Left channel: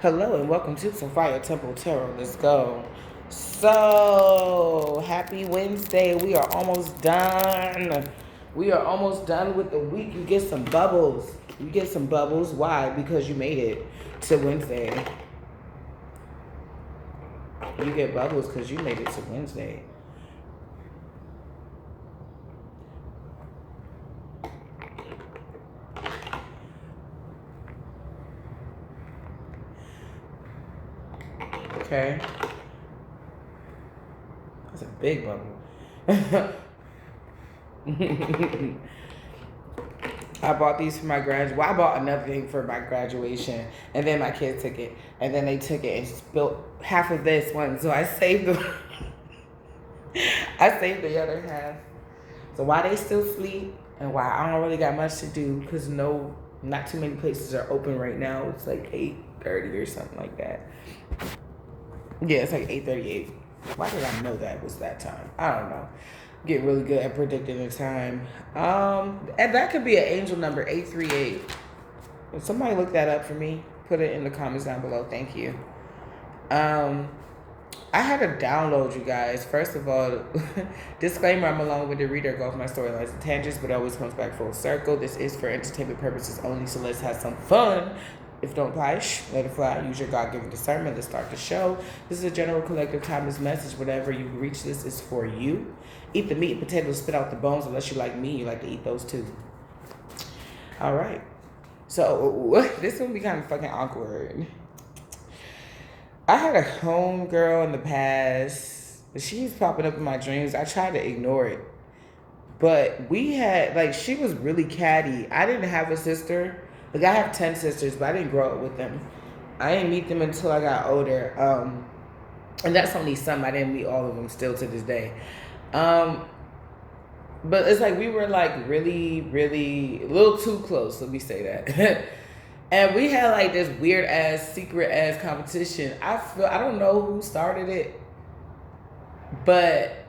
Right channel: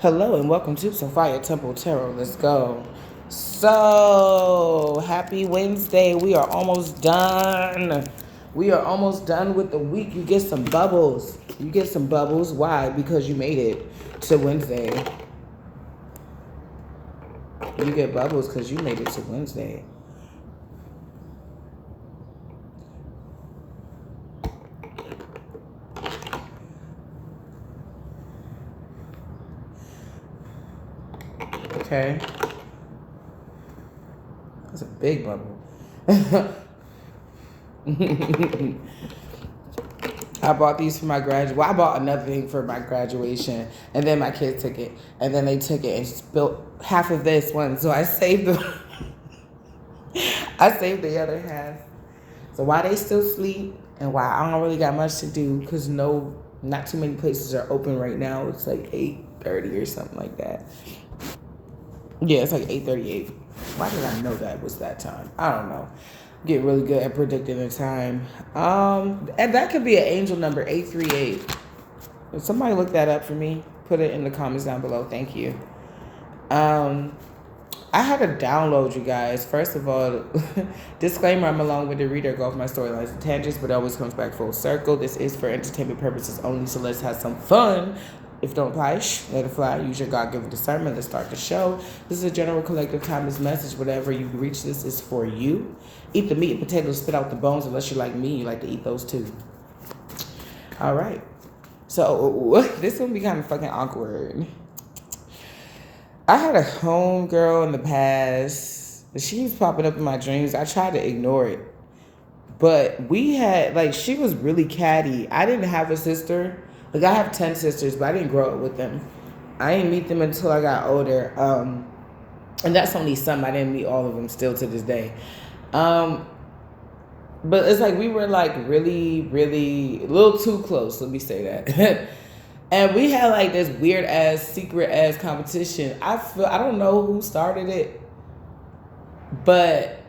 Hello and welcome to Sophia Temple Tarot. Let's go. So, happy Wednesday. We are almost done. We are almost done with the week. You get some bubbles. You get some bubbles. Why? Because you made it to Wednesday. You get bubbles because you made it to Wednesday. Okay. That's a big bubble. I bought these for my Well, I bought another thing for my graduation, and then my kids took it, and then they took it and spilled half of this one. So I saved the, I saved the other half. So while they still sleep, and while I don't really got much to do, because not too many places are open right now. It's like 8:30 or something like that. Yeah, it's like 8:38. Why did I know that was that time? I don't know. Get really good at predicting the time. And that could be an angel number 838. If somebody look that up for me, put it in the comments down below. Thank you. I had to download, you guys. First of all, disclaimer, I'm along with the reader. Go off my storylines and tangents, but it always comes back full circle. This is for entertainment purposes only, so let's have some fun. If don't apply, let it fly. Use your God-given discernment. Let's start the show. This is a general collective timeless message. Whatever you reach, this is for you. Eat the meat and potatoes, spit out the bones. Unless you like me, you like to eat those too. All right. So this one be kind of fucking awkward. I had a homegirl in the past. She was popping up in my dreams. I tried to ignore it. But we had, she was really catty. I didn't have a sister. I have 10 sisters, but I didn't grow up with them. I didn't meet them until I got older. And that's only some. I didn't meet all of them still to this day. But it's we were really, really a little too close. Let me say that. And we had this weird ass, secret ass competition. I don't know who started it, but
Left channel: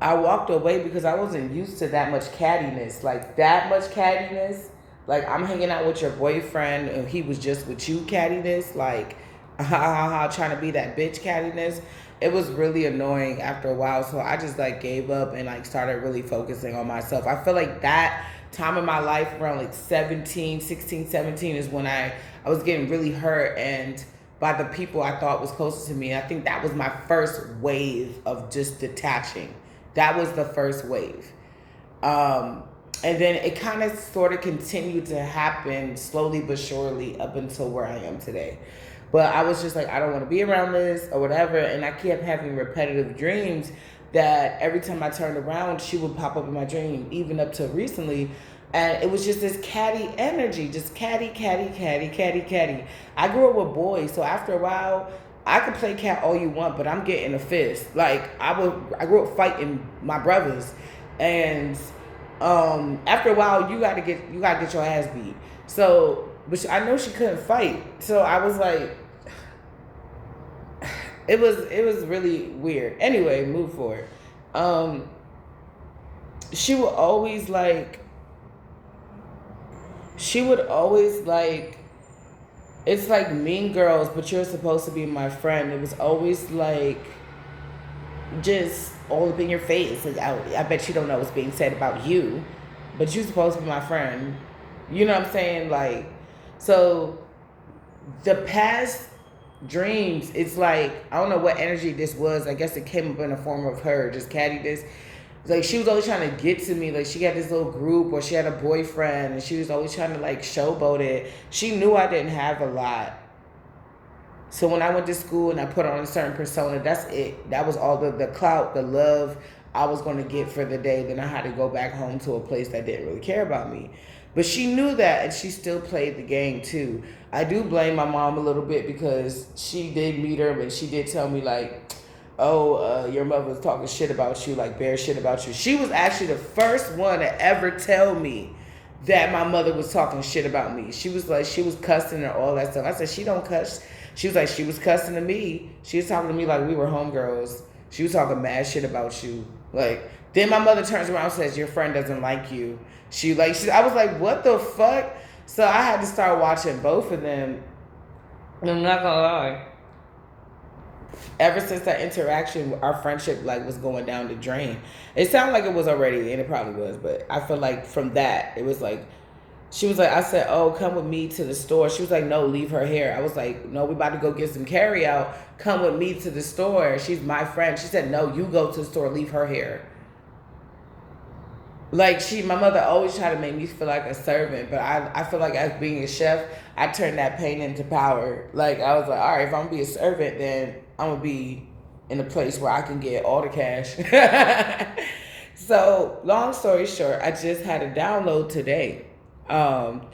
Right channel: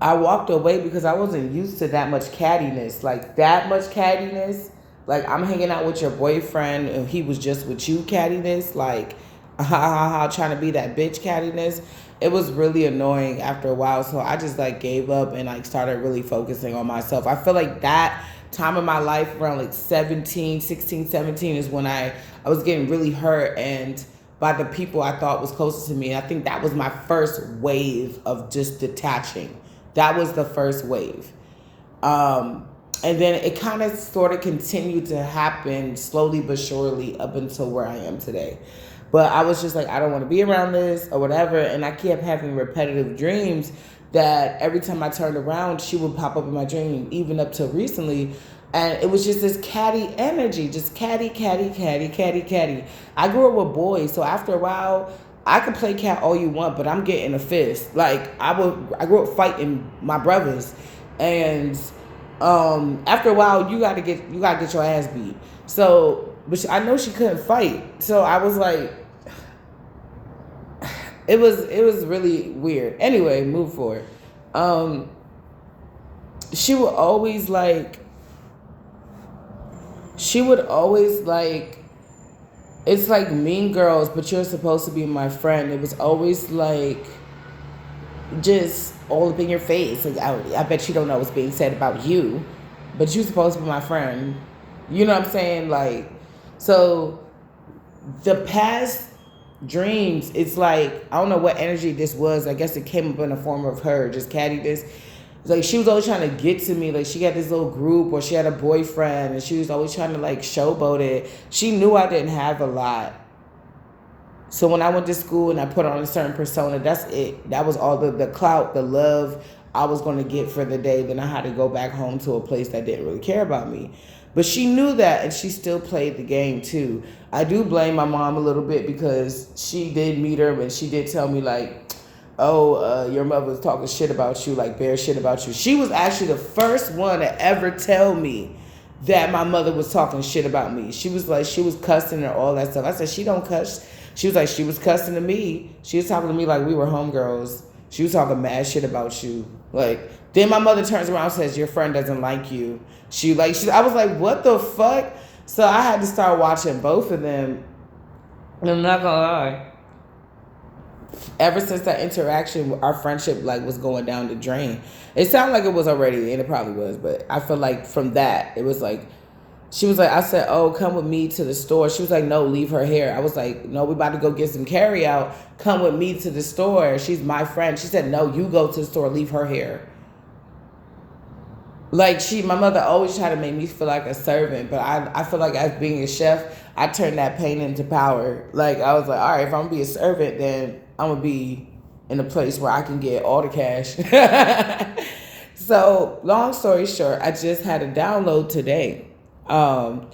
I walked away because I wasn't used to that much cattiness. That much cattiness. I'm hanging out with your boyfriend and he was just with you cattiness. Trying to be that bitch cattiness. It was really annoying after a while. So I just gave up and started really focusing on myself. I feel that time in my life around 16, 17 is when I was getting really hurt and by the people I thought was closest to me. And I think that was my first wave of just detaching. That was the first wave. And then it kind of sort of continued to happen slowly but surely up until where I am today. But I was just I don't want to be around this or whatever. And I kept having repetitive dreams that every time I turned around, she would pop up in my dream, even up to recently. And it was just this catty energy, just catty. I grew up with boys, so after a while, I could play cat all you want, but I'm getting a fist. I grew up fighting my brothers, and after a while, you gotta get your ass beat. So, but I know she couldn't fight, so I was it was really weird. Anyway, move forward. She would always it's Mean Girls, but you're supposed to be my friend. It was always just all up in your face. I bet you don't know what's being said about you, but you're supposed to be my friend. You know what I'm saying? So the past dreams, it's I don't know what energy this was. I guess it came up in the form of her, just cattiness. She was always trying to get to me. She had this little group, or she had a boyfriend, and she was always trying to showboat it. She knew I didn't have a lot. So when I went to school and I put on a certain persona, that's it. That was all the clout, the love I was going to get for the day. Then I had to go back home to a place that didn't really care about me. But she knew that, and she still played the game too. I do blame my mom a little bit because she did meet her, but she did tell me your mother was talking shit about you, bare shit about you. She was actually the first one to ever tell me that my mother was talking shit about me. She was she was cussing and all that stuff. I said, she don't cuss. She was she was cussing to me. She was talking to me we were homegirls. She was talking mad shit about you. Then my mother turns around and says, your friend doesn't like you. I was what the fuck? So I had to start watching both of them I'm not gonna lie. Ever since that interaction, our friendship like was going down the drain. It sounded like it was already, and it probably was, but I feel like from that, it was like she was like, I said, "Oh, come with me to the store." She was like, "No, leave her here." I was like, "No, we about to go get some carry out. Come with me to the store. She's my friend." She said, "No, you go to the store. Leave her here." Like my mother always tried to make me feel like a servant, but I feel like as being a chef, I turned that pain into power. Like I was like, all right, if I'm gonna be a servant, then I'm gonna be in a place where I can get all the cash. So long story short, I just had a download today. And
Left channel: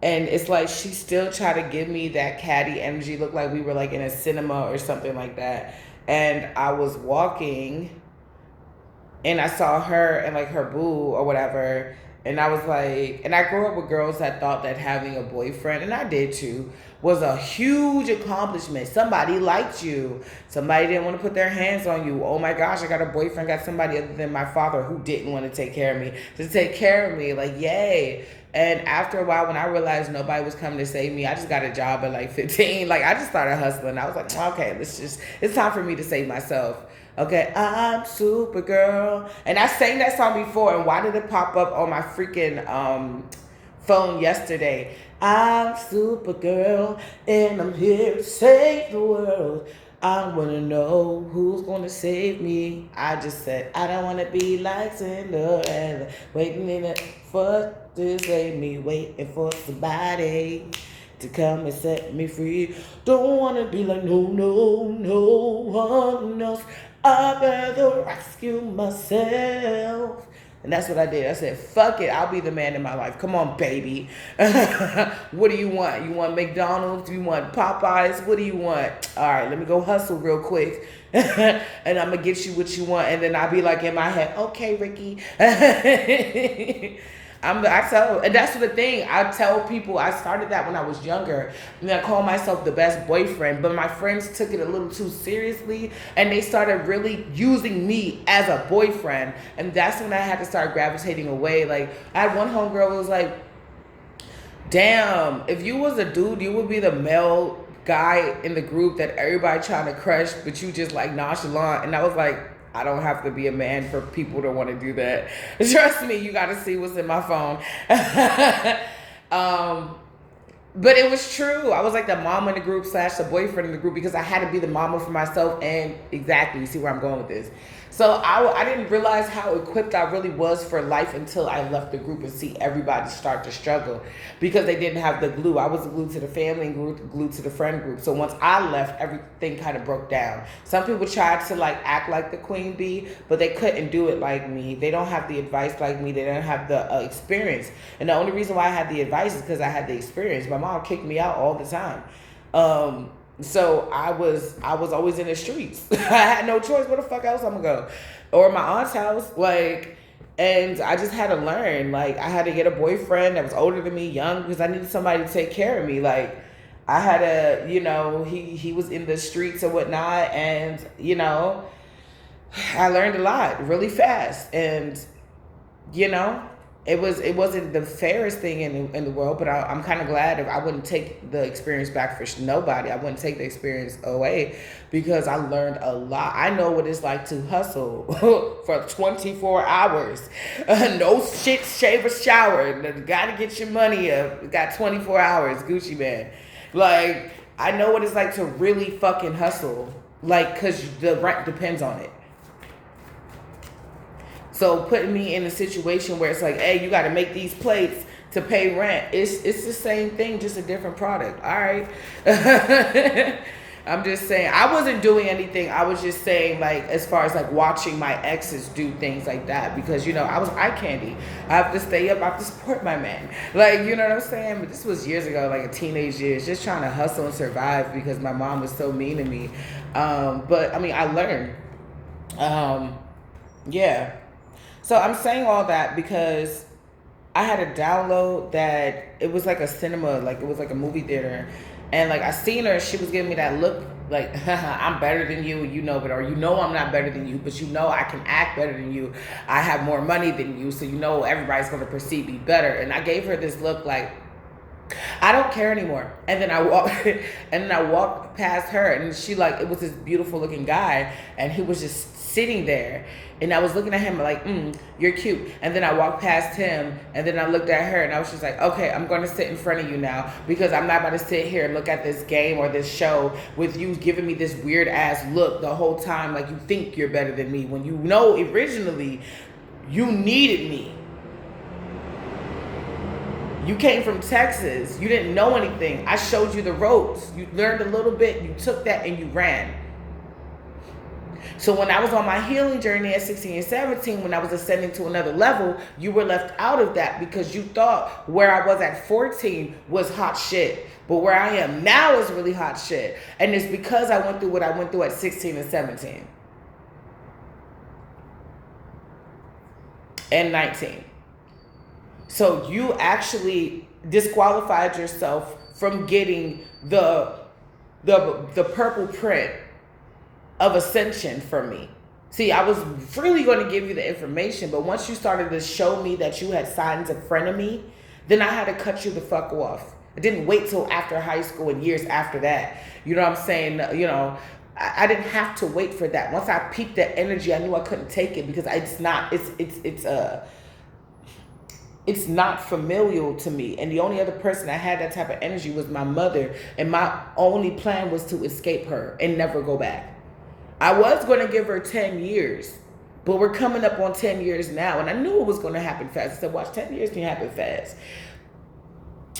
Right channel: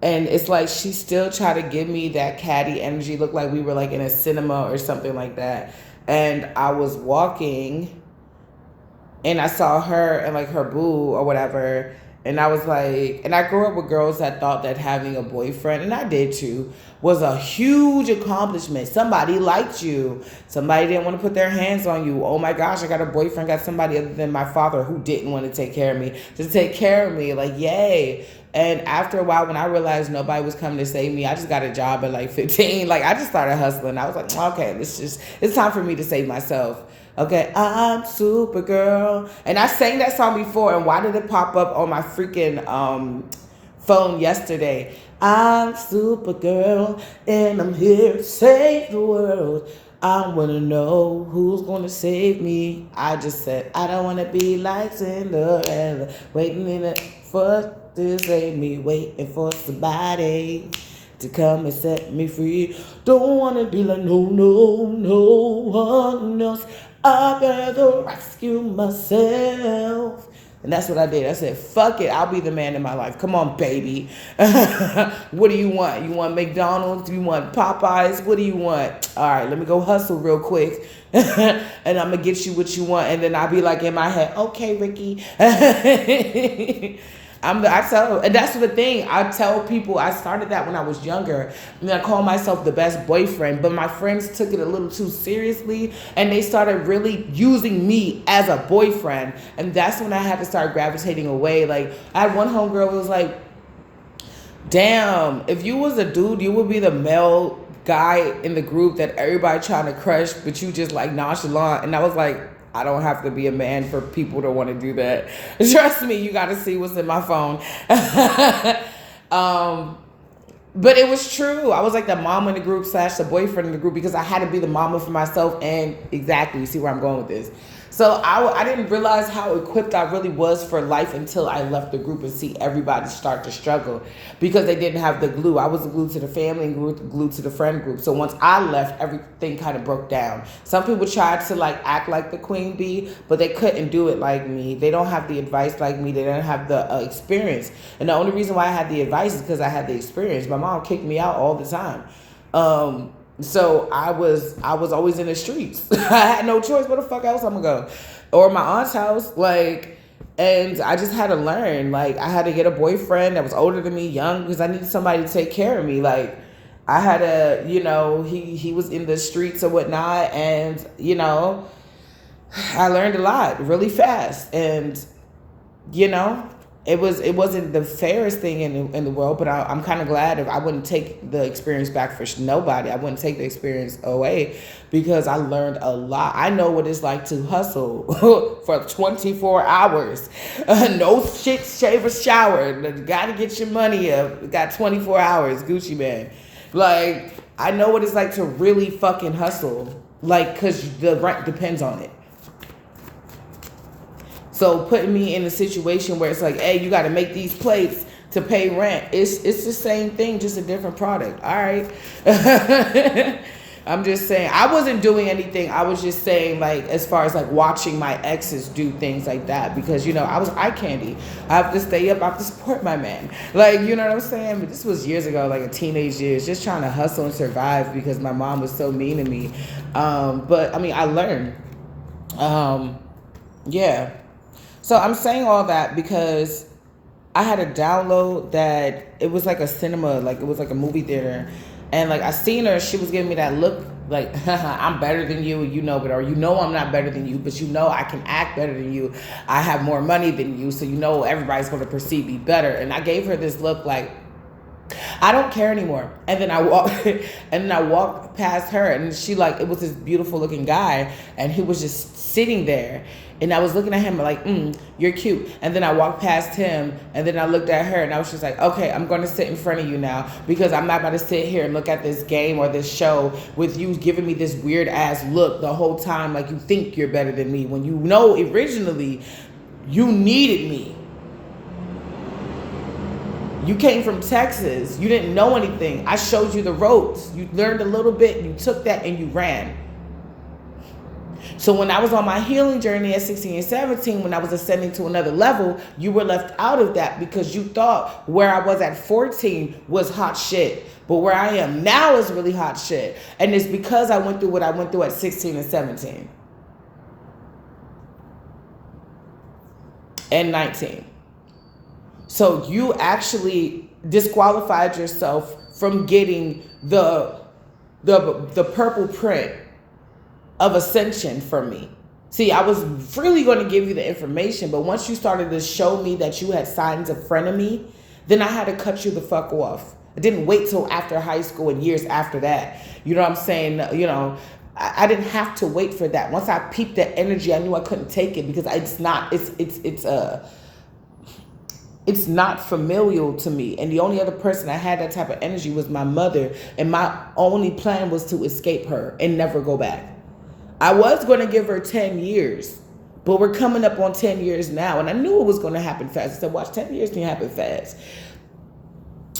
it's like she still tried to give me that catty energy, looked like we were like in a cinema or something like that. And I was walking and I saw her and like her boo or whatever. And I was like, and I grew up with girls that thought that having a boyfriend, and I did too, was a huge accomplishment. Somebody liked you. Somebody didn't want to put their hands on you. Oh my gosh, I got a boyfriend, got somebody other than my father who didn't want to take care of me, to take care of me. Like, yay. And after a while, when I realized nobody was coming to save me, I just got a job at like 15. Like, I just started hustling. I was like, okay, it's time for me to save myself. Okay, I'm Supergirl. And I sang that song before, and why did it pop up on my freaking phone yesterday? I'm Supergirl, and I'm here to save the world. I want to know who's going to save me. I just said, I don't want to be like Cinderella, waiting for to save me, waiting for somebody to come and set me free. Don't want to be like no one else. I'd rather rescue myself. And that's what I did. I said, fuck it. I'll be the man in my life. Come on, baby. What do you want? You want McDonald's? You want Popeyes? What do you want? All right, let me go hustle real quick. And I'm going to get you what you want. And then I'll be like in my head, okay, Ricky. I tell, and that's the thing. I tell people I started that when I was younger, and I call myself the best boyfriend. But my friends took it a little too seriously, and they started really using me as a boyfriend, and that's when I had to start gravitating away. Like I had one homegirl who was like, "Damn, if you was a dude, you would be the male guy in the group that everybody trying to crush, but you just like nonchalant." And I was like, I don't have to be a man for people to want to do that. Trust me, you got to see what's in my phone. But it was true. I was like the mom in the group / the boyfriend in the group because I had to be the mama for myself. And exactly, you see where I'm going with this. So I didn't realize how equipped I really was for life until I left the group and see everybody start to struggle because they didn't have the glue. I was the glue to the family and glue to the friend group. So once I left, everything kind of broke down. Some people tried to like act like the queen bee, but they couldn't do it like me. They don't have the advice like me. They don't have the experience. And the only reason why I had the advice is because I had the experience. My mom kicked me out all the time. So I was always in the streets. I had no choice. Where the fuck else I'm gonna go? Or my aunt's house, like, and I just had to learn. Like, I had to get a boyfriend that was older than me, young, because I needed somebody to take care of me. Like, I had to, he was in the streets or whatnot, and I learned a lot really fast, and it wasn't the fairest thing in the world, but I'm kind of glad. If I wouldn't take the experience back for nobody, I wouldn't take the experience away because I learned a lot. I know what it's like to hustle for 24 hours. No shit, shave, or shower. Got to get your money up. Got 24 hours, Gucci man. Like, I know what it's like to really fucking hustle. Like, because the rent depends on it. So putting me in a situation where it's like, hey, you got to make these plates to pay rent. It's the same thing, just a different product. All right. I'm just saying, I wasn't doing anything. I was just saying, like, as far as like watching my exes do things like that, because, I was eye candy. I have to stay up. I have to support my man. Like, you know what I'm saying? But this was years ago, like in teenage years, just trying to hustle and survive because my mom was so mean to me. But I mean, I learned. Yeah. So I'm saying all that because I had a download that it was like a cinema, like it was like a movie theater. And like I seen her, she was giving me that look like, I'm better than you, but or I'm not better than you, but I can act better than you. I have more money than you, so everybody's going to perceive me better. And I gave her this look like, I don't care anymore. And then I walk and then I walked past her, and she like, it was this beautiful looking guy, and he was just sitting there. And I was looking at him like, you're cute. And then I walked past him, and then I looked at her, and I was just like, okay, I'm going to sit in front of you now, because I'm not about to sit here and look at this game or this show with you giving me this weird ass look the whole time, like you think you're better than me, when you know originally you needed me. You came from Texas. You didn't know anything. I showed you the ropes. You learned a little bit. You took that and you ran. So when I was on my healing journey at 16 and 17, when I was ascending to another level, you were left out of that because you thought where I was at 14 was hot shit. But where I am now is really hot shit. And it's because I went through what I went through at 16 and 17. And 19. So you actually disqualified yourself from getting the purple print of ascension from me. See, I was really going to give you the information, but once you started to show me that you had signs of frenemy, then I had to cut you the fuck off. I didn't wait till after high school and years after that. You know what I'm saying? You know, I didn't have to wait for that. Once I peeped that energy, I knew I couldn't take it because it's not familial to me. And the only other person that had that type of energy was my mother. And my only plan was to escape her and never go back. I was going to give her 10 years, but we're coming up on 10 years now. And I knew it was going to happen fast. I said, watch, 10 years can happen fast.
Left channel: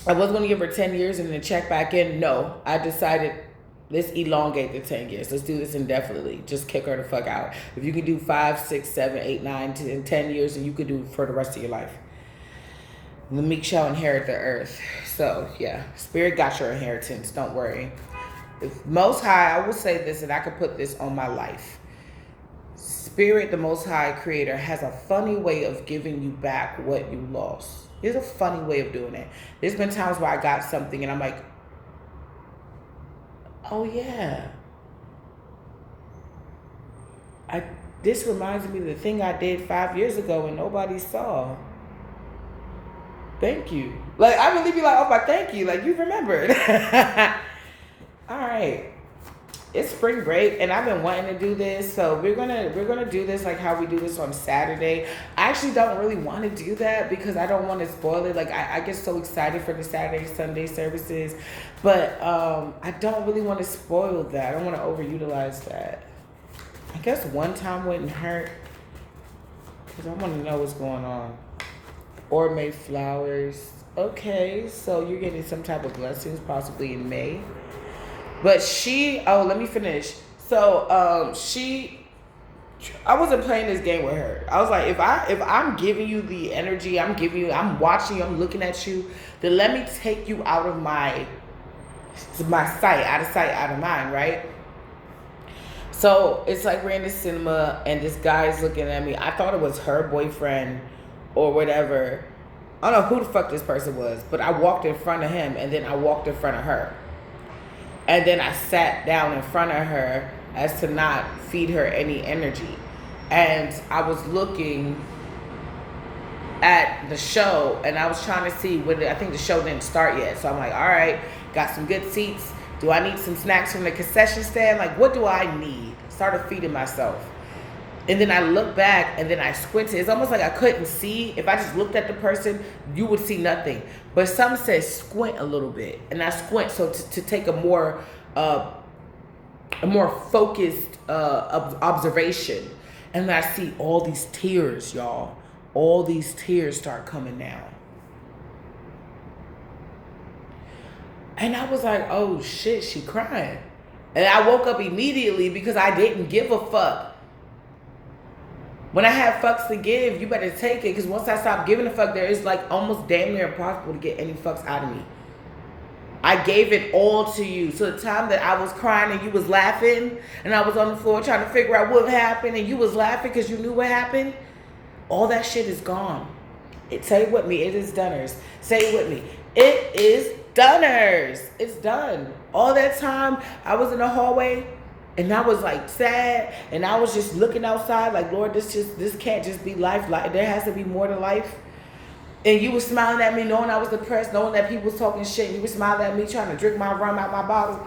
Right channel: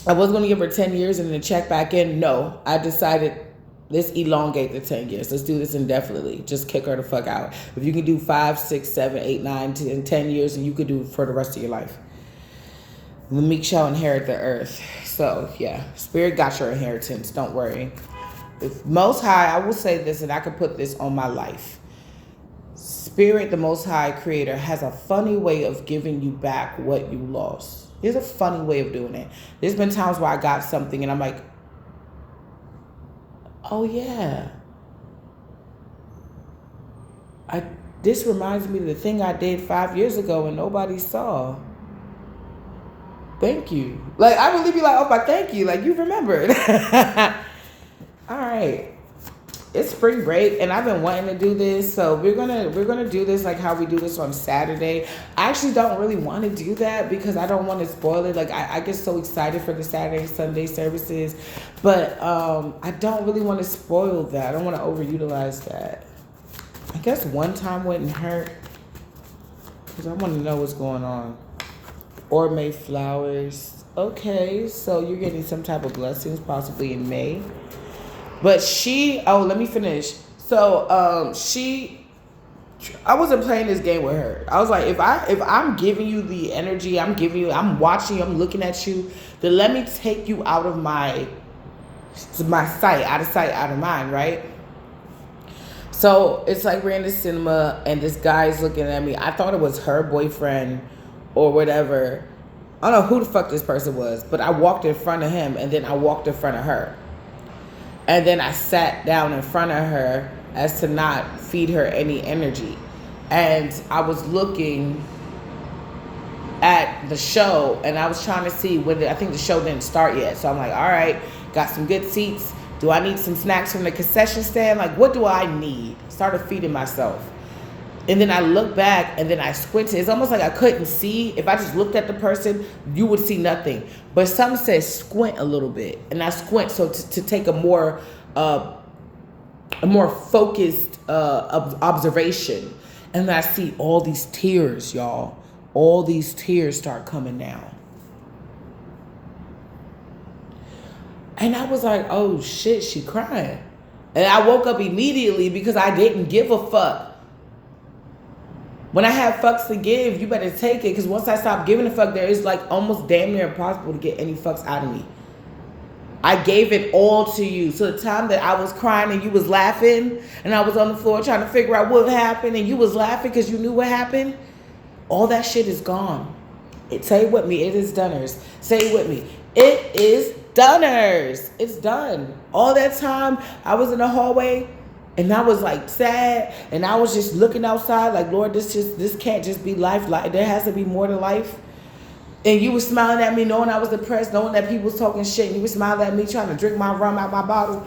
I was going to give her 10 years and then check back in. No, I decided, let's elongate the 10 years. Let's do this indefinitely. Just kick her the fuck out. If you can do 5, 6, 7, 8, 9, 10 years, and you could do it for the rest of your life. The meek shall inherit the earth. So, yeah, Spirit got your inheritance. Don't worry. If Most High, I will say this, and I can put this on my life. Spirit, the Most High Creator, has a funny way of giving you back what you lost. There's a funny way of doing it. There's been times where I got something, and I'm like, oh, yeah. This reminds me of the thing I did 5 years ago and nobody saw. Thank you. Like, I really be like, oh, my thank you. Like, you remembered. All right. It's spring break, and I've been wanting to do this. So we're gonna do this like how we do this on Saturday. I actually don't really want to do that because I don't want to spoil it. Like, I get so excited for the Saturday, Sunday services. But I don't really want to spoil that. I don't want to overutilize that. I guess one time wouldn't hurt because I want to know what's going on. Or May flowers. Okay, so you're getting some type of blessings possibly in May. But let me finish. So I wasn't playing this game with her. I was like, if I'm giving you the energy, I'm watching you, I'm looking at you, then let me take you out of my sight, out of mind, right? So it's like we're in the cinema and this guy's looking at me. I thought it was her boyfriend or whatever. I don't know who the fuck this person was, but I walked in front of him and then I walked in front of her. And then I sat down in front of her as to not feed her any energy. And I was looking at the show and I was trying to see whether, I think the show didn't start yet. So I'm like, all right, got some good seats. Do I need some snacks from the concession stand? Like, what do I need? Started feeding myself. And then I looked back and then I squinted. It's almost like I couldn't see. If I just looked at the person, you would see nothing. But some said squint a little bit. And I squint so to take a more focused observation. And then I see all these tears, y'all. All these tears start coming down. And I was like, oh shit, she crying. And I woke up immediately because I didn't give a fuck. When I have fucks to give, you better take it. Because once I stop giving a fuck, there is like almost damn near impossible to get any fucks out of me. I gave it all to you. So the time that I was crying and you was laughing, and I was on the floor trying to figure out what happened, and you was laughing because you knew what happened, all that shit is gone. Say it with me. It is Dunners. Say it with me. It is Dunners. It's done. All that time I was in the hallway and I was like sad and I was just looking outside like, Lord, this can't just be life. There has to be more to life. And you was smiling at me knowing I was depressed, knowing that people was talking shit, and you was smiling at me trying to drink my rum out my bottle.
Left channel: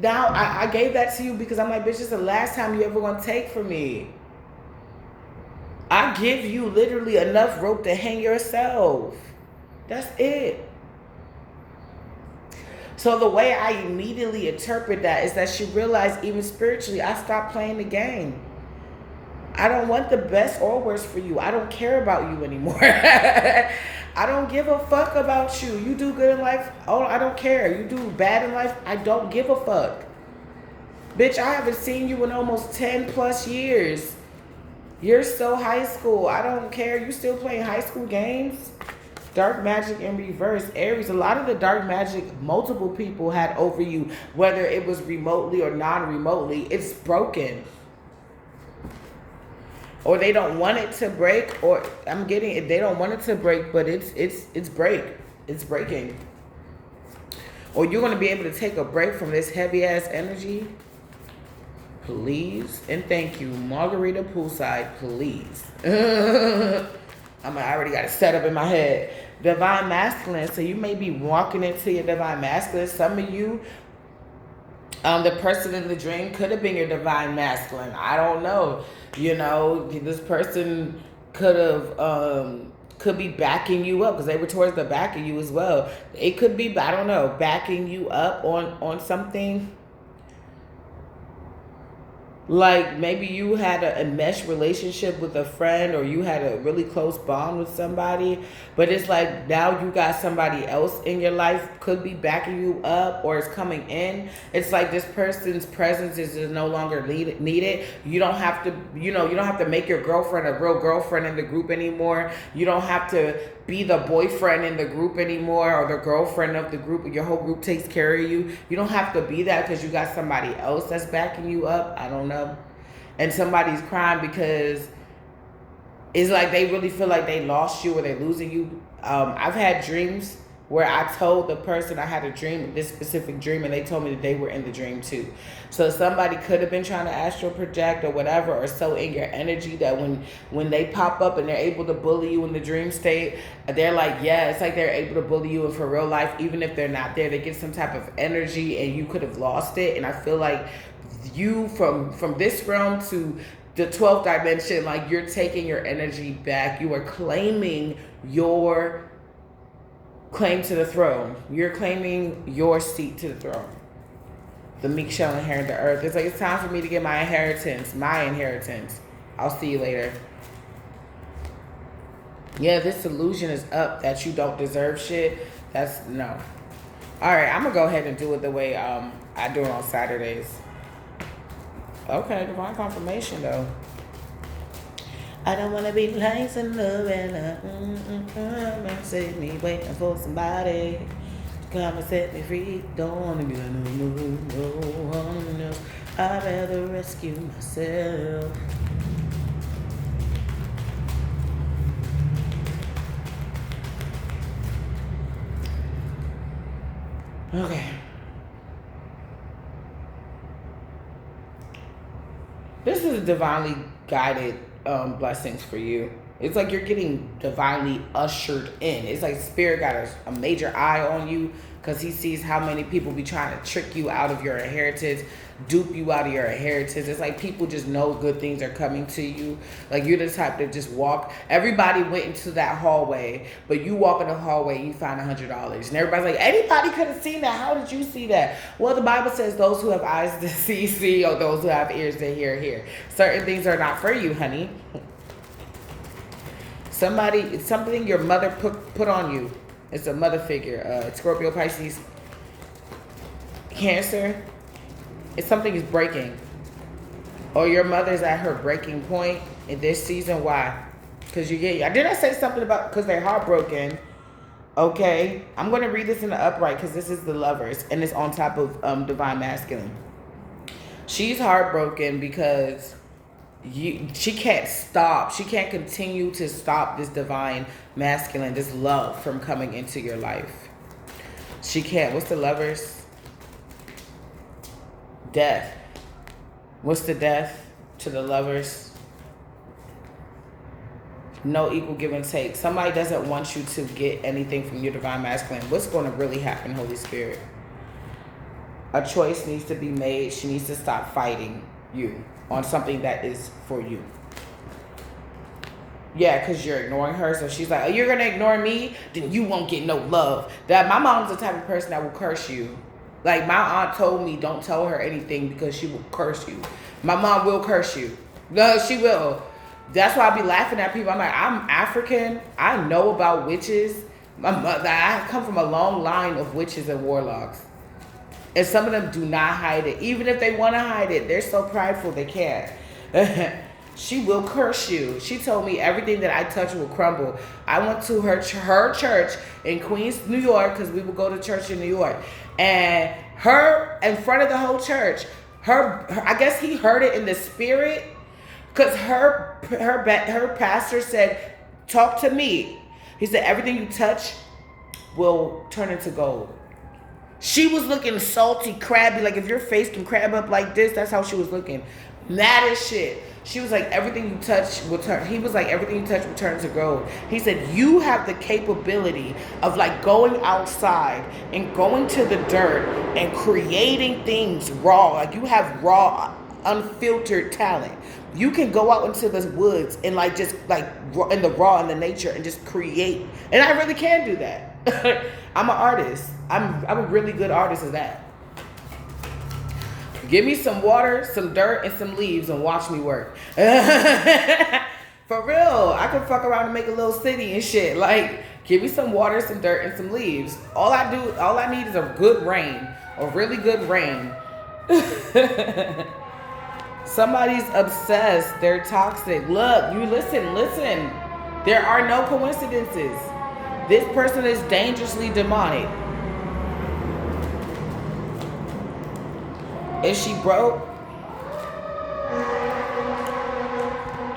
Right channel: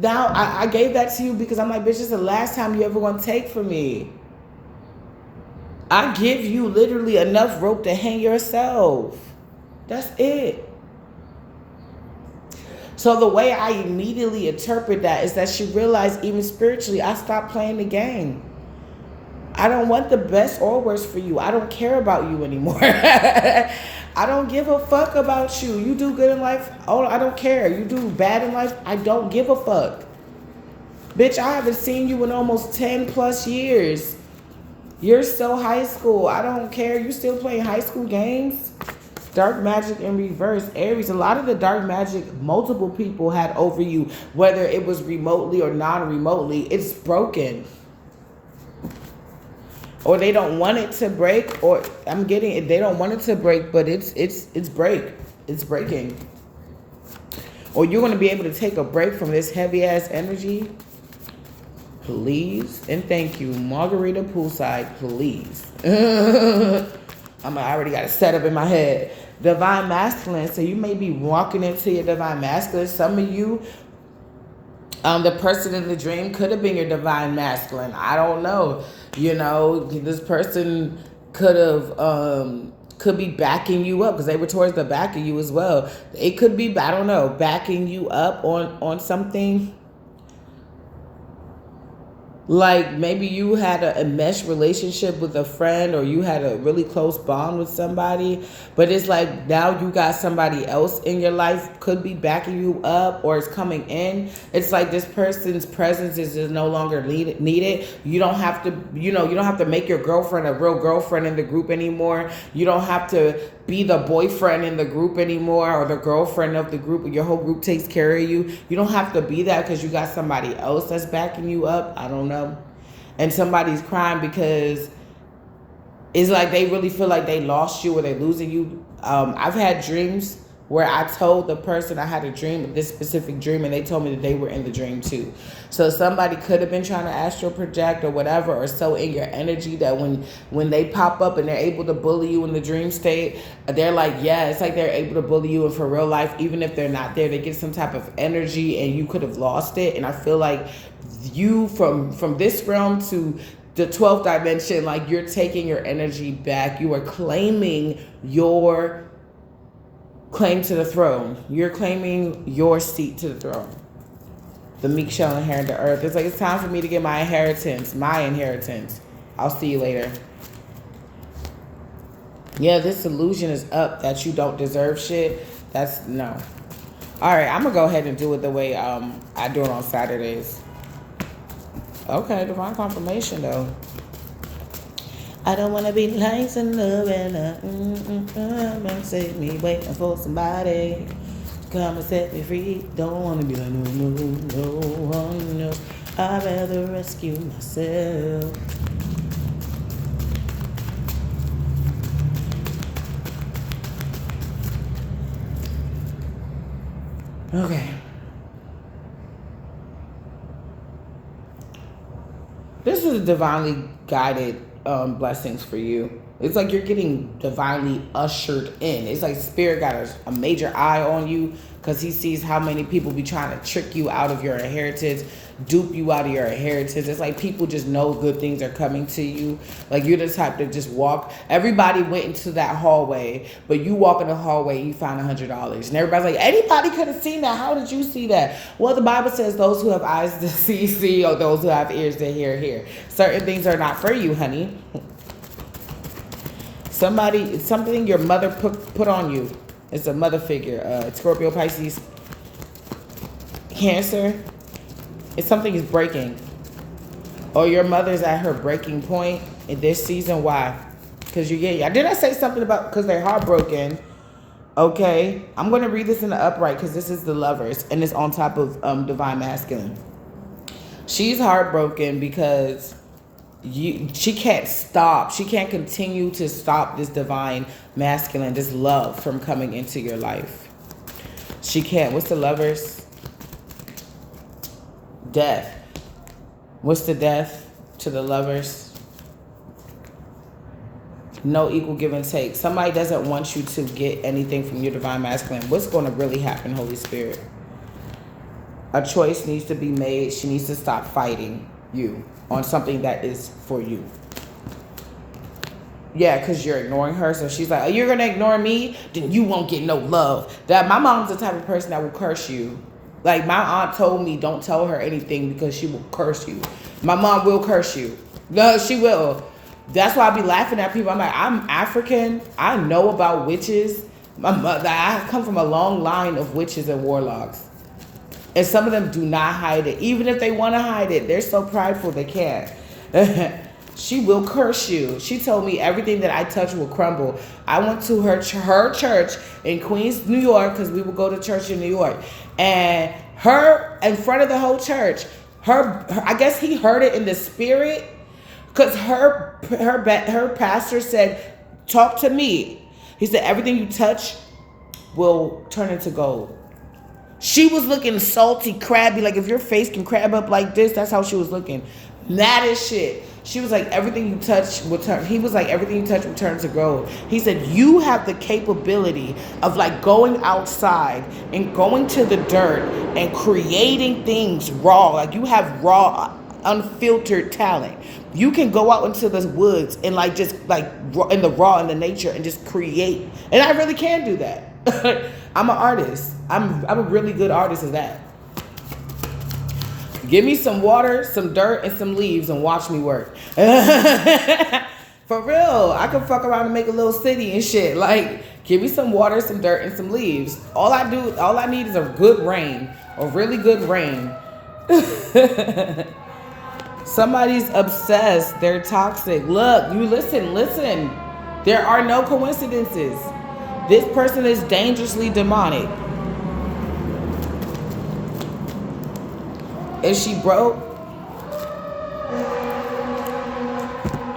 Now, I gave that to you because I'm like, bitch, this is the last time you ever gonna take from me. I give you literally enough rope to hang yourself. That's it. So the way I immediately interpret that is that she realized, even spiritually, I stopped playing the game. I don't want the best or worst for you. I don't care about you anymore. I don't give a fuck about you. You do good in life, oh, I don't care. You do bad in life, I don't give a fuck. Bitch, I haven't seen you in almost 10 plus years. You're so high school. I don't care. You still playing high school games? Dark magic in reverse. Aries, a lot of the dark magic multiple people had over you, whether it was remotely or non-remotely, it's broken. Or they don't want it to break, or I'm getting it, they don't want it to break, but it's breaking. Or you're going to be able to take a break from this heavy ass energy. Please and thank you. Margarita poolside, please. I already got it set up in my head. Divine masculine. So you may be walking into your divine masculine. Some of you, the person in the dream could have been your divine masculine. I don't know. You know, this person could be backing you up because they were towards the back of you as well. It could be, I don't know, backing you up on something. Like maybe you had a mesh relationship with a friend, or you had a really close bond with somebody, but it's like now you got somebody else in your life could be backing you up or is coming in. It's like this person's presence is no longer needed. You don't have to, you don't have to make your girlfriend a real girlfriend in the group anymore. You don't have to be the boyfriend in the group anymore, or the girlfriend of the group. Your whole group takes care of you. You don't have to be that because you got somebody else that's backing you up. I don't know. And somebody's crying because it's like they really feel like they lost you or they're losing you. I've had dreams where I told the person I had a dream, this specific dream, and they told me that they were in the dream too. So somebody could have been trying to astral project or whatever, or so in your energy that when they pop up and they're able to bully you in the dream state, they're like, yeah, it's like they're able to bully you for real life. Even if they're not there, they get some type of energy and you could have lost it. And I feel like you from this realm to the 12th dimension, like you're taking your energy back. You are claiming your claim to the throne. You're claiming your seat to the throne. The meek shall inherit the earth. It's like, it's time for me to get my inheritance. My inheritance. I'll see you later. Yeah, this illusion is up that you don't deserve shit. That's no. All right, I'm going to go ahead and do it the way I do it on Saturdays. Okay, divine confirmation though. I don't want to be nice and loving. Come and save me, waiting for somebody to come and set me free. Don't want to be like, no. I'd rather rescue myself. Okay. This is divinely guided blessings for you. It's like you're getting divinely ushered in. It's like Spirit got a major eye on you because he sees how many people be trying to trick you out of your inheritance, dupe you out of your inheritance. It's like people just know good things are coming to you. Like you're the type to just walk. Everybody went into that hallway, but you walk in the hallway, you find $100. And everybody's like, anybody could have seen that. How did you see that? Well, the Bible says those who have eyes to see, see, or those who have ears to hear, hear. Certain things are not for you, honey. Something your mother put on you. It's a mother figure. Scorpio, Pisces, Cancer. It's something is breaking. Or your mother's at her breaking point in this season. Why? Because you get... Did I say something about... Because they're heartbroken. Okay. I'm going to read this in the upright because this is the Lovers. And it's on top of Divine Masculine. She's heartbroken because... she can't stop. She can't continue to stop this divine masculine, this love from coming into your life. She can't. What's the Lovers? Death. What's the death to the Lovers? no equal give and take. Somebody doesn't want you to get anything from your divine masculine. What's going to really happen, Holy Spirit? A choice needs to be made. She needs to stop fighting you on something that is for you. Yeah, because you're ignoring her. So she's like, oh, you're going to ignore me? Then you won't get no love. That my mom's the type of person that will curse you. Like, my aunt told me, don't tell her anything because she will curse you. My mom will curse you. No, she will. That's why I be laughing at people. I'm like, I'm African. I know about witches. My mother, I come from a long line of witches and warlocks. And some of them do not hide it. Even if they want to hide it, they're so prideful they can't. She will curse you. She told me everything that I touch will crumble. I went to her church in Queens, New York, because we would go to church in New York. And her, in front of the whole church, her I guess he heard it in the spirit, because her pastor said, talk to me. He said, everything you touch will turn into gold. She was looking salty, crabby, like if your face can crab up like this, that's how she was looking. Mad as shit. She was like, everything you touch will turn. He was like, everything you touch will turn to gold. He said, you have the capability of like going outside and going to the dirt and creating things raw. Like you have raw, unfiltered talent. You can go out into the woods and like just like in the raw, in the nature, and just create. And I really can do that. I'm an artist. I'm a really good artist of that. Give me some water, some dirt, and some leaves and watch me work. For real. I can fuck around and make a little city and shit. Like, give me some water, some dirt, and some leaves. All I need is a good rain. A really good rain. Somebody's obsessed. They're toxic. Look, you listen. There are no coincidences. This person is dangerously demonic. Is she broke?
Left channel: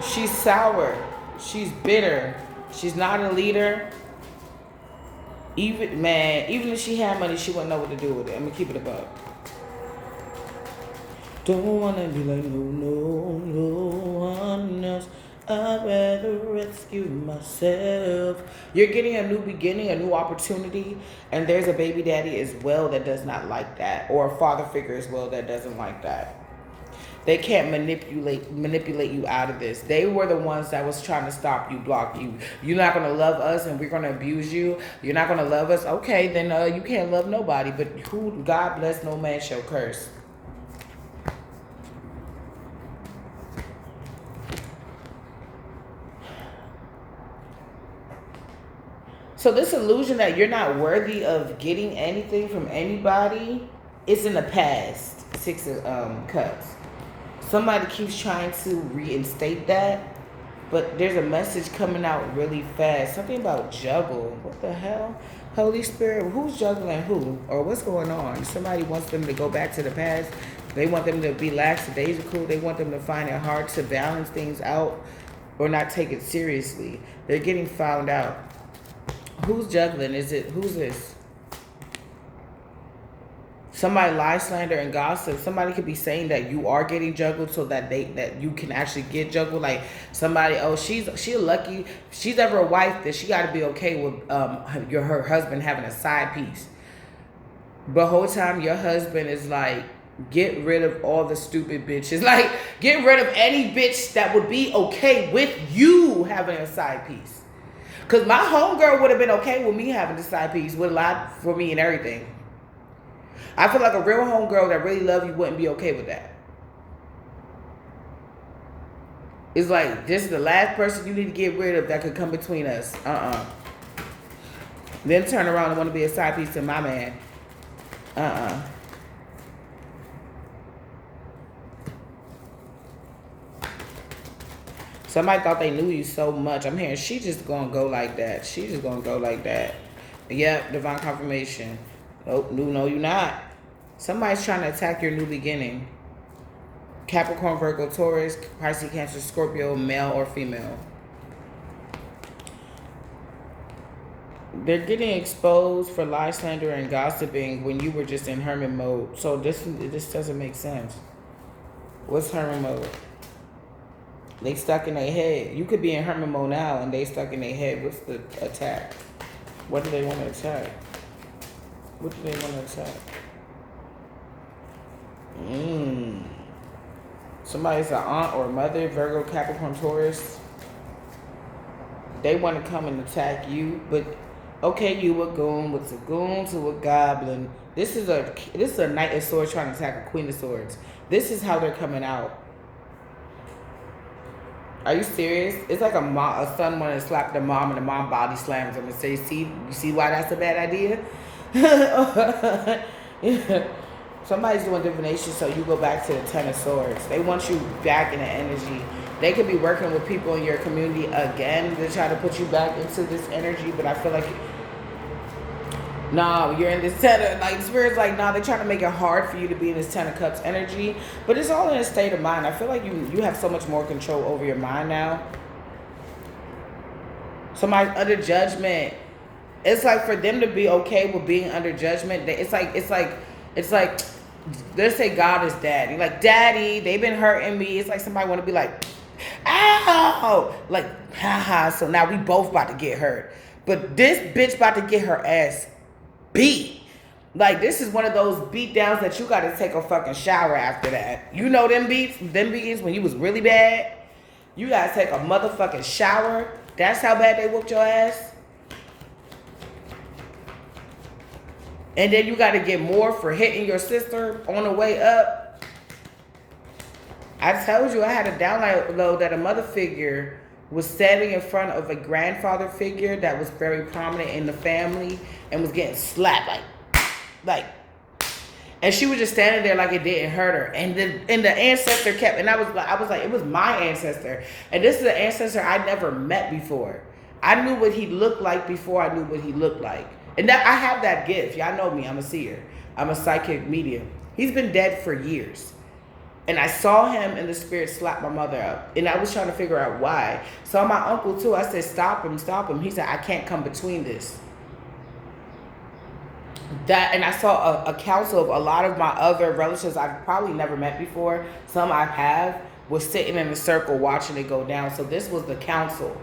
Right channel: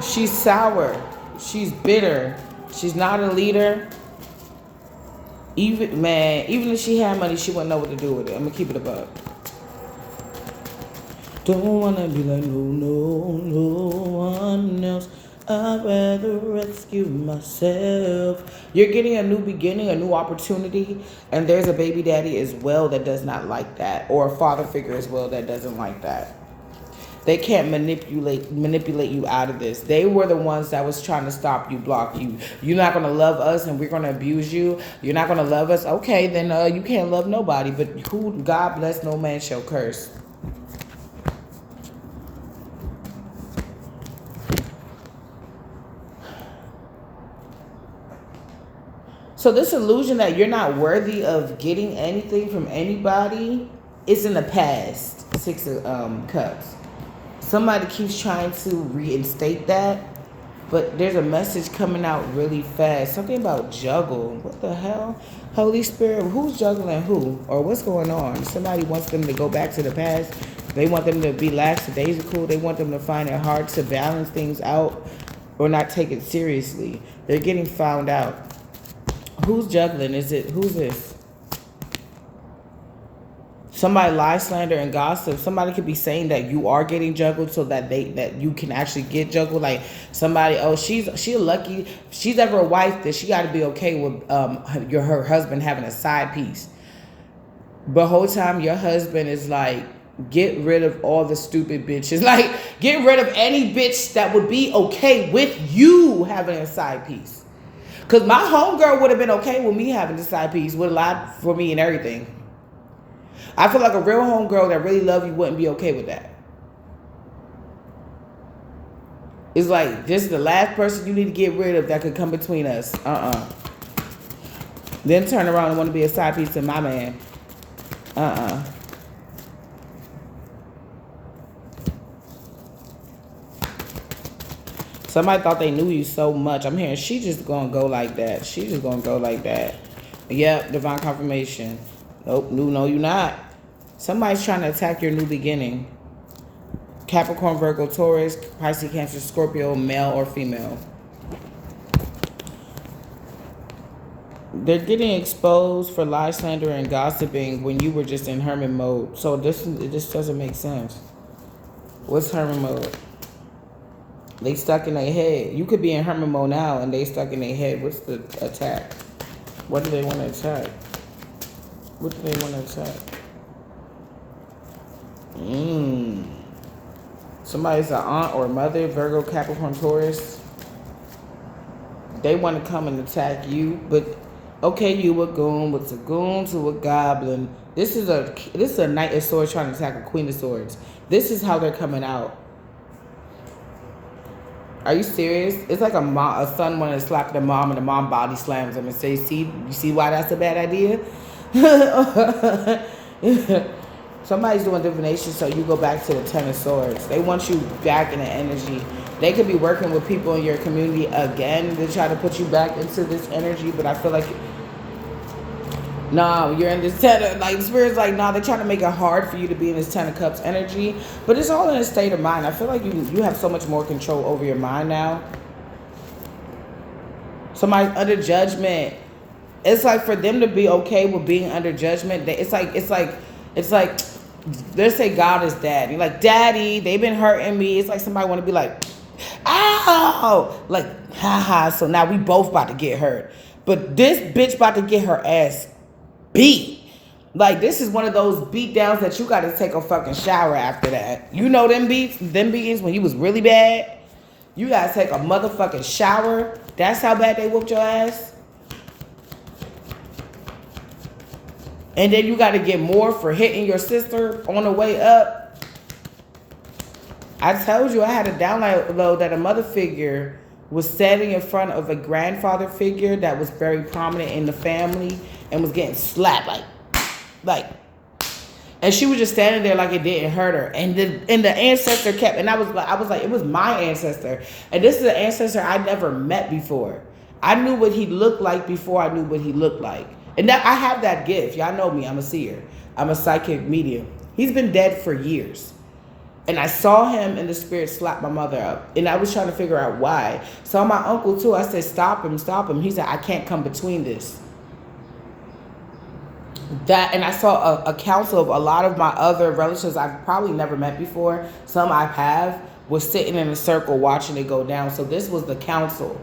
She's sour. She's bitter. She's not a leader. Even if she had money, she wouldn't know what to do with it. I'm gonna keep it above. Don't wanna be like no one else. I'd rather rescue myself. You're getting a new beginning, a new opportunity, and there's a baby daddy as well that does not like that, or a father figure as well that doesn't like that. They can't manipulate you out of this. They were the ones that was trying to stop you, block you. You're not going to love us and we're going to abuse you. You're not going to love us. Okay, then you can't love nobody. But who God bless, no man shall curse. So this illusion that you're not worthy of getting anything from anybody is in the past. 6 of Cups. Somebody keeps trying to reinstate that, but there's a message coming out really fast. Something about juggle. What the hell? Holy Spirit, who's juggling who? Or what's going on? Somebody wants them to go back to the past. They want them to be lackadaisical. They want them to find it hard to balance things out or not take it seriously. They're getting found out. Who's juggling? Who's this? Somebody lie, slander, and gossip. Somebody could be saying that you are getting juggled so that you can actually get juggled. Like somebody, oh, she's lucky. If she's ever a wife, that she got to be okay with her husband having a side piece. But whole time your husband is like, get rid of all the stupid bitches. Like, get rid of any bitch that would be okay with you having a side piece. Because my homegirl would have been okay with me having a side piece, would have lied for me and everything. I feel like a real homegirl that really love you wouldn't be okay with that. It's like, this is the last person you need to get rid of that could come between us. Then turn around and want to be a side piece to my man. Somebody thought they knew you so much. I'm hearing she just gonna go like that. She just gonna go like that. Yep, divine confirmation. Nope, no, you're not. Somebody's trying to attack your new beginning. Capricorn, Virgo, Taurus, Pisces, Cancer, Scorpio, male or female. They're getting exposed for lie, slander, and gossiping when you were just in hermit mode. So this doesn't make sense. What's hermit mode? They stuck in their head. You could be in hermit mode now and they stuck in their head. What's the attack? What do they want to attack? What do they want to attack? Somebody's an aunt or mother, Virgo, Capricorn, Taurus. They want to come and attack you, but okay, you a goon. What's a goon to a goblin? This is a Knight of Swords trying to attack a Queen of Swords. This is how they're coming out. Are you serious? It's like a son wanting to slap the mom and the mom body slams him and say, "See, you see why that's a bad idea?" Somebody's doing divination, so you go back to the Ten of Swords. They want you back in the energy. They could be working with people in your community again to try to put you back into this energy, but I feel like, nah, you're in this Ten of, like, Spirit's like, nah, they're trying to make it hard for you to be in this Ten of Cups energy, but it's all in a state of mind. I feel like you have so much more control over your mind now. Somebody's under judgment. It's like for them to be okay with being under judgment, it's like, let's say God is daddy. Like, daddy, they've been hurting me. It's like somebody want to be like, ow! Like, haha, so now we both about to get hurt. But this bitch about to get her ass beat. Like, this is one of those beat downs that you got to take a fucking shower after that. You know them beatings when you was really bad? You got to take a motherfucking shower. That's how bad they whooped your ass? And then you got to get more for hitting your sister on the way up. I told you I had a download that a mother figure was standing in front of a grandfather figure that was very prominent in the family and was getting slapped like, and she was just standing there like it didn't hurt her. And the ancestor kept, and I was like, it was my ancestor, and this is an ancestor I never met before. I knew what he looked like before I knew what he looked like. And that I have that gift. Y'all know me. I'm a seer. I'm a psychic medium. He's been dead for years. And I saw him in the spirit slap my mother up. And I was trying to figure out why. Saw my uncle too. I said, stop him, stop him. He said, I can't come between this. And I saw a council of a lot of my other relatives I've probably never met before. Some I have, was sitting in a circle watching it go down. So this was the council.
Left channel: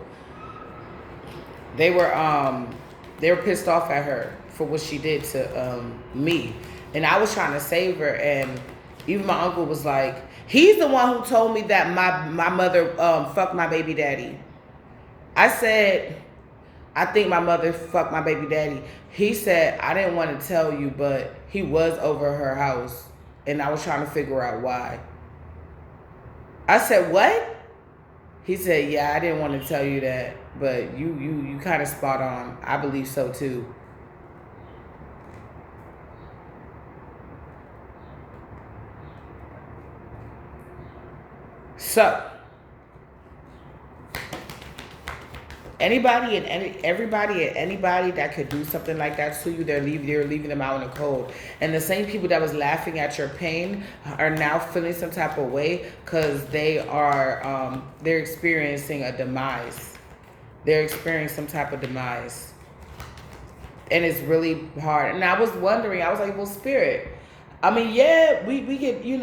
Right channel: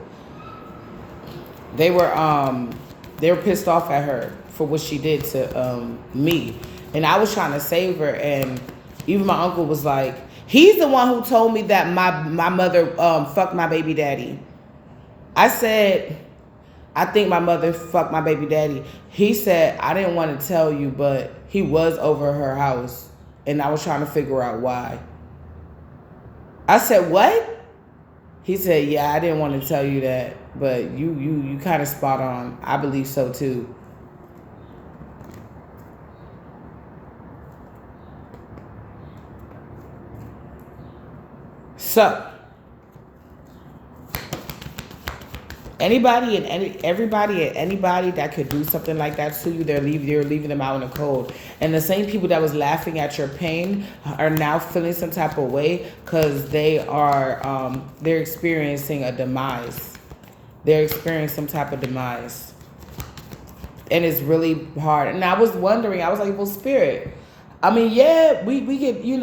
They were pissed off at her for what she did to me. And I was trying to save her. And even my uncle was like, he's the one who told me that my mother fucked my baby daddy. I said, I think my mother fucked my baby daddy. He said, I didn't want to tell you, but he was over her house. And I was trying to figure out why. I said, what? He said, yeah, I didn't want to tell you that, but you kind of spot on. I believe so too. So, anybody and everybody and anybody that could do something like that to you, you're leaving them out in the cold. And the same people that was laughing at your pain are now feeling some type of way because they're experiencing a demise. They're experiencing some type of demise. And it's really hard. And I was wondering, I was like, well, Spirit, I mean, yeah, we get, we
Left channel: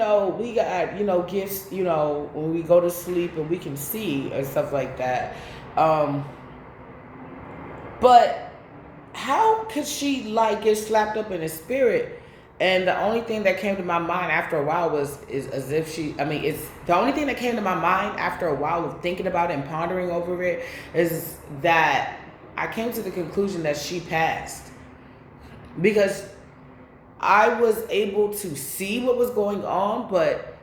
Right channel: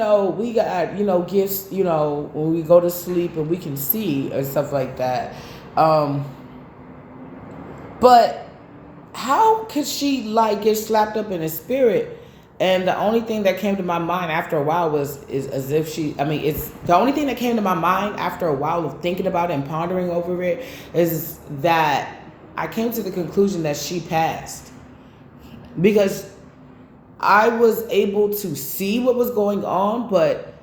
got, gifts, when we go to sleep and we can see and stuff like that. But how could she get slapped up in the spirit? And the only thing that came to my mind after a while it's the only thing that came to my mind after a while of thinking about it and pondering over it is that I came to the conclusion that she passed. Because I was able to see what was going on, but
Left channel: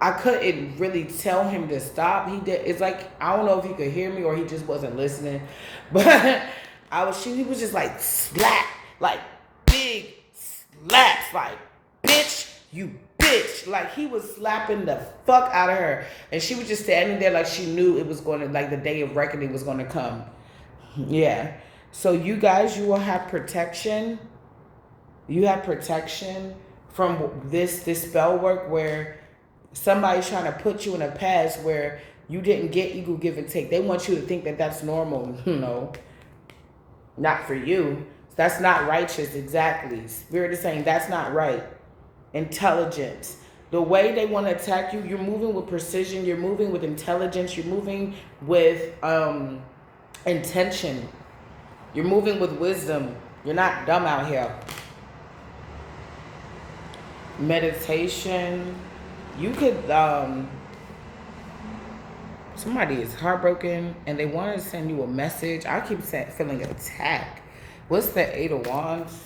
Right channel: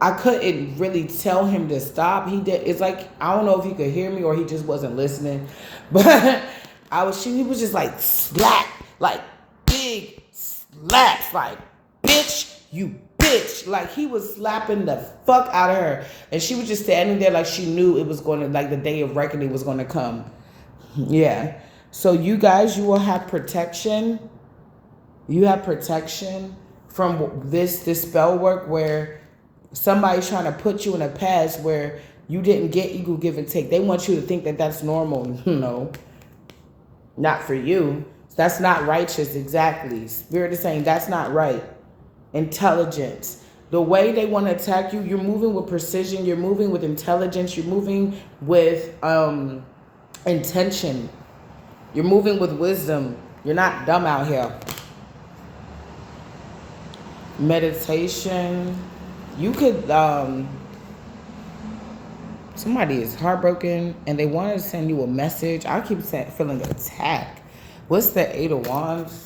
I couldn't really tell him to stop. It's like, I don't know if he could hear me or he just wasn't listening. But he was just like slap, like big slaps, like, bitch, you bitch. Like, he was slapping the fuck out of her. And she was just standing there like she knew it was going to, like, the day of reckoning was going to come. Yeah. So you guys, you will have protection. You have protection from this spell work where somebody's trying to put you in a past where you didn't get equal give and take. They want you to think that that's normal. No, not for you. That's not righteous. Exactly. Spirit is saying that's not right. Intelligence. The way they want to attack you, you're moving with precision, you're moving with intelligence, you're moving with intention, you're moving with wisdom. You're not dumb out here. Meditation. You could, somebody is heartbroken and they want to send you a message. I keep feeling attacked. What's the Eight of Wands?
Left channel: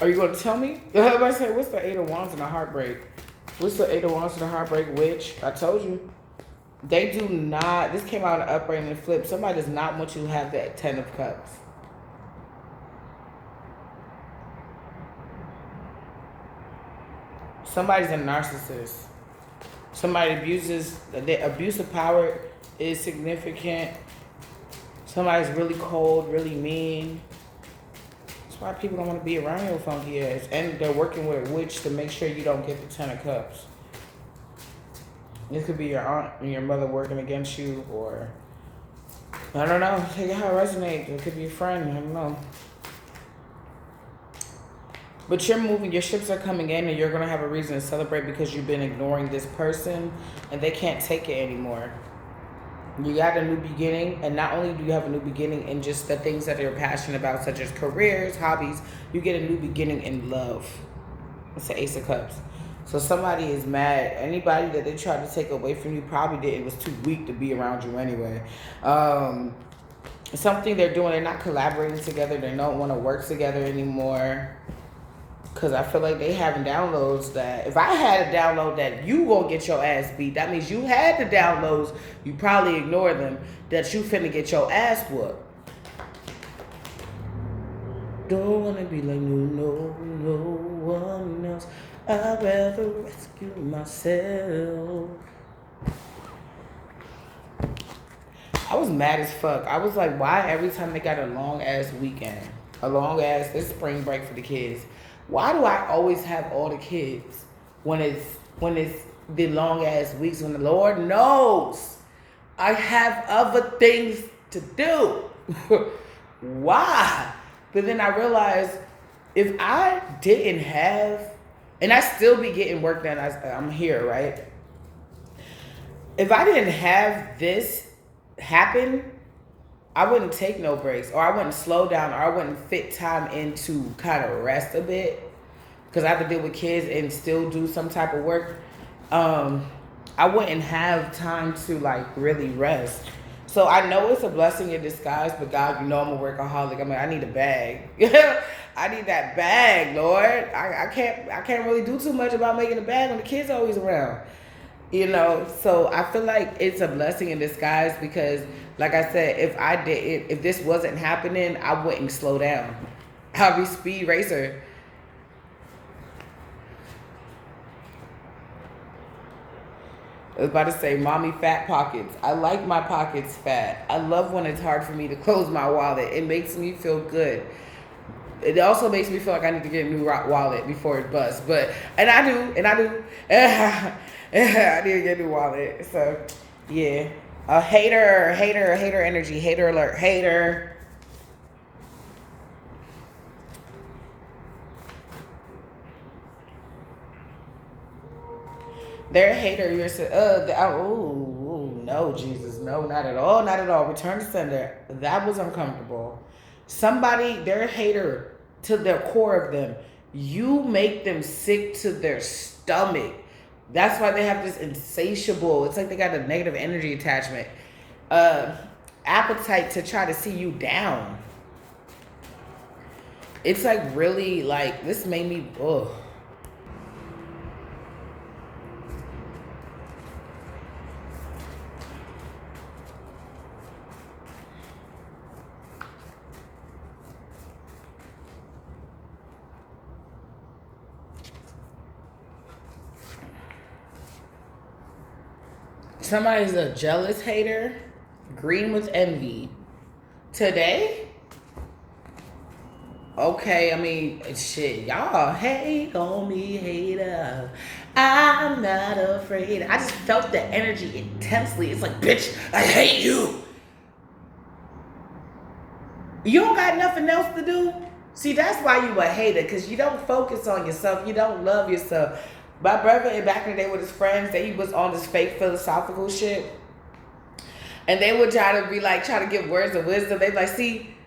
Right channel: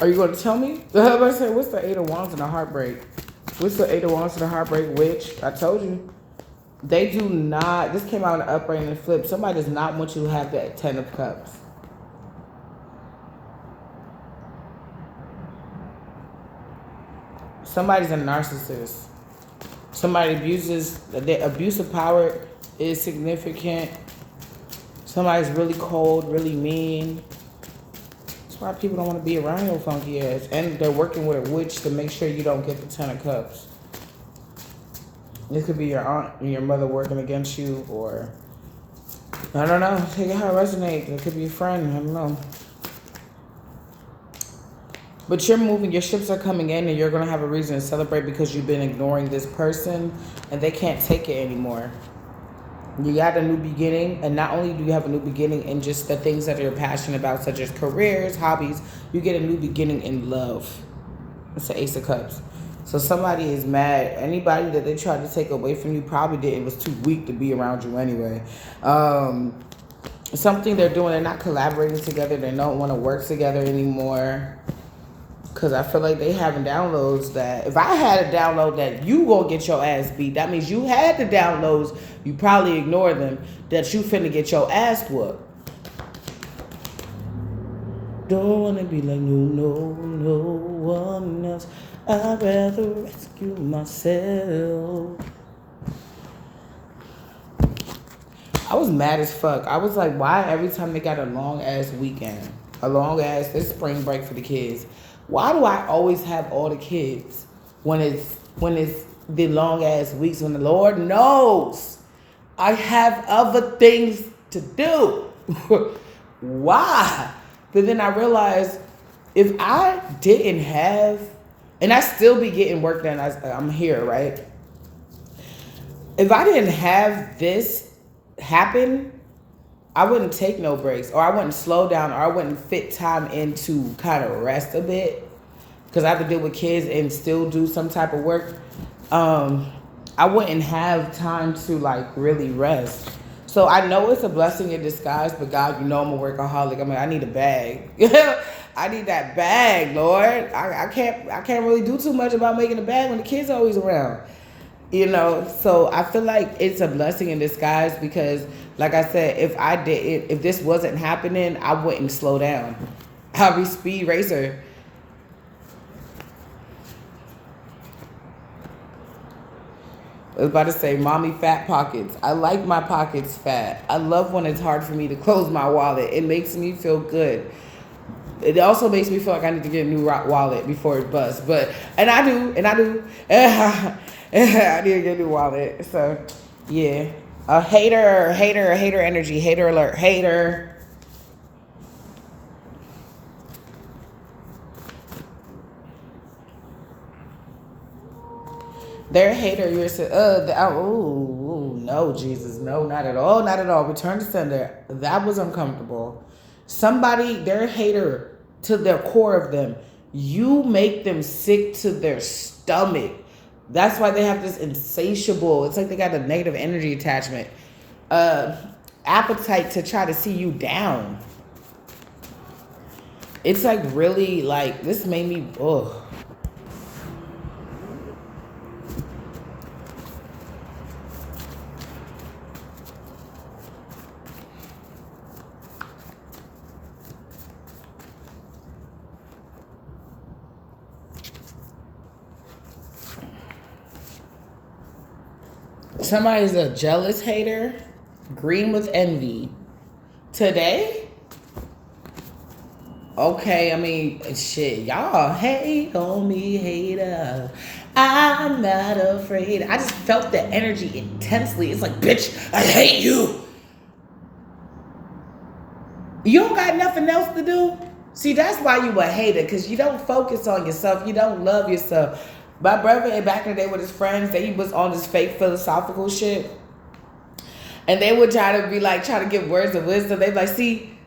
Are you going to tell me? I said, what's the Eight of Wands and a heartbreak? What's the Eight of Wands and a heartbreak? Which, I told you. They do not, this came out in the upright and the flip. Somebody does not want you to have the Ten of Cups. Somebody's a narcissist. Somebody abuses, the abuse of power is significant. Somebody's really cold, really mean. That's why people don't want to be around your funky ass. And they're working with a witch to make sure you don't get the Ten of Cups. This could be your aunt and your mother working against you, or I don't know. Take it how it resonates. It could be a friend. I don't know. But you're moving. Your ships are coming in, and you're going to have a reason to celebrate because you've been ignoring this person, and they can't take it anymore. You got a new beginning, and not only do you have a new beginning in just the things that you're passionate about, such as careers, hobbies, you get a new beginning in love. It's the Ace of Cups. So somebody is mad. Anybody that they tried to take away from you probably didn't. Was too weak to be around you anyway. Something they're doing, they're not collaborating together. They don't want to work together anymore. Because I feel like they having downloads that, if I had a download that you gonna get your ass beat, that means you had the downloads, you probably ignore them, that you finna get your ass whooped. Don't wanna be like no one else. I'd rather rescue myself. I was mad as fuck. I was like, why every time they got a long ass weekend, a long ass, this spring break for the kids, why do I always have all the kids when it's the long ass weeks, when the Lord knows I have other things to do? Why? But then I realized if I didn't have, and I still be getting work done, I'm here, right? If I didn't have this happen, I wouldn't take no breaks, or I wouldn't slow down, or I wouldn't fit time into kind of rest a bit, because I have to deal with kids and still do some type of work. I wouldn't have time to like really rest. So I know it's a blessing in disguise, but God, you know I'm a workaholic. I mean, I need a bag. I need that bag, Lord. I can't really do too much about making a bag when the kids are always around. You know, so I feel like it's a blessing in disguise because, like I said, if this wasn't happening, I wouldn't slow down. I'd be speed racer. I was about to say, mommy fat pockets. I like my pockets fat. I love when it's hard for me to close my wallet. It makes me feel good. It also makes me feel like I need to get a new wallet before it busts. And I do. I need to get a new wallet. So, yeah. A hater energy. Hater alert. Hater. They're a hater. You're saying, no, Jesus. No, not at all. Not at all. Return to sender. That was uncomfortable. Somebody, they're a hater to their core of them. You make them sick to their stomach. That's why they have this insatiable, it's like they got a negative energy attachment, appetite to try to see you down. It's like really like, this made me, ugh. Somebody's a jealous hater, green with envy. Today? Okay, I mean, shit, y'all hate on me, hater. I'm not afraid. I just felt the energy intensely. It's like, bitch, I hate you. You don't got nothing else to do? See, that's why you a hater, because you don't focus on yourself. You don't love yourself. My brother, back in the day with his friends, he was on this fake philosophical shit. And they would try to be like, try to give words of wisdom. They'd be like, see,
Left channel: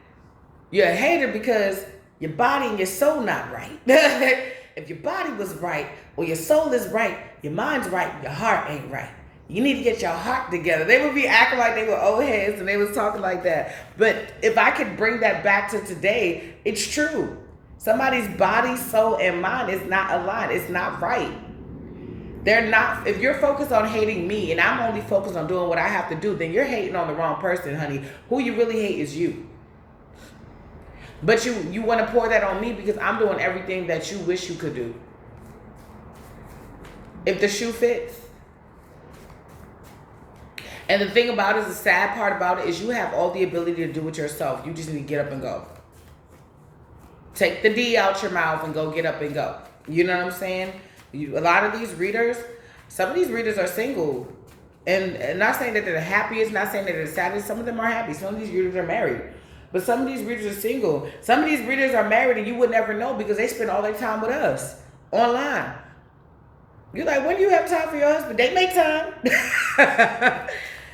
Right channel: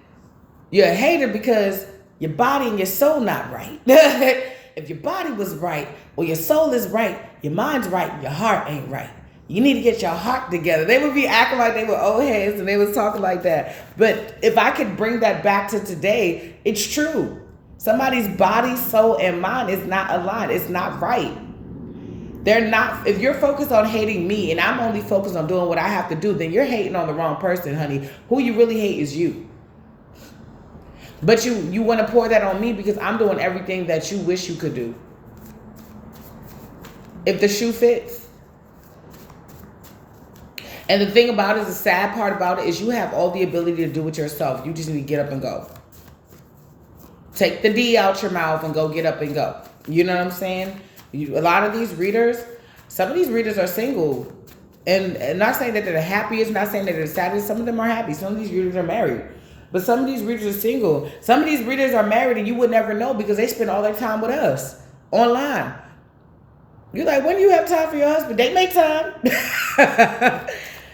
you're a hater because your body and your soul not right. If your body was right, or your soul is right, your mind's right, your heart ain't right. You need to get your heart together. They would be acting like they were old heads and they was talking like that. But if I could bring that back to today, it's true. Somebody's body, soul, and mind is not aligned. It's not right. They're not. If you're focused on hating me and I'm only focused on doing what I have to do, then you're hating on the wrong person, honey. Who you really hate is you. But you want to pour that on me because I'm doing everything that you wish you could do. If the shoe fits. And the thing about it, the sad part about it, is you have all the ability to do it yourself. You just need to get up and go. Take the D out your mouth and go get up and go. You know what I'm saying? A lot of these readers, some of these readers are single. And not saying that they're the happiest, not saying that they're the saddest. Some of them are happy. Some of these readers are married. But some of these readers are single. Some of these readers are married and you would never know because they spend all their time with us online. You're like, when do you have time for your husband? They make time.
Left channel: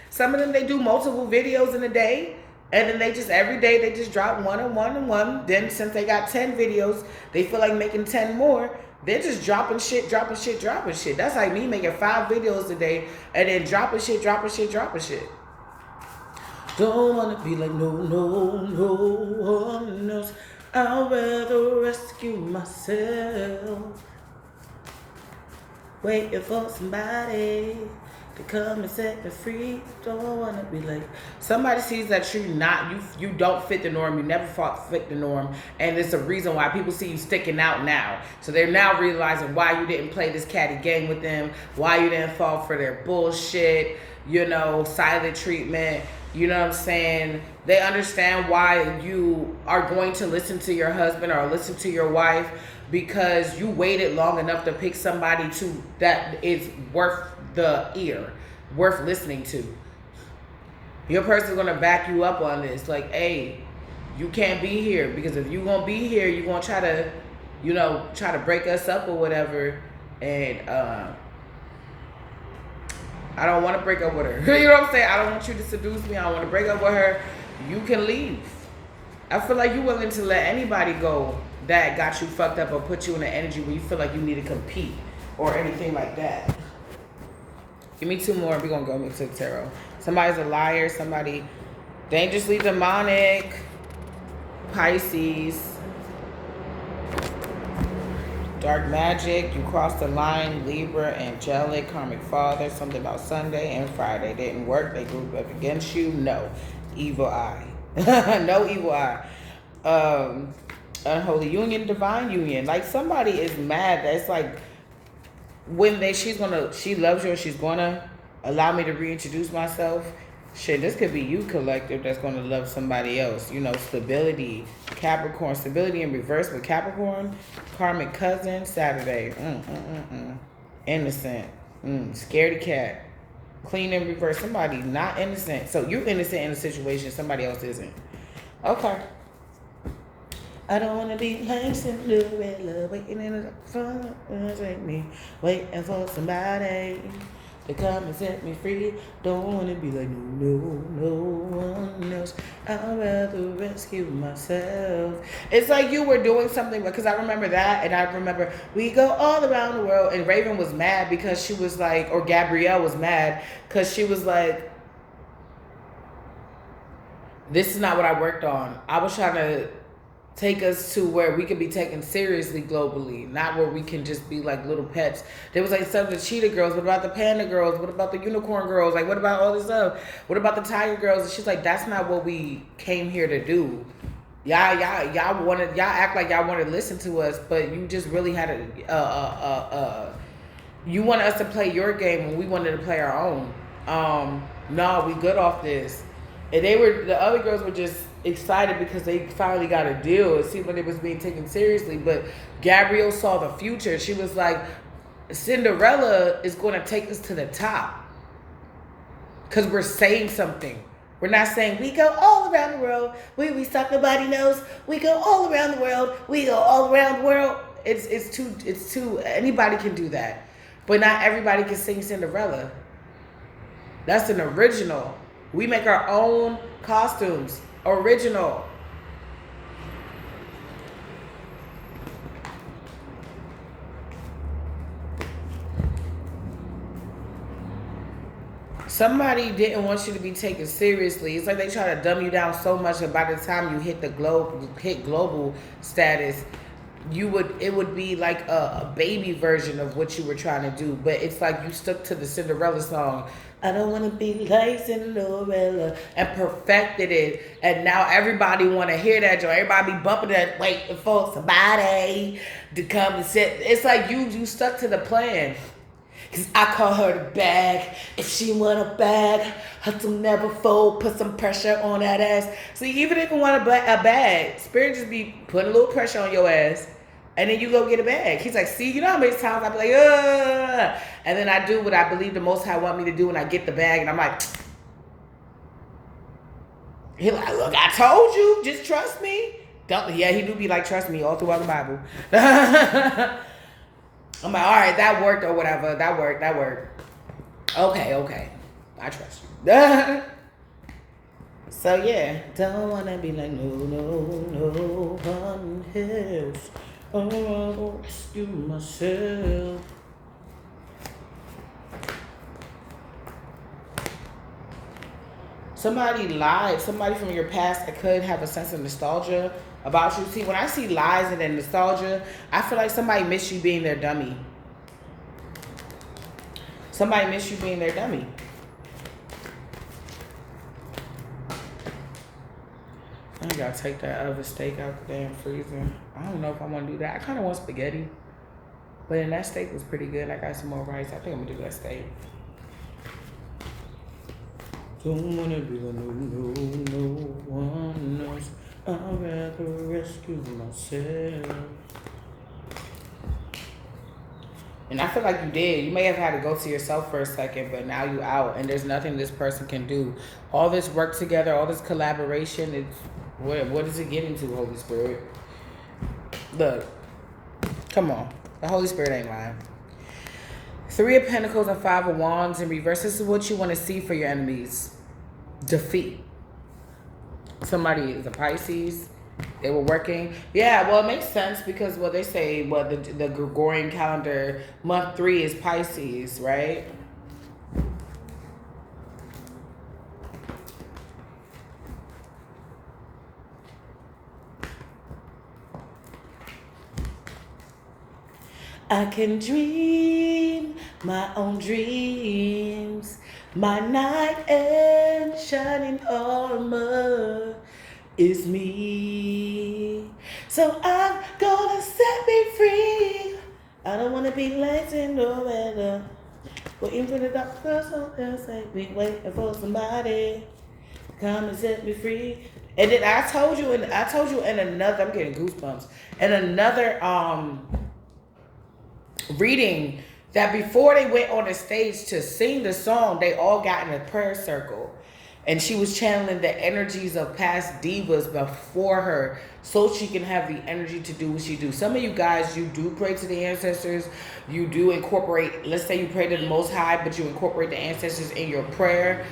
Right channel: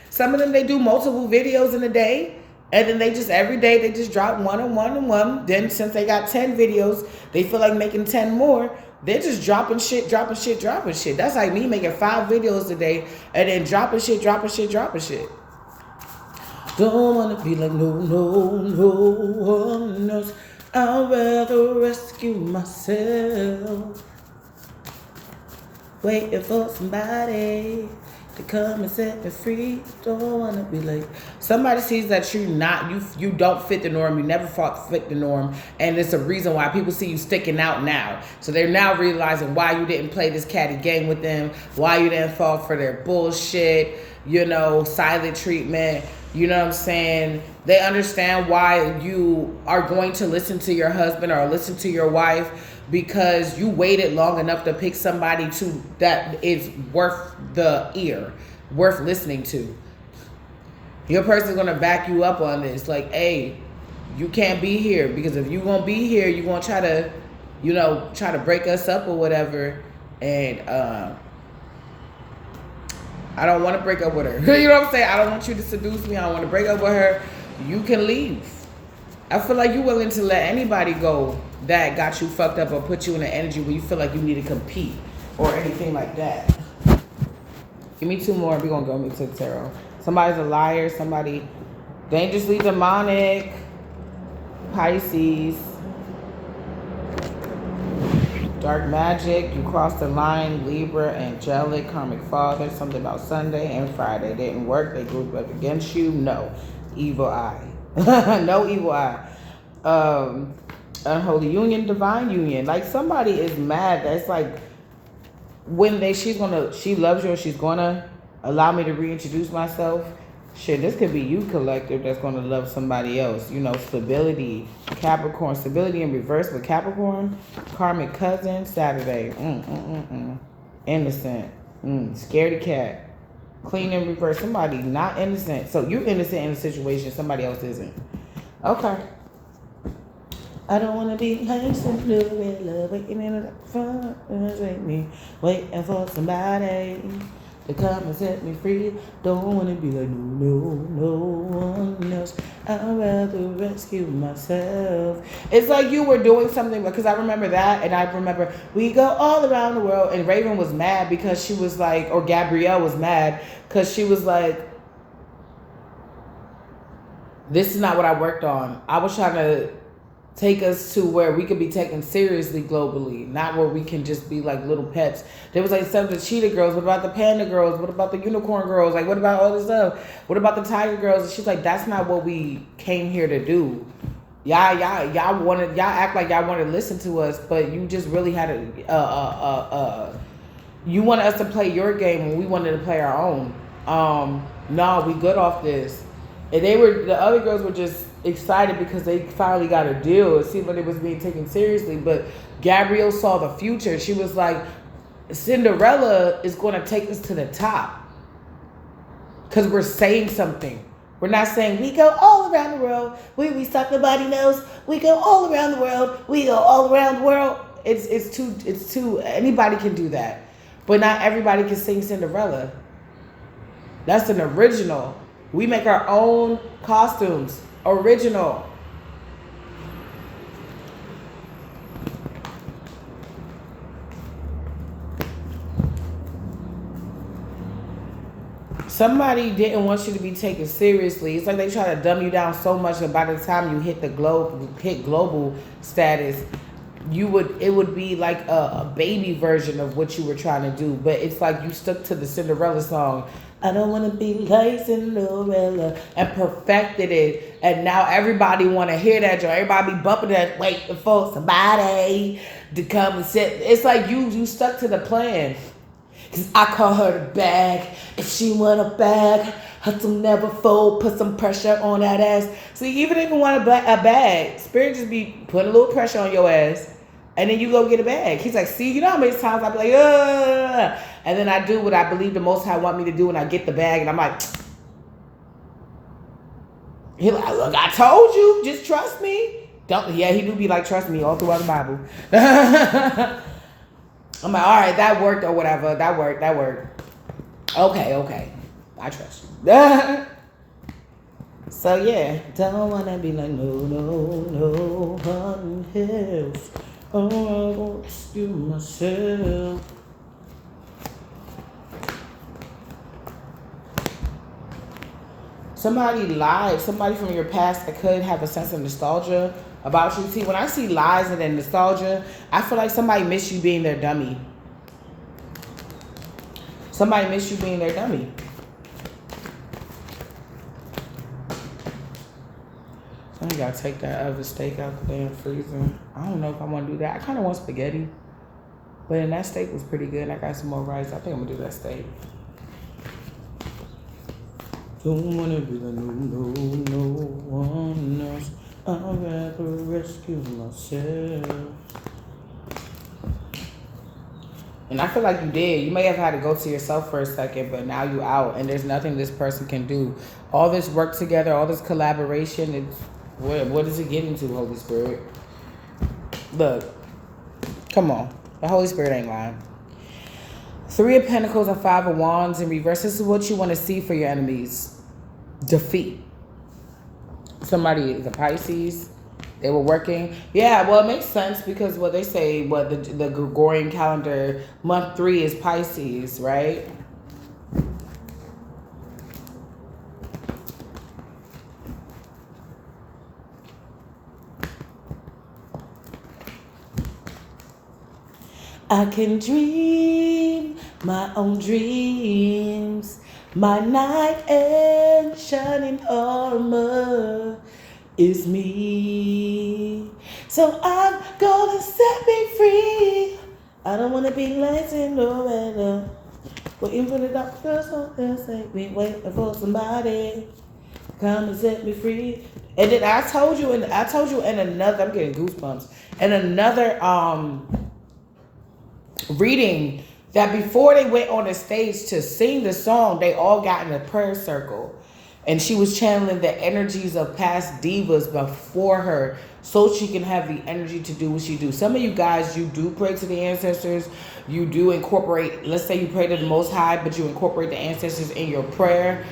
Some of them, they do multiple videos in a day. And then they just, every day, they just drop one and one and one. Then since they got 10 videos, they feel like making 10 more. They're just dropping shit, dropping shit, dropping shit. That's like me making 5 videos a day and then dropping shit, dropping shit, dropping shit. Don't want to be like no one else. I'd rather rescue myself. Waiting for somebody to come and set me free. Don't want to be like. Somebody sees that you don't fit the norm. You never fit the norm. And it's a reason why people see you sticking out now. So they're now realizing why you didn't play this catty game with them. Why you didn't fall for their bullshit. Silent treatment. You know what I'm saying? They understand why you are going to listen to your husband or listen to your wife because you waited long enough to pick somebody that is worth the ear, worth listening to. Your person's going to back you up on this. Like, hey, you can't be here because if you won't be here, you're going to try to break us up or whatever. And, I don't want to break up with her. You know what I'm saying? I don't want you to seduce me. I don't want to break up with her. You can leave. I feel like you're willing to let anybody go that got you fucked up or put you in an energy where you feel like you need to compete or anything like that. Give me 2 more. We're going to go into the tarot. Somebody's a liar. Somebody dangerously demonic. Pisces. Dark magic, you crossed the line. Libra, angelic, karmic father, something about Sunday and Friday. Didn't work, they grouped up against you. No. Evil eye. No evil eye. Unholy union, divine union. Like somebody is mad. That's like when she loves you and she's gonna allow me to reintroduce myself. Shit, this could be you, collective, that's going to love somebody else. Stability, Capricorn, stability in reverse with Capricorn, karmic cousin, Saturday, innocent, scaredy cat, clean in reverse, somebody not innocent. So you're innocent in a situation, somebody else isn't. Okay. I don't want to be innocent, waiting in the front, waiting for somebody to come and set me free. Don't want to be like no one else. I'd rather rescue myself. It's like you were doing something, because I remember that, and I remember we go all around the world, and Raven was mad because she was like, or Gabrielle was mad because she was like, this is not what I worked on. I was trying to take us to where we could be taken seriously globally, not where we can just be like little pets. There was like some of the cheetah girls. What about the panda girls? What about the unicorn girls? Like, what about all this stuff? What about the tiger girls? And she's like, that's not what we came here to do. Y'all act like y'all wanted to listen to us, but you just really had you wanted us to play your game when we wanted to play our own. No, we good off this. And the other girls were just excited because they finally got a deal. It seemed like it was being taken seriously. But Gabrielle saw the future. She was like, Cinderella is going to take us to the top because we're saying something. We're not saying we go all around the world. We suck nobody knows. We go all around the world. We go all around the world. It's too anybody can do that. But not everybody can sing Cinderella. That's an original. We make our own costumes. Original. Somebody didn't want you to be taken seriously. It's like they try to dumb you down so much that by the time you hit global status, it would be like a baby version of what you were trying to do. But it's like you stuck to the Cinderella song. I don't want to be like Cinderella, and perfected it. And now everybody want to hear that joint. Everybody be bumping that, waiting for somebody to come and sit. It's like you stuck to the plan. Cause I call her the bag. If she want a bag, her to never fold. Put some pressure on that ass. See, even if you want a bag, Spirit just be putting a little pressure on your ass, and then you go get a bag. He's like, see, you know how many times I be like, ugh, and then I do what I believe the Most High want me to do, and I get the bag, and I'm like, he like, look, I told you, just trust me. Don't. Yeah, he do be like, trust me all throughout the Bible. I'm like, all right, that worked or whatever. That worked. Okay. I trust you. So, yeah. Don't want to be like, no, one else. I won't excuse myself. Somebody lied. Somebody from your past that could have a sense of nostalgia about you. See, when I see lies and then nostalgia, I feel like somebody missed you being their dummy. Somebody missed you being their dummy. I gotta take that other steak out the damn freezer. I don't know if I want to do that. I kind of want spaghetti, but then that steak was pretty good. I got some more rice. I think I'm gonna do that steak. Don't wanna be the no one else. I'd rather rescue myself. And I feel like you did. You may have had to go to yourself for a second, but now you out, and there's nothing this person can do. All this work together, all this collaboration, it's what is it getting to, Holy Spirit? Look, come on. The Holy Spirit ain't lying. 3 of Pentacles and 5 of Wands in reverse. This is what you want to see for your enemies. Defeat. Somebody is a Pisces. They were working. Yeah, well, it makes sense because what they say, the Gregorian calendar, month 3 is Pisces, right? I can dream my own dreams. My knight in shining armor is me. So I'm gonna set me free. I don't wanna be like Cinderella. Waiting for the doctor, so they'll say we waiting for somebody. Come and set me free. And then I told you in another, I'm getting goosebumps. In another reading that before they went on the stage to sing the song, they all got in a prayer circle. And she was channeling the energies of past divas before her so she can have the energy to do what she do. Some of you guys, you do pray to the ancestors. You do incorporate, let's say you pray to the Most High, but you incorporate the ancestors in your prayer.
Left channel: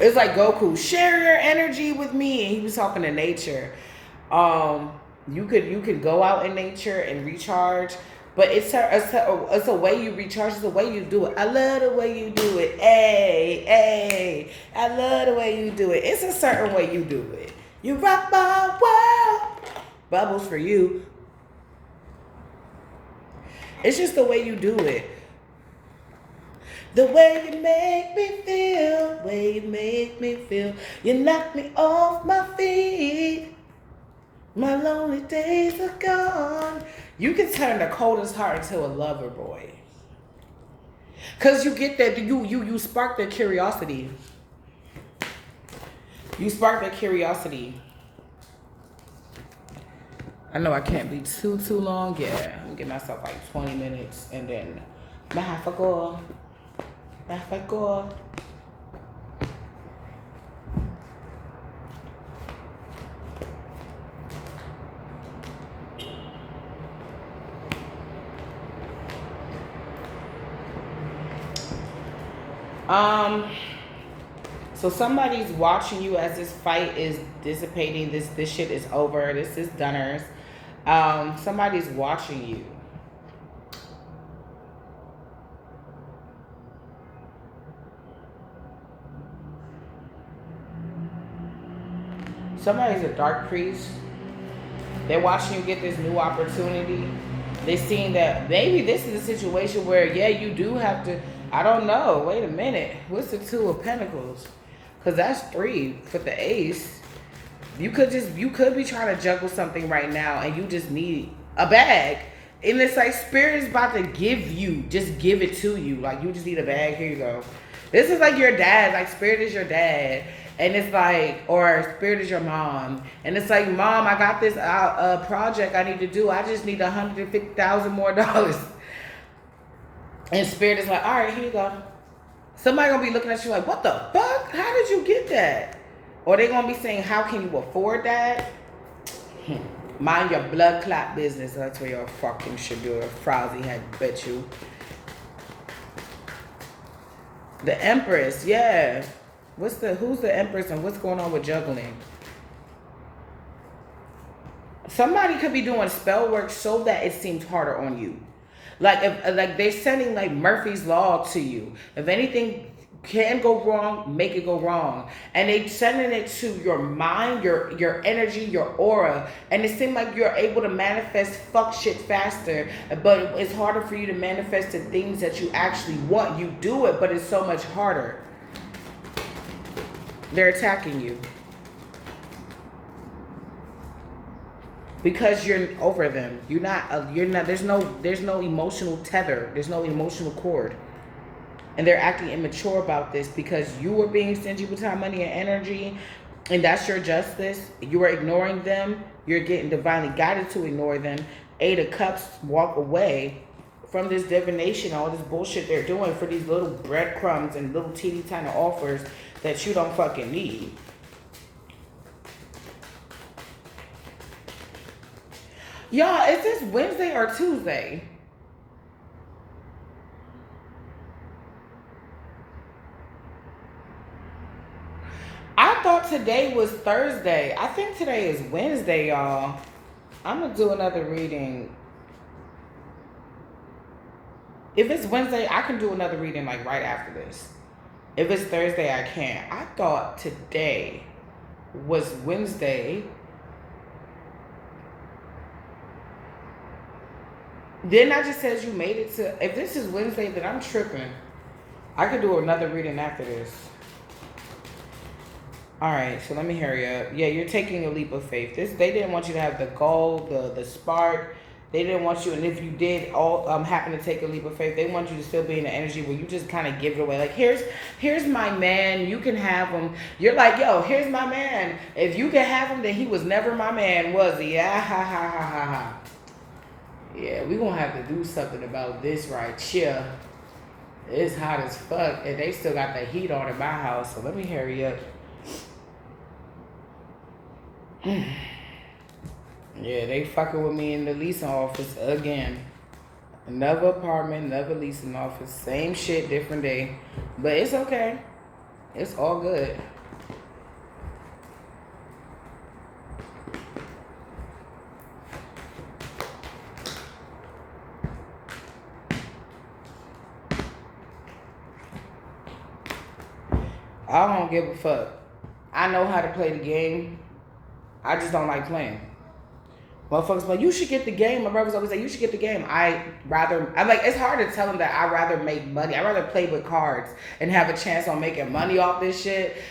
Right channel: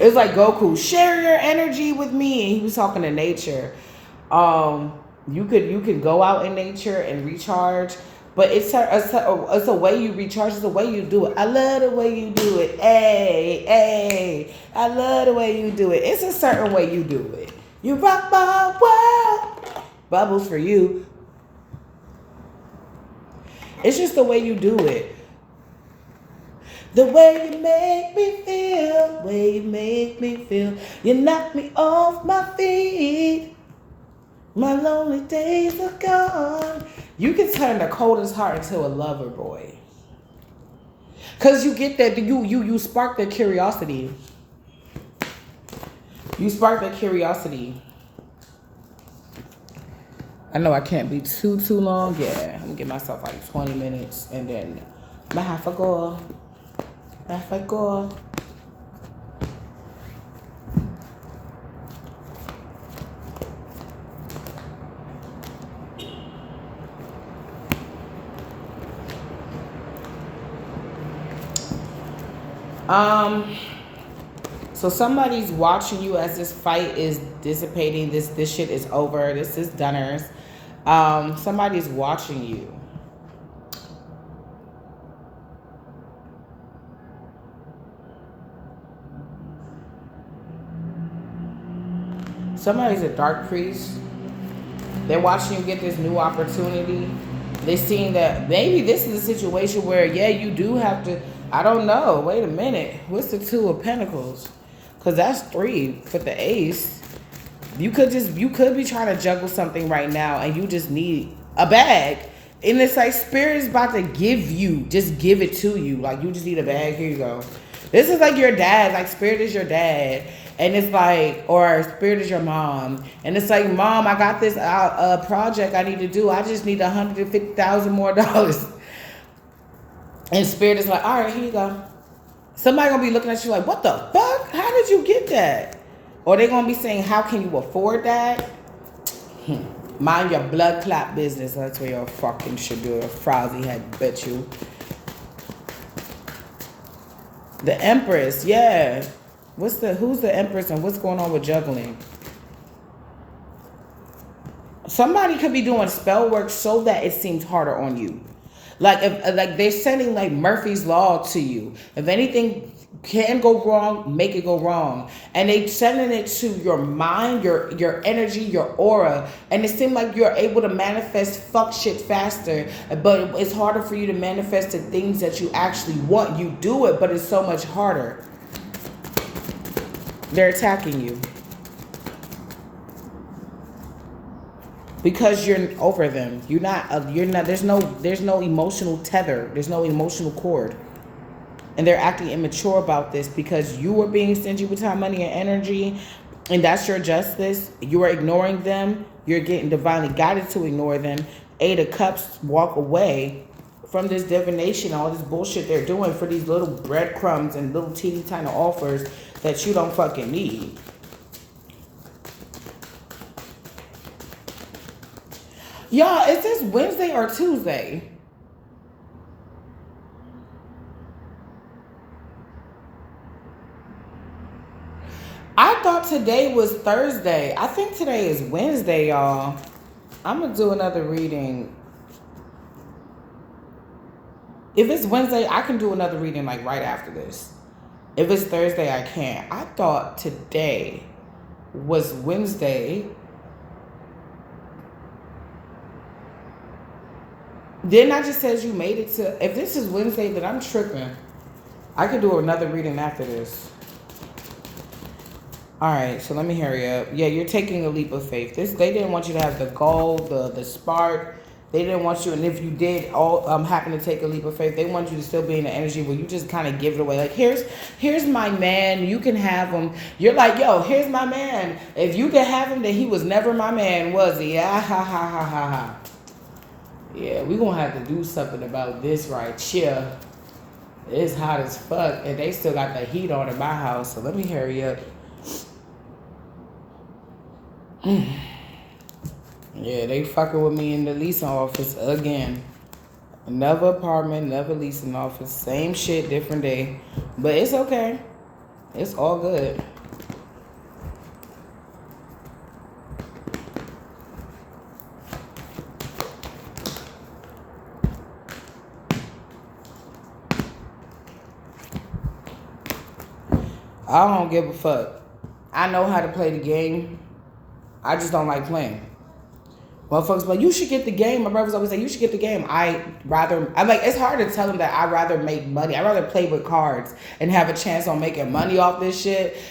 It's like Goku, share your energy with me. And he was talking to nature. You could go out in nature and recharge, but it's a way you recharge. It's the way you do it. I love the way you do it. Hey, I love the way you do it. It's a certain way you do it. You rock my world. Bubbles for you. It's just the way you do it. The way you make me feel. The way you make me feel. You knock me off my feet. My lonely days are gone. You can turn the coldest heart into a lover boy. Cause you get that, you spark the curiosity. You spark the curiosity. I know I can't be too long. Yeah, I'm gonna give myself like 20 minutes and then I have to go. So somebody's watching you as this fight is dissipating. This shit is over. This is Dunners. Somebody's watching you. Somebody's a dark priest. They're watching you get this new opportunity. They're seeing that maybe this is a situation where, yeah, you do have to, I don't know. Wait a minute. What's the Two of Pentacles? Because that's 3 for the Ace. You could be trying to juggle something right now and you just need a bag. And it's like Spirit is about to give it to you. Like you just need a bag. Here you go. This is like your dad. Like Spirit is your dad. And it's like, or Spirit is your mom. And it's like, Mom, I got this project I need to do. I just need $150,000 more. And Spirit is like, all right, here you go. Somebody gonna be looking at you like, what the fuck? How did you get that? Or they gonna be saying, how can you afford that? Mind your blood clot business. That's where your fucking should do. A frowsy head, bet you. The Empress, yeah. Who's the Empress and what's going on with juggling? Somebody could be doing spell work so that it seems harder on you. Like if they're sending like Murphy's Law to you. If anything can go wrong, make it go wrong. And they sending it to your mind, your energy, your aura. And it seems like you're able to manifest fuck shit faster. But it's harder for you to manifest the things that you actually want. You do it, but it's so much harder. They're attacking you. Because you're over them. You're not, there's no emotional tether. There's no emotional cord. And they're acting immature about this because you are being stingy with time, money, and energy. And that's your justice. You are ignoring them. You're getting divinely guided to ignore them. 8 of Cups, walk away from this divination, all this bullshit they're doing for these little breadcrumbs and little teeny tiny offers that you don't fucking need. Y'all, is this Wednesday or Tuesday? I thought today was Thursday. I think today is Wednesday, y'all. I'm going to do another reading. If it's Wednesday, I can do another reading like right after this. If it's Thursday, I can't. I thought today was Wednesday. Then I just says you made it to, if this is Wednesday, then I'm tripping. I could do another reading after this. All right, so let me hurry up. Yeah, you're taking a leap of faith. They didn't want you to have the goal, the spark. They didn't want you, and if you did happen to take a leap of faith, they want you to still be in the energy where you just kind of give it away. Like, here's my man. You can have him. You're like, yo, here's my man. If you can have him, then he was never my man, was he? Yeah, ha, ha, ha, ha, ha. Yeah, we're going to have to do something about this right here. It's hot as fuck, and they still got the heat on in my house, so let me hurry up. Yeah, they fucking with me in the leasing office again. Another apartment, another leasing office. Same shit, different day. But it's okay. It's all good. I don't give a fuck. I know how to play the game. I just don't like playing. Motherfuckers like, you should get the game. My brothers always say, you should get the game. I'm like, it's hard to tell them that I'd rather make money. I'd rather play with cards and have a chance on making money off this shit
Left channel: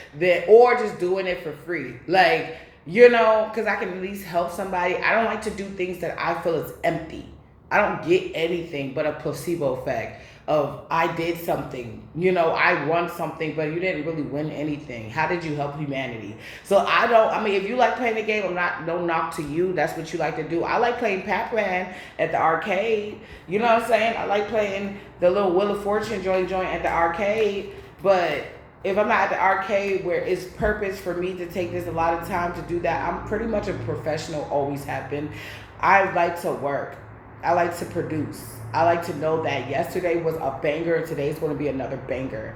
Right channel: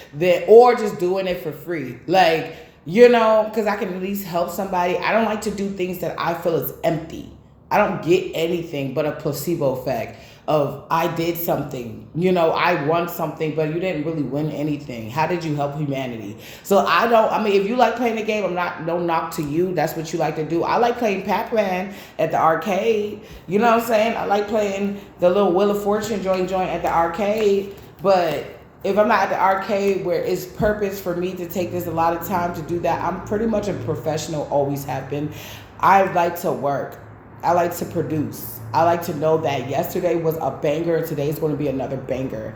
or just doing it for free. Like, you know, because I can at least help somebody. I don't like to do things that I feel is empty. I don't get anything but a placebo effect of I did something, you know, I won something, but you didn't really win anything. How did you help humanity? So I mean, if you like playing the game, no knock to you. That's what you like to do. I like playing Pac-Man at the arcade. You know what I'm saying? I like playing the little Wheel of Fortune joint at the arcade. But if I'm not at the arcade where it's purpose for me to take this a lot of time to do that, I'm pretty much a professional, always have been. I like to work. I like to produce. I like to know that yesterday was a banger. Today's going to be another banger.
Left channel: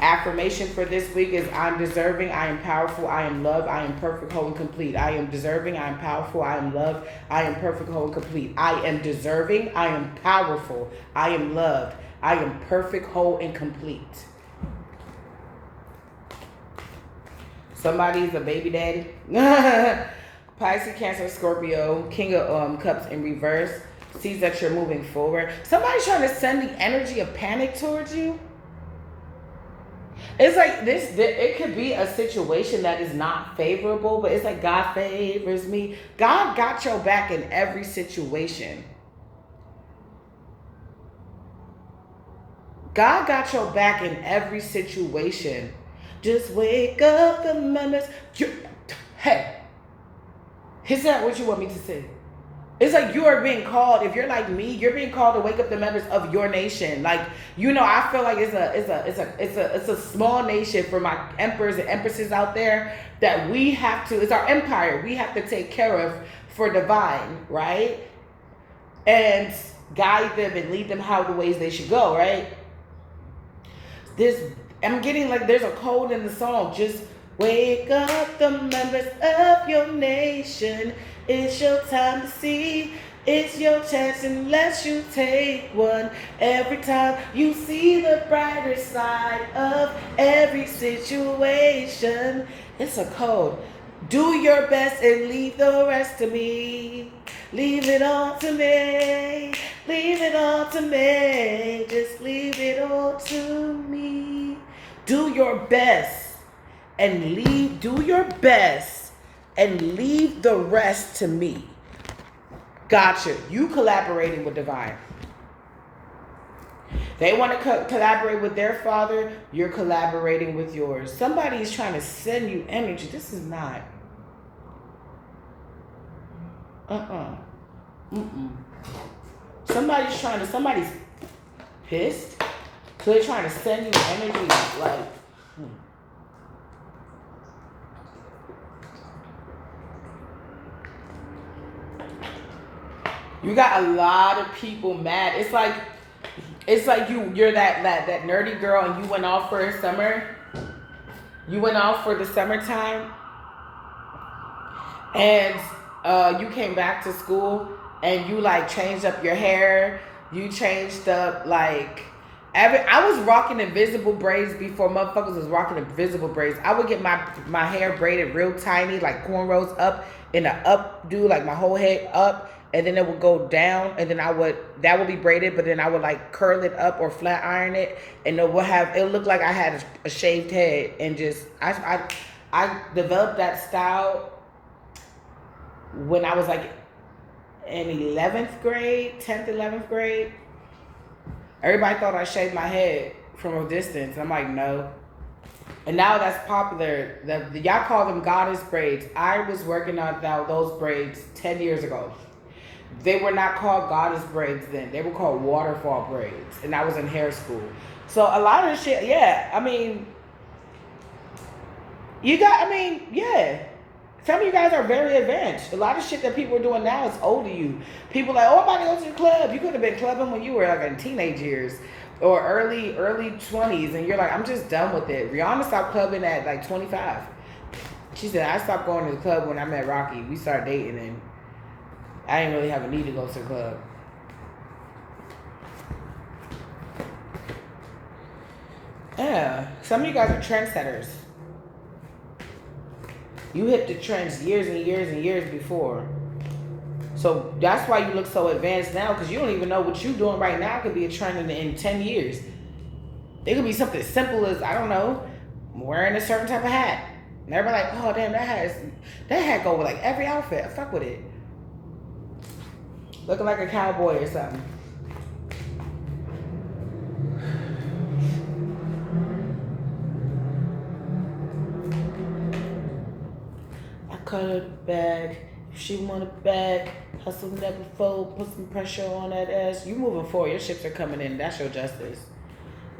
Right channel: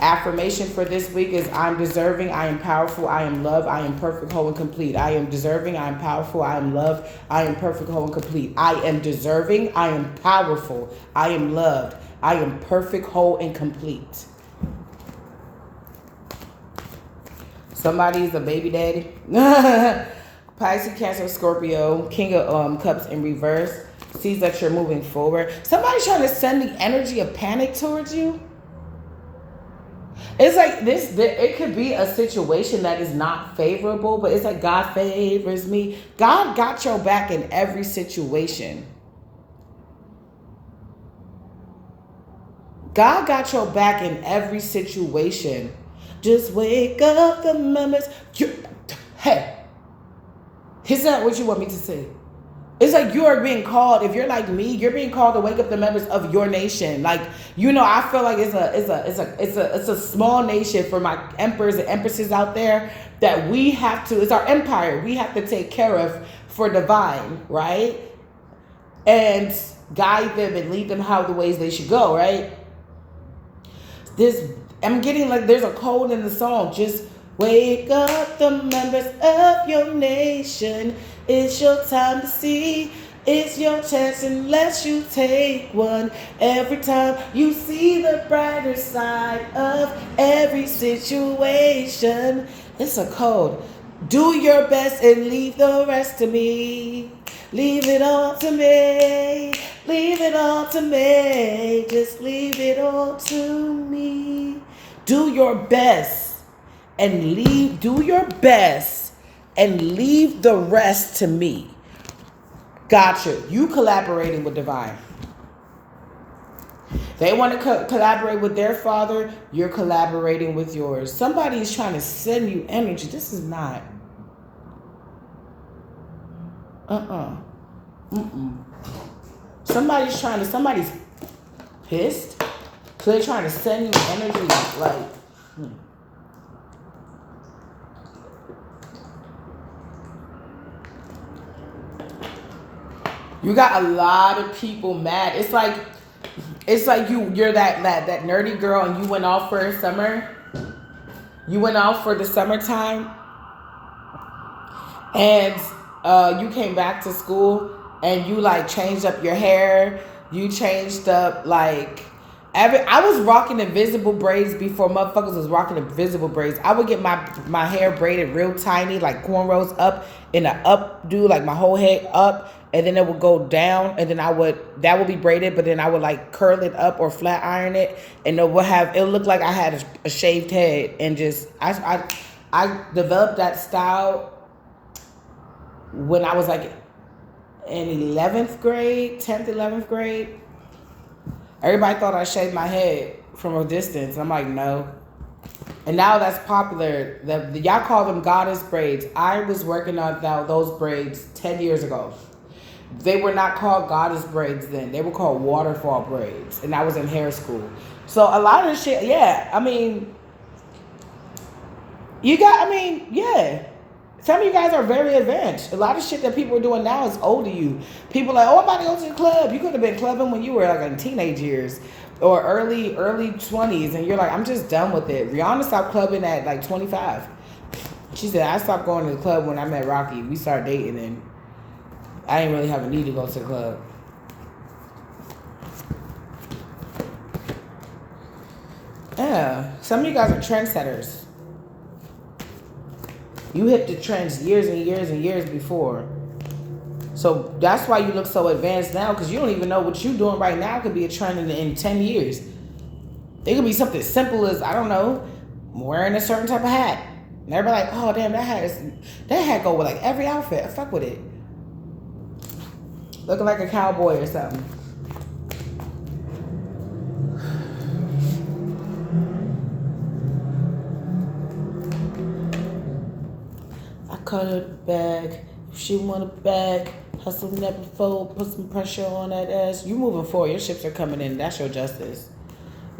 Affirmation for this week is I'm deserving, I am powerful, I am loved, I am perfect, whole, and complete. I am deserving, I am powerful, I am loved, I am perfect, whole, and complete. I am deserving, I am powerful, I am loved, I am perfect, whole, and complete. Somebody's a baby daddy. Pisces, Cancer, Scorpio, King of Cups in reverse. Sees that you're moving forward. Somebody's trying to send the energy of panic towards you. It's like this, it could be a situation that is not favorable, but it's like God favors me. God got your back in every situation. God got your back in every situation. Just wake up the members. Hey, is that what you want me to say? It's like you are being called. If you're like me, you're being called to wake up the members of your nation. Like, you know, I feel like it's a small nation for my emperors and empresses out there that we have to. It's our empire. We have to take care of for divine, right? And guide them and lead them how the ways they should go, right? I'm getting like there's a code in the song. Just wake up the members of your nation. It's your time to see. It's your chance unless you take one. Every time you see the brighter side of every situation. It's a code. Do your best and leave the rest to me. Leave it all to me. Leave it all to me. Just leave it all to me. Do your best and leave. Do your best. And leave the rest to me. Gotcha. You collaborating with divine. They want to collaborate with their father. You're collaborating with yours. Somebody is trying to send you energy. This is not. Somebody's pissed. So they're trying to send you energy like. You got a lot of people mad. It's like you're that nerdy girl and you went off for a summer. You went off for the summertime. And you came back to school and you like changed up your hair. You changed up like I was rocking invisible braids before motherfuckers was rocking invisible braids. I would get my hair braided real tiny, like cornrows up in an updo, like my whole head up, and then it would go down, and then that would be braided, but then I would like curl it up or flat iron it, and it look like I had a shaved head, and just I developed that style when I was like in 11th grade, 10th, 11th grade. Everybody thought I shaved my head from a distance. I'm like, no. And now that's popular. Y'all call them goddess braids. I was working on those braids 10 years ago. They were not called goddess braids then. They were called waterfall braids. And I was in hair school. So a lot of the shit, yeah. I mean, yeah. Some of you guys are very advanced. A lot of shit that people are doing now is old to you. People are like, oh, I'm about to go to the club. You could have been clubbing when you were like in teenage years or early 20s. And you're like, I'm just done with it. Rihanna stopped clubbing at like 25. She said, I stopped going to the club when I met Rocky. We started dating and I didn't really have a need to go to the club. Yeah. Some of you guys are trendsetters. You hit the trends years and years and years before. So that's why you look so advanced now, because you don't even know what you're doing right now could be a trend in 10 years. It could be something simple as, I don't know, wearing a certain type of hat. And everybody like, oh, damn, that hat go with like every outfit. I fuck with it. Looking like a cowboy or something. Cut her bag. If she want a bag, hustle never fold. Put some pressure on that ass. You moving forward. Your ships are coming in. That's your justice.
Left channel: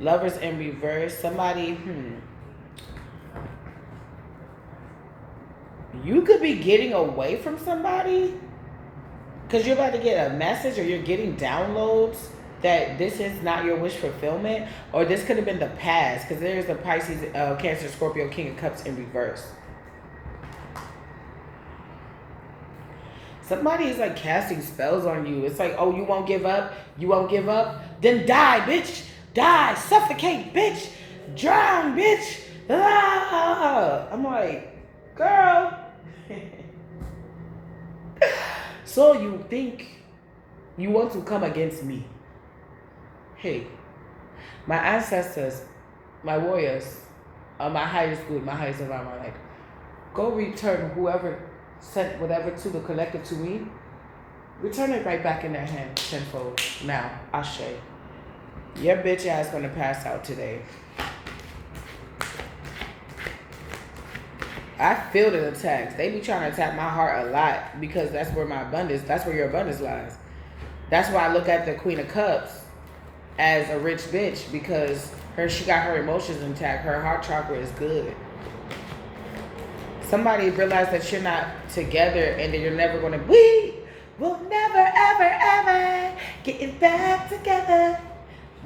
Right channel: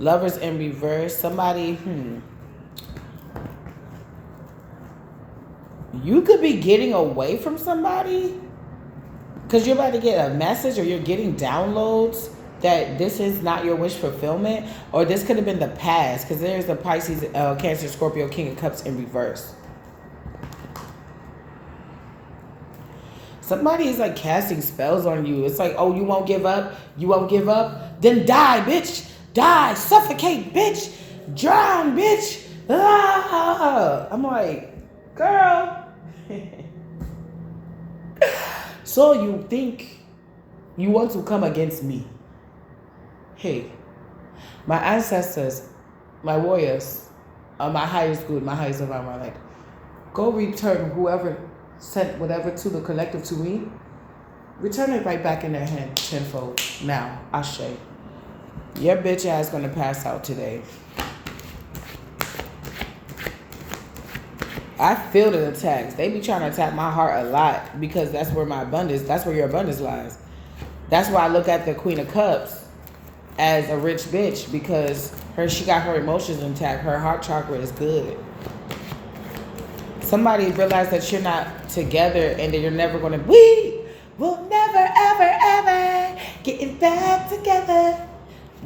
Lovers in reverse. Somebody, You could be getting away from somebody because you're about to get a message or you're getting downloads that this is not your wish fulfillment, or this could have been the past, because there's the Pisces, Cancer, Scorpio, King of Cups in reverse. Somebody is like casting spells on you. It's like, oh, you won't give up? You won't give up? Then die, bitch. Die. Suffocate, bitch. Drown, bitch. Ah. I'm like, girl. So you think you want to come against me? Hey, my ancestors, my warriors, my highest good, my highest of all my life. Go return whoever sent whatever to the collective to me. Return it right back in their hand tenfold. Now, Ashe. Your bitch ass gonna pass out today. I feel the attacks. They be trying to attack my heart a lot because that's where my abundance, that's where your abundance lies. That's why I look at the Queen of Cups as a rich bitch, because she got her emotions intact. Her heart chakra is good. Somebody realized that you're not together and that you're never going to, we will never, ever, ever getting back together.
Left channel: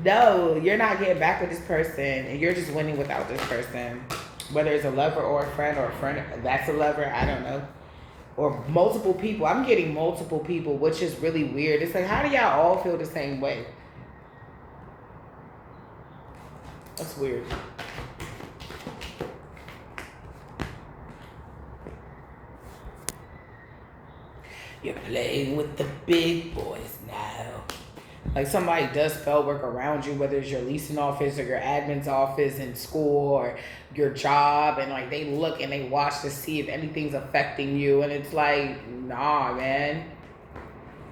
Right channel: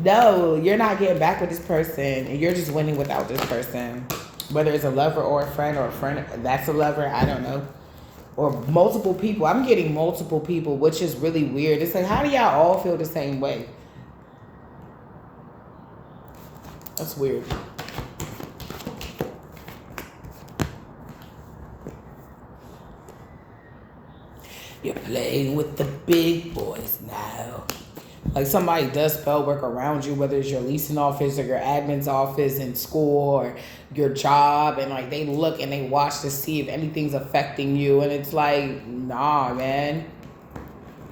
No, you're not getting back with this person, and you're just winning without this person. Whether it's a lover or a friend that's a lover, I don't know. Or multiple people. I'm getting multiple people, which is really weird. It's like, how do y'all all feel the same way? That's weird. You're playing with the big boys now. Like somebody does spell work around you, whether it's your leasing office or your admin's office in school or your job, and like they look and they watch to see if anything's affecting you, and it's like, nah, man.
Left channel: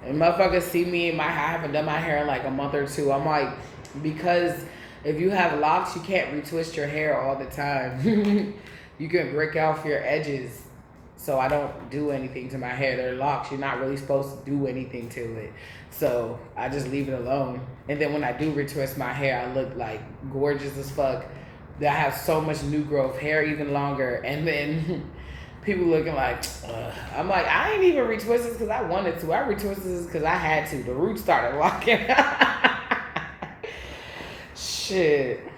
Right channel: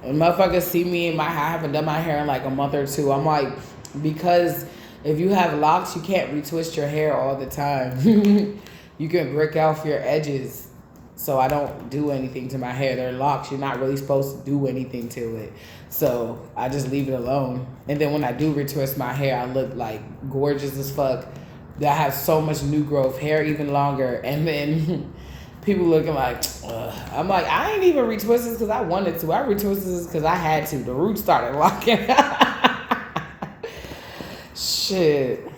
And motherfuckers see me I haven't done my hair in like a month or two. I'm like, because if you have locks, you can't retwist your hair all the time. You can break off your edges. So I don't do anything to my hair. They're locks. You're not really supposed to do anything to it. So I just leave it alone. And then when I do retwist my hair, I look like gorgeous as fuck. I have so much new growth, hair even longer. And then people looking like, ugh. I'm like, I ain't even retwisted this because I wanted to. I retwisted this because I had to. The roots started locking. Shit.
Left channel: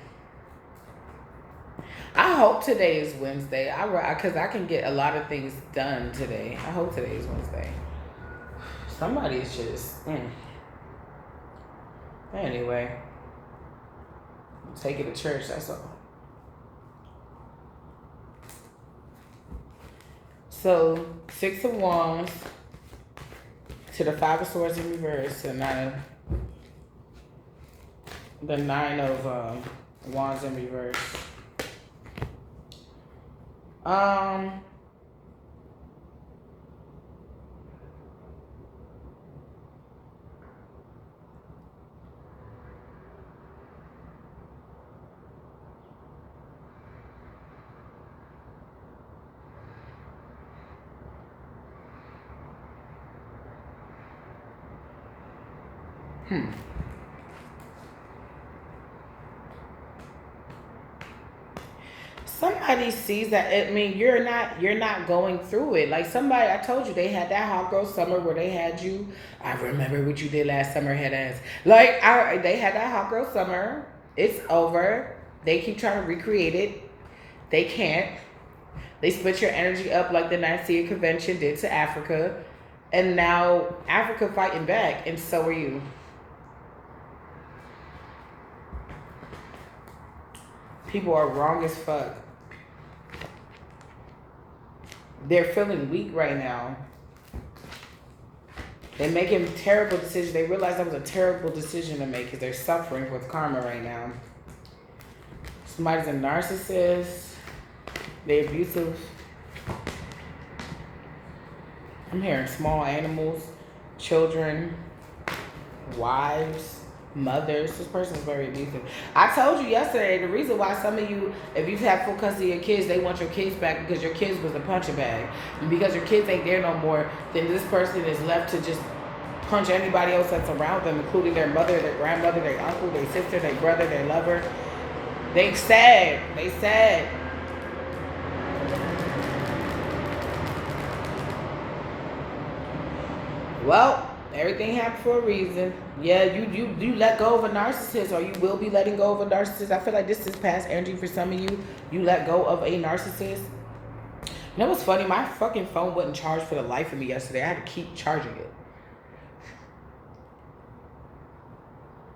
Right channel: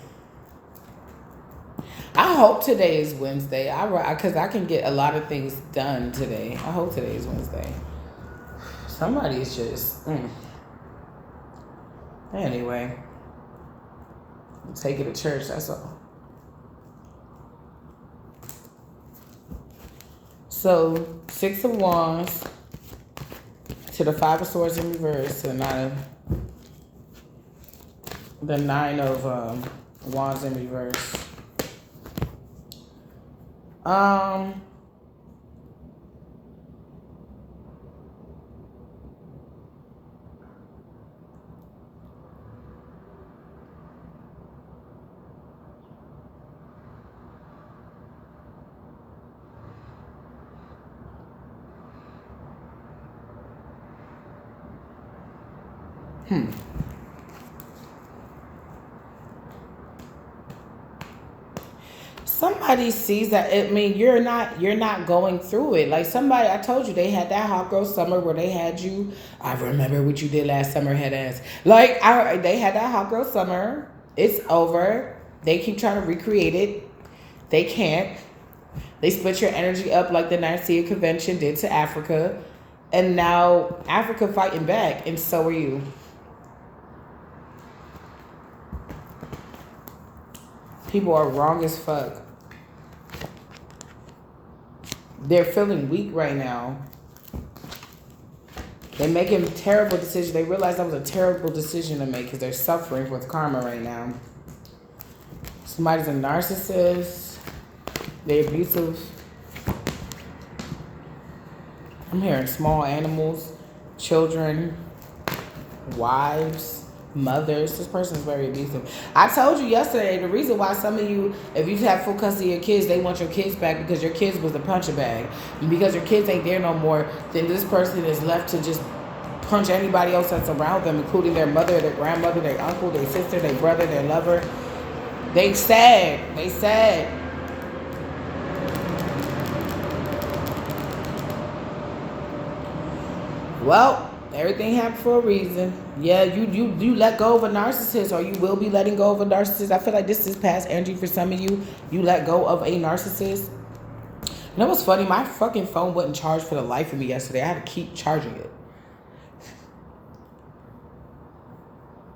I hope today is Wednesday. Because I can get a lot of things done today. I hope today is Wednesday. Somebody's just... Anyway. Take it to church, that's all. So, 6 of Wands to the 5 of Swords in reverse to the 9 of Wands in reverse. Somebody sees that. I mean, you're not going through it. Like somebody, I told you they had that hot girl summer where they had you. I remember what you did last summer, head ass. Like they had that hot girl summer. It's over. They keep trying to recreate it. They can't. They split your energy up like the Nicaea Convention did to Africa, and now Africa fighting back, and so are you. People are wrong as fuck. They're feeling weak right now. They're making terrible decisions. They realize that was a terrible decision to make because they're suffering with karma right now. Somebody's a narcissist. They're abusive. I'm hearing small animals, children, wives, mothers. This person is very abusive. I told you yesterday the reason why some of you, if you have full custody of your kids, they want your kids back because your kids was the punching bag. And because your kids ain't there no more, then this person is left to just punch anybody else that's around them, including their mother, their grandmother, their uncle, their sister, their brother, their lover. They sad. They sad. Well, Everything happened for a reason. Yeah, you let go of a narcissist, or you will be letting go of a narcissist. I feel like this is past energy for some of you. You let go of a narcissist. You know what's funny? My fucking phone wouldn't charge for the life of me yesterday. I had to keep charging it.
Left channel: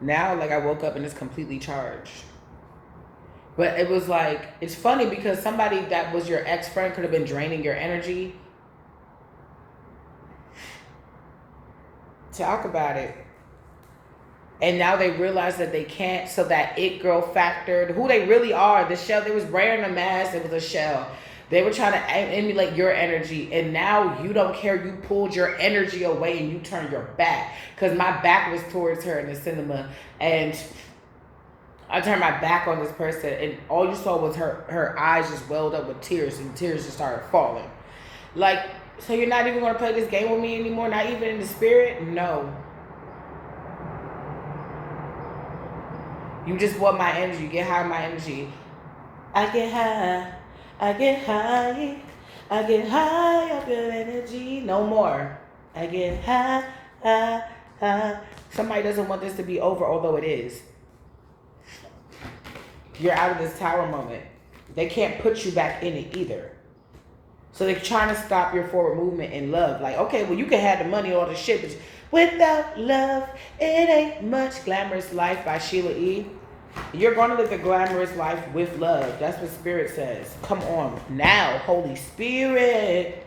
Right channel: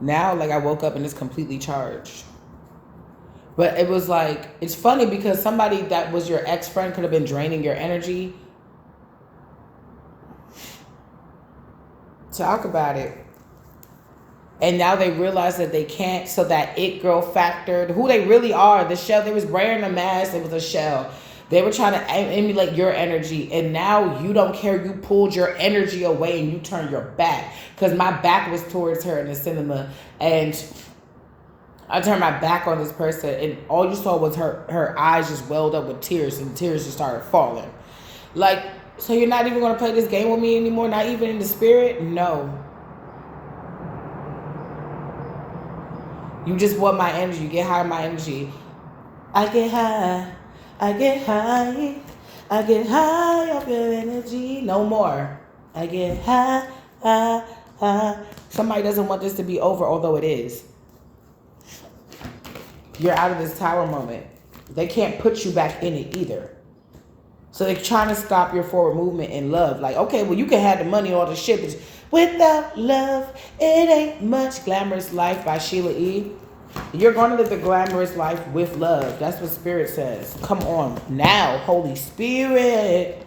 Now, like, I woke up and it's completely charged. But it was like, it's funny because somebody that was your ex-friend could have been draining your energy. Talk about it. And now they realize that they can't, so that it girl factor, who they really are, the shell, they was wearing a mask, it was a shell. They were trying to emulate your energy, and now you don't care. You pulled your energy away and you turned your back. Because my back was towards her in the cinema, and I turned my back on this person, and all you saw was her eyes just welled up with tears, and tears just started falling. Like, so you're not even going to play this game with me anymore? Not even in the spirit? No. You just want my energy. You get high on my energy. I get high. I get high. I get high off your energy. No more. I get high, high, high. Somebody doesn't want this to be over, although it is. You're out of this tower moment. They can't put you back in it either. So they're trying to stop your forward movement in love. Like, okay, well, you can have the money, all the shit, but without love, it ain't much. Glamorous Life by Sheila E. You're going to live the glamorous life with love. That's what Spirit says. Come on. Now, Holy Spirit.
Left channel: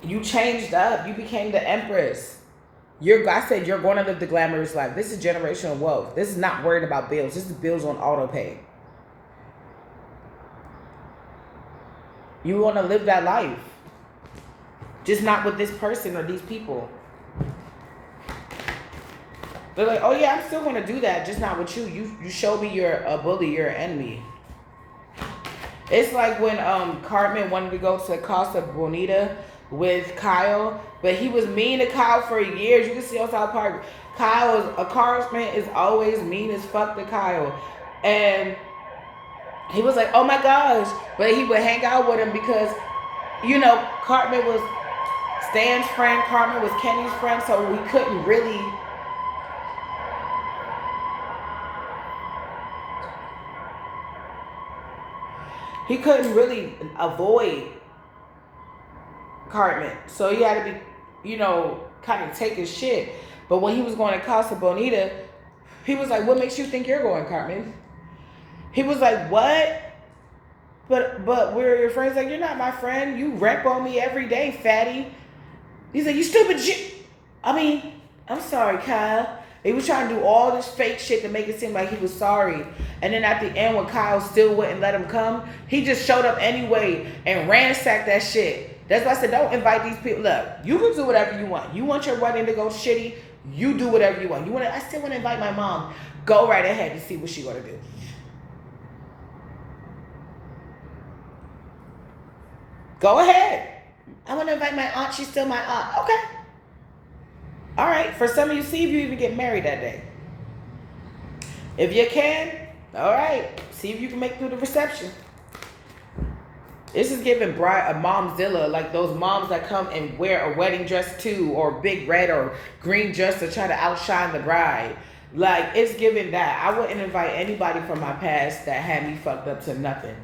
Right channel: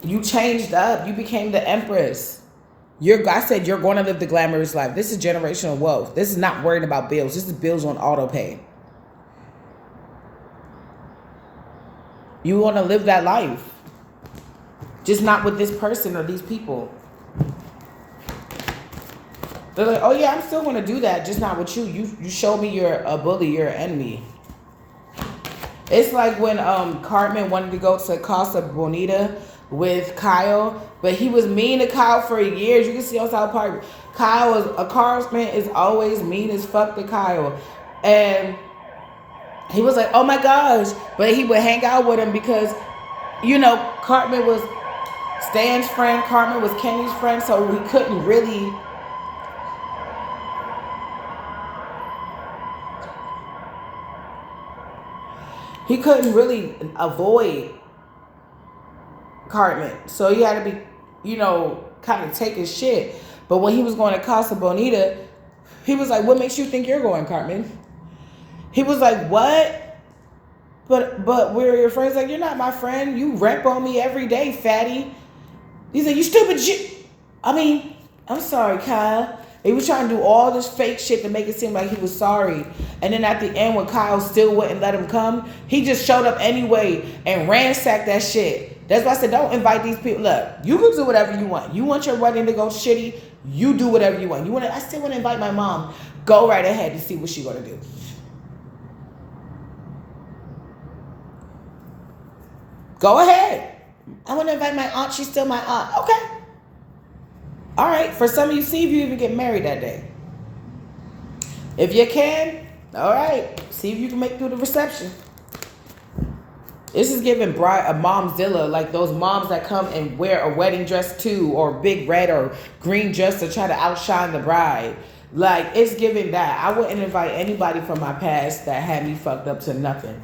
You changed up. You became the Empress. I said you're going to live the glamorous life. This is generational wealth. This is not worried about bills. This is bills on auto pay. You want to live that life. Just not with this person or these people. They're like, oh yeah, I'm still going to do that, just not with you. You show me you're a bully, you're an enemy. It's like when Cartman wanted to go to Casa Bonita with Kyle, but he was mean to Kyle for years. You can see on South Park, Cartman is always mean as fuck to Kyle. And he was like, oh my gosh. But he would hang out with him because, you know, Cartman was Stan's friend, Cartman was Kenny's friend, so he couldn't really... He couldn't really avoid Cartman. So he had to be, you know, kind of take his shit. But when he was going to Casa Bonita, he was like, what makes you think you're going, Cartman? He was like, what? But we're your friends. Like, you're not my friend. You rap on me every day, fatty. He's like, you stupid shit. I mean, I'm sorry, Kyle. He was trying to do all this fake shit to make it seem like he was sorry. And then at the end, when Kyle still wouldn't let him come, he just showed up anyway and ransacked that shit. That's why I said, don't invite these people. Look, you can do whatever you want. You want your wedding to go shitty, you do whatever you want. I still want to invite my mom. Go right ahead and see what she's going to do. Go ahead. I want to invite my aunt. She's still my aunt. Okay. All right, for some of you, see if you even get married that day. If you can, all right, see if you can make it through the reception. This is giving bride a momzilla, like those moms that come and wear a wedding dress too, or big red or green dress to try to outshine the bride. Like, it's giving that. I wouldn't invite anybody from my past that had me fucked up to nothing.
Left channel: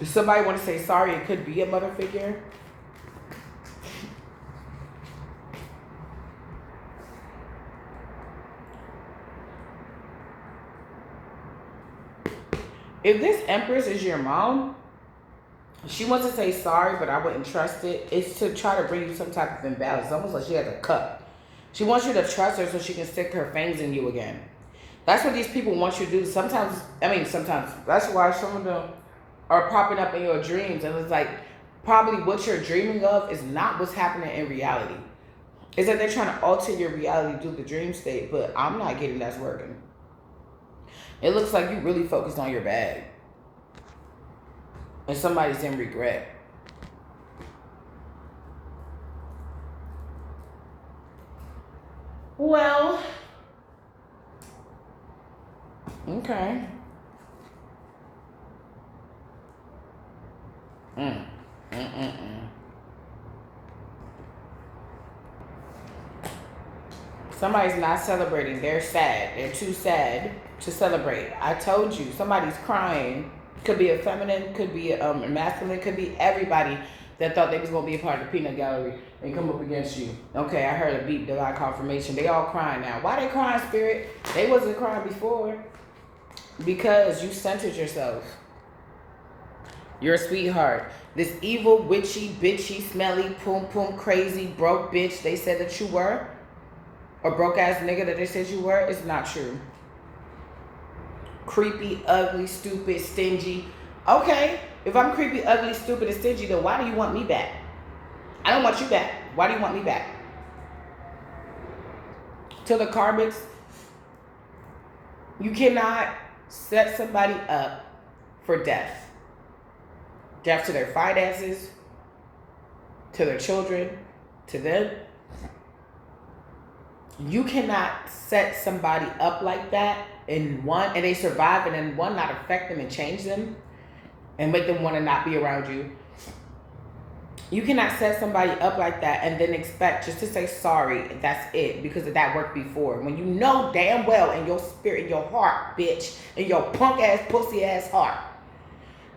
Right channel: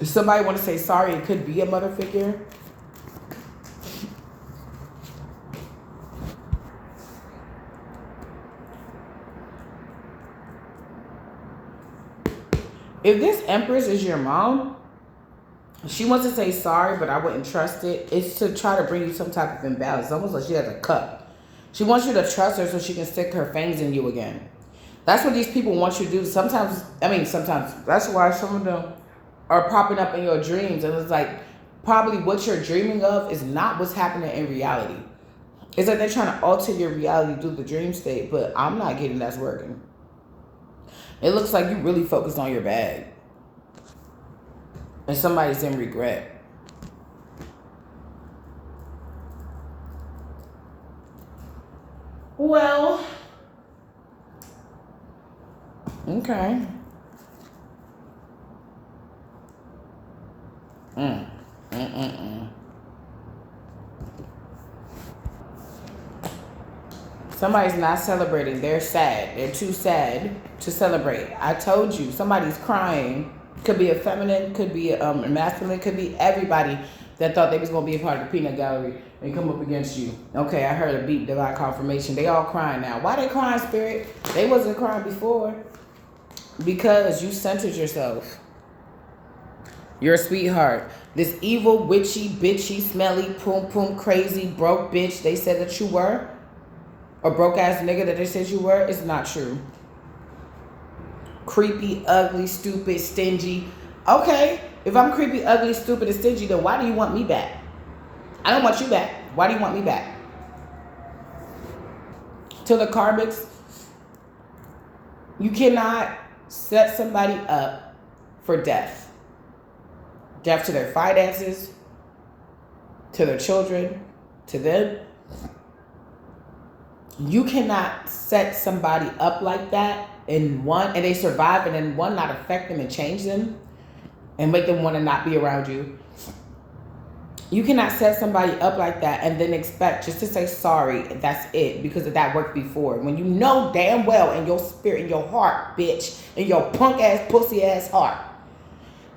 If somebody want to say sorry, it could be a mother figure. If this Empress is your mom, she wants to say sorry, but I wouldn't trust it. It's to try to bring you some type of imbalance. It's almost like she has a cup. She wants you to trust her so she can stick her fangs in you again. That's what these people want you to do. Sometimes, that's why some of them are popping up in your dreams. And it's like, probably what you're dreaming of is not what's happening in reality. It's like they're trying to alter your reality through the dream state, but I'm not getting that's working. It looks like you really focused on your bag. And somebody's in regret. Well, okay. Somebody's not celebrating. They're sad. They're too sad to celebrate. I told you, somebody's crying. Could be a feminine, could be a masculine, could be everybody that thought they was going to be a part of the peanut gallery and come up against you. Okay, I heard a beep, divine confirmation. They all crying now. Why they crying, Spirit? They wasn't crying before. Because you centered yourself. You're a sweetheart. This evil, witchy, bitchy, smelly, poom poom, crazy, broke bitch they said that you were, or broke ass nigga that they said you were, is not true. Creepy, ugly, stupid, stingy. Okay, if I'm creepy, ugly, stupid, and stingy, then why do you want me back? I don't want you back. Why do you want me back? To the karmics, you cannot set somebody up for death. Death to their finances, to their children, to them. You cannot set somebody up like that and they survive, and then one, not affect them and change them and make them want to not be around you. You cannot set somebody up like that and then expect just to say sorry, that's it, because that worked before. When you know damn well in your spirit, in your heart, bitch, in your punk ass, pussy ass heart,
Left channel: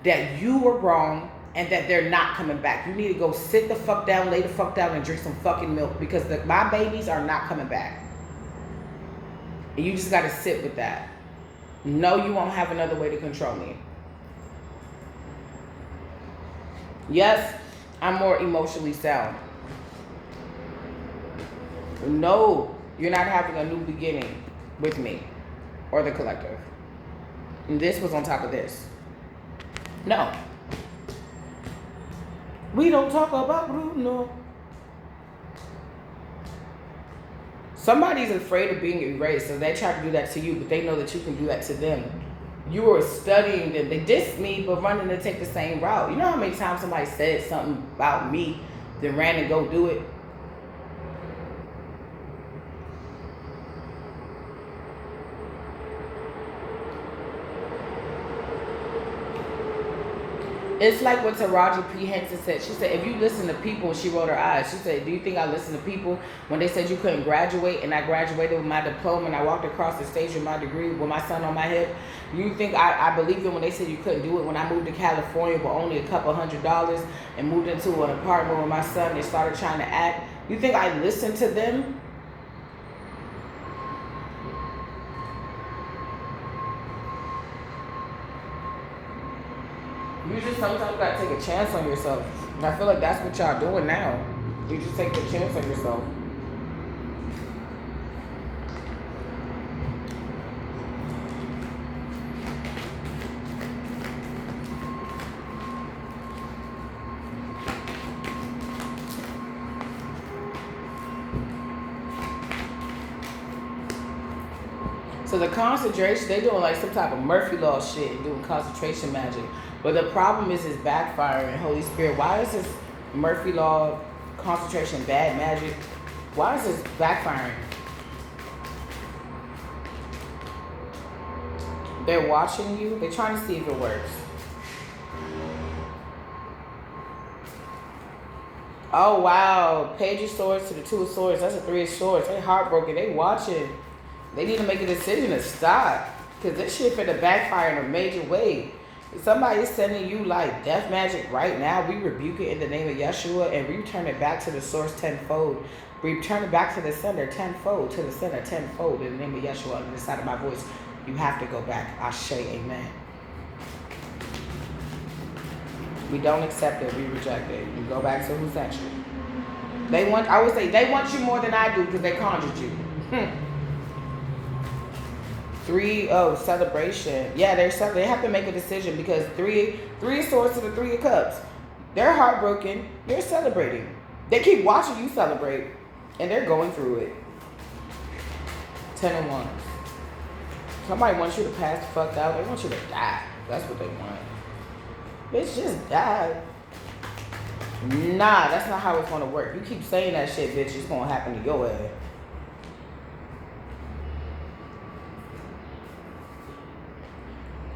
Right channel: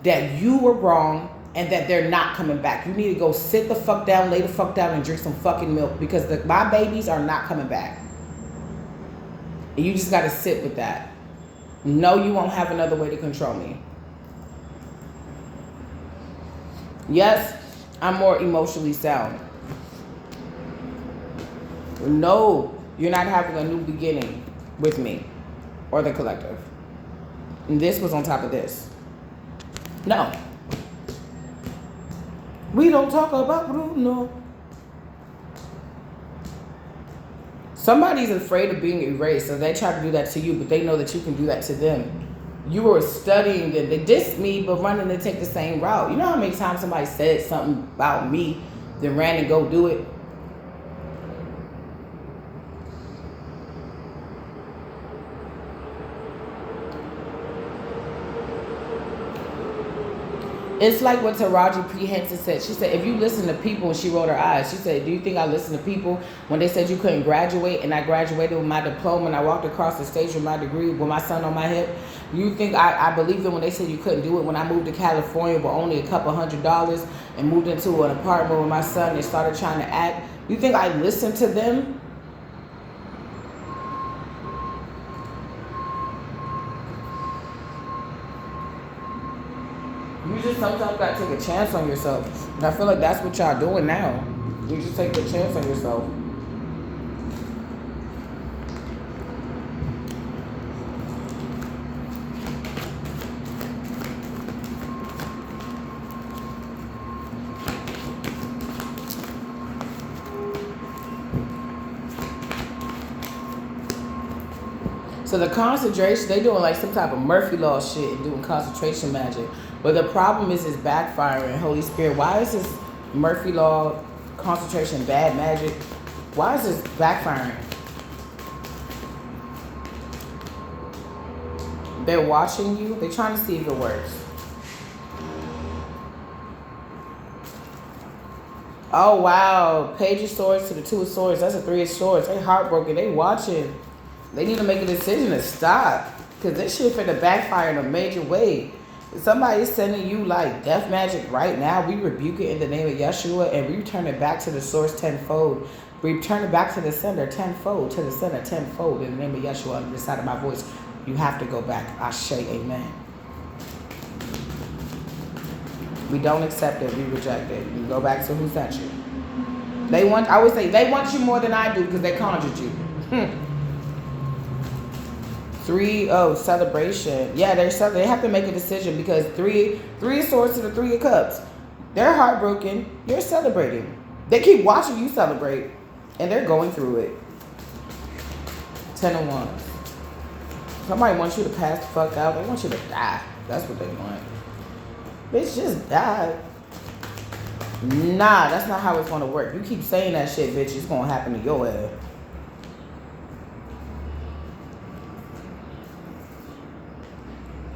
that you were wrong and that they're not coming back. You need to go sit the fuck down, lay the fuck down, and drink some fucking milk, because my babies are not coming back. And you just got to sit with that. No, you won't have another way to control me. Yes, I'm more emotionally sound. No, you're not having a new beginning with me or the collective. And this was on top of this. No. We don't talk about Bruno. Somebody's afraid of being erased, so they try to do that to you, but they know that you can do that to them. You were studying them. They dissed me, but running to take the same route. You know how many times somebody said something about me, then ran and go do it? It's like what Taraji P. Henson said. She said, if you listen to people, and she rolled her eyes, she said, do you think I listened to people when they said you couldn't graduate, and I graduated with my diploma, and I walked across the stage with my degree with my son on my hip? Do you think I believed them when they said you couldn't do it when I moved to California with only a couple $100 and moved into an apartment with my son and started trying to act? You think I listened to them? You just sometimes gotta take a chance on yourself. And I feel like that's what y'all doing now. You just take a chance on yourself. So the concentration, they doing like some type of Murphy Law shit and doing concentration magic. But the problem is it's backfiring. Holy Spirit, why is this Murphy Law concentration bad magic? Why is this backfiring? They're watching you. They're trying to see if it works. Oh, wow. Page of Swords to the Two of Swords. That's a Three of Swords. They heartbroken. They watching. They need to make a decision to stop. Because this shit finna backfire in a major way. If somebody's sending you like death magic right now, we rebuke it in the name of Yeshua and we return it back to the source tenfold. We return it back to the sender tenfold, to the center tenfold in the name of Yeshua on the side of my voice. You have to go back. I say amen. We don't accept it. We reject it. You go back to who sent you. I would say they want you more than I do because they conjured you. 3 celebration. Yeah, they have to make a decision because three of Swords to the Three of Cups. They're heartbroken. You're celebrating. They keep watching you celebrate, and they're going through it. 10 of Wands. Somebody wants you to pass the fuck out. They want you to die. That's what they want. Bitch, just die. Nah, that's not how it's gonna work. You keep saying that shit, bitch. It's gonna happen to your ass.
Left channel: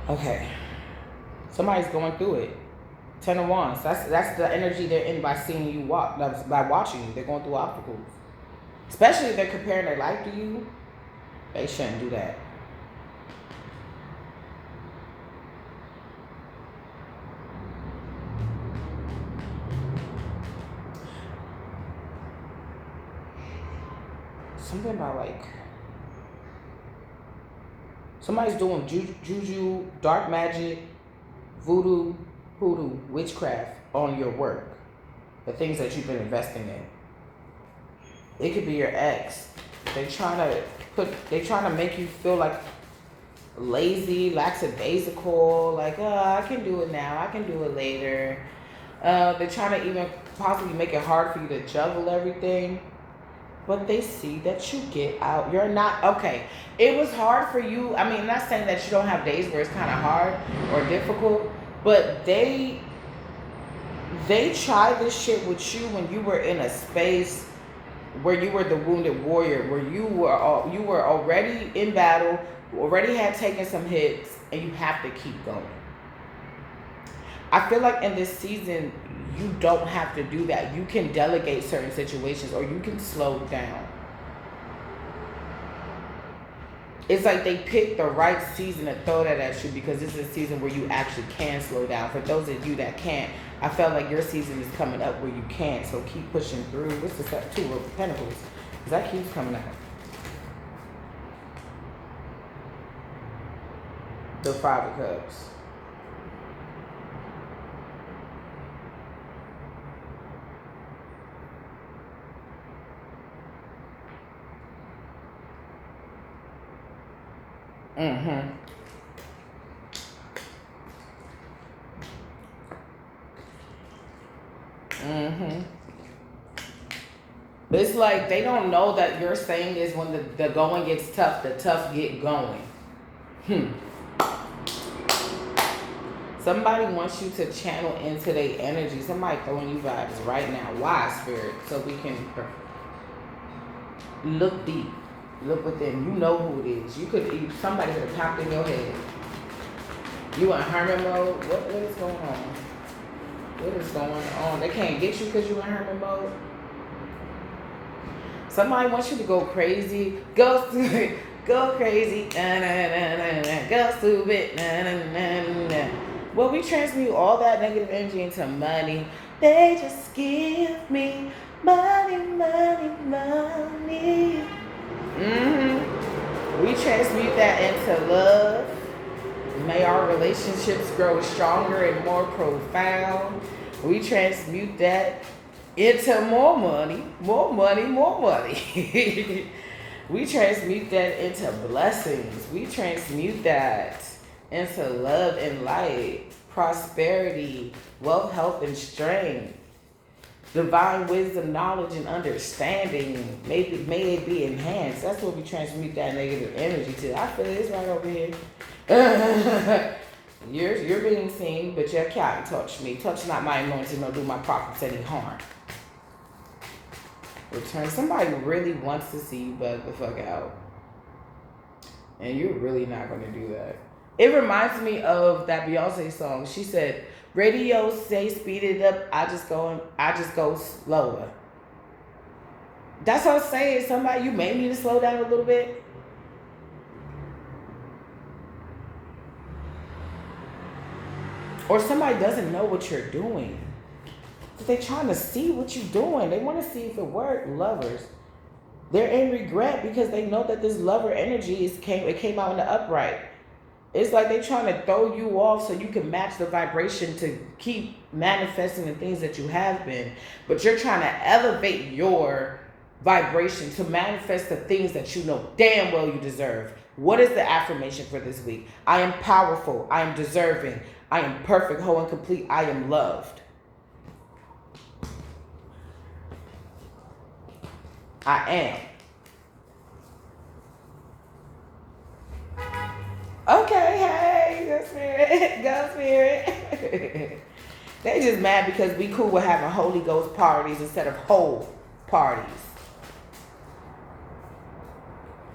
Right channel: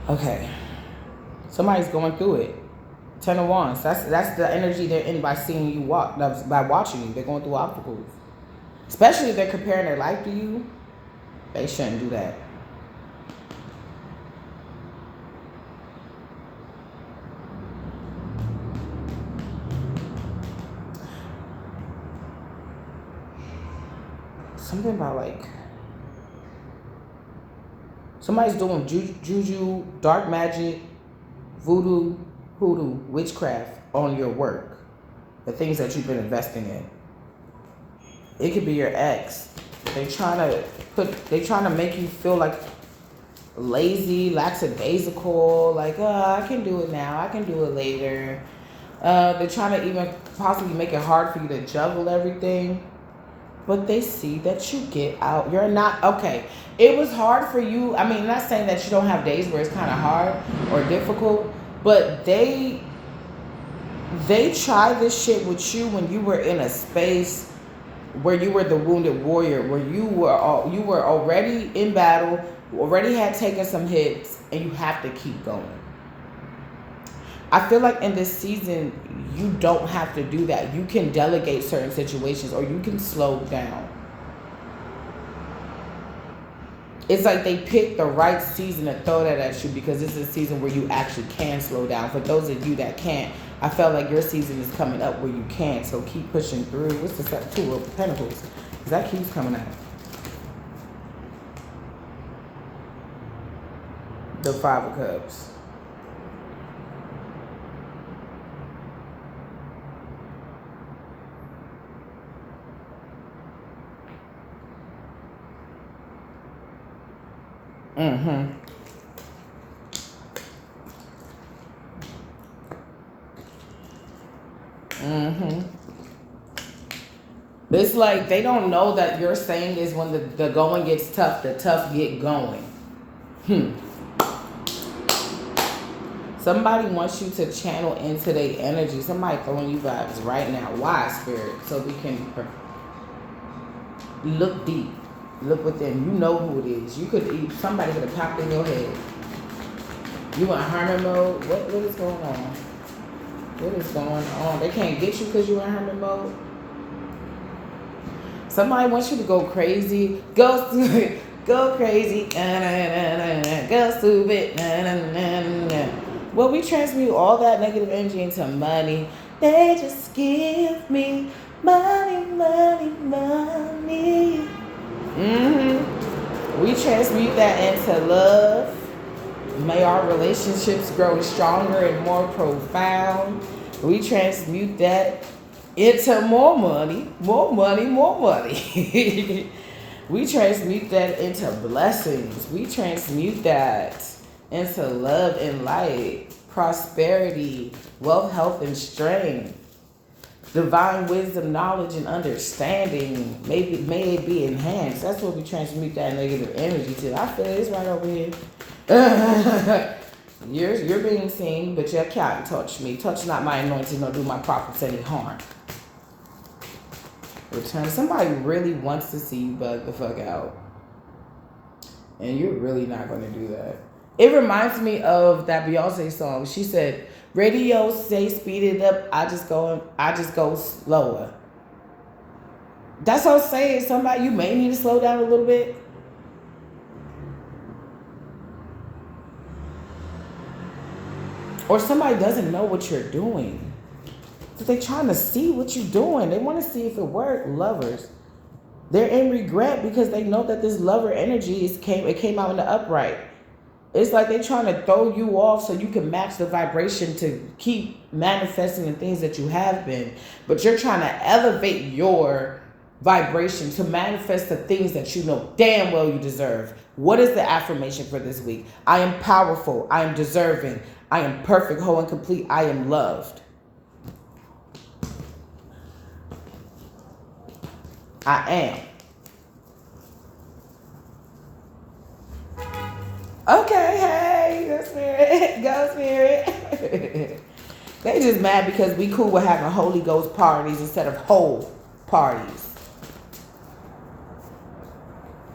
Okay, somebody's going through it. 10 of Wands. That's the energy they're in by seeing you walk. By watching you, they're going through obstacles. Especially if they're comparing their life to you, they shouldn't do that. Something about like somebody's doing juju, dark magic, voodoo, hoodoo, witchcraft on your work, the things that you've been investing in. It could be your ex. They trying to make you feel like lazy, lackadaisical, like, oh, I can do it now, I can do it later. They're trying to even possibly make it hard for you to juggle everything. But they see that you get out. You're not, okay, it was hard for you. I mean, not saying that you don't have days where it's kind of hard or difficult, but they try this shit with you when you were in a space where you were the wounded warrior, where you were already in battle, already had taken some hits, and you have to keep going. I feel like in this season, you don't have to do that. You can delegate certain situations, or you can slow down. It's like they picked the right season to throw that at you, because this is a season where you actually can slow down. For those of you that can't, I felt like your season is coming up where you can. So keep pushing through. What's the Two of Pentacles? Because that keeps coming out. The Five of Cups. Mm-hmm. Mm-hmm. It's like they don't know that your saying is when the going gets tough, the tough get going. Somebody wants you to channel into their energy. Somebody throwing you vibes right now. Why, Spirit? So we can look deep. Look within. You know who it is. Somebody could have popped in your head. You in hermit mode? What is going on? What is going on? They can't get you because you're in hermit mode? Somebody wants you to go crazy. Go stupid. Go crazy. Go stupid. Well, we transmute all that negative energy into money. They just give me money, money, money. We transmute that into love. May our relationships grow stronger and more profound. We transmute that into more money, more money, more money. We transmute that into blessings. We transmute that into love and light, prosperity, wealth, health, and strength. Divine wisdom, knowledge, and understanding. May it be enhanced. That's what we transmute that negative energy to. I feel it's right over here. You're being seen, but you can't touch me. Touch not my anointing, nor do my prophets any harm. Return. Somebody really wants to see you bug the fuck out. And you're really not going to do that. It reminds me of that Beyonce song. She said, radio say speed it up, I just go slower. That's what I'm saying. Somebody, you may need to slow down a little bit. Or somebody doesn't know what you're doing. But they're trying to see what you're doing. They want to see if it worked. Lovers. They're in regret because they know that this lover energy came out in the upright. It's like they're trying to throw you off so you can match the vibration to keep manifesting the things that you have been. But you're trying to elevate your vibration to manifest the things that you know damn well you deserve. What is the affirmation for this week? I am powerful. I am deserving. I am perfect, whole, and complete. I am loved. I am. Okay, hey, go spirit, go spirit. They just mad because we cool with having Holy Ghost parties instead of whole parties.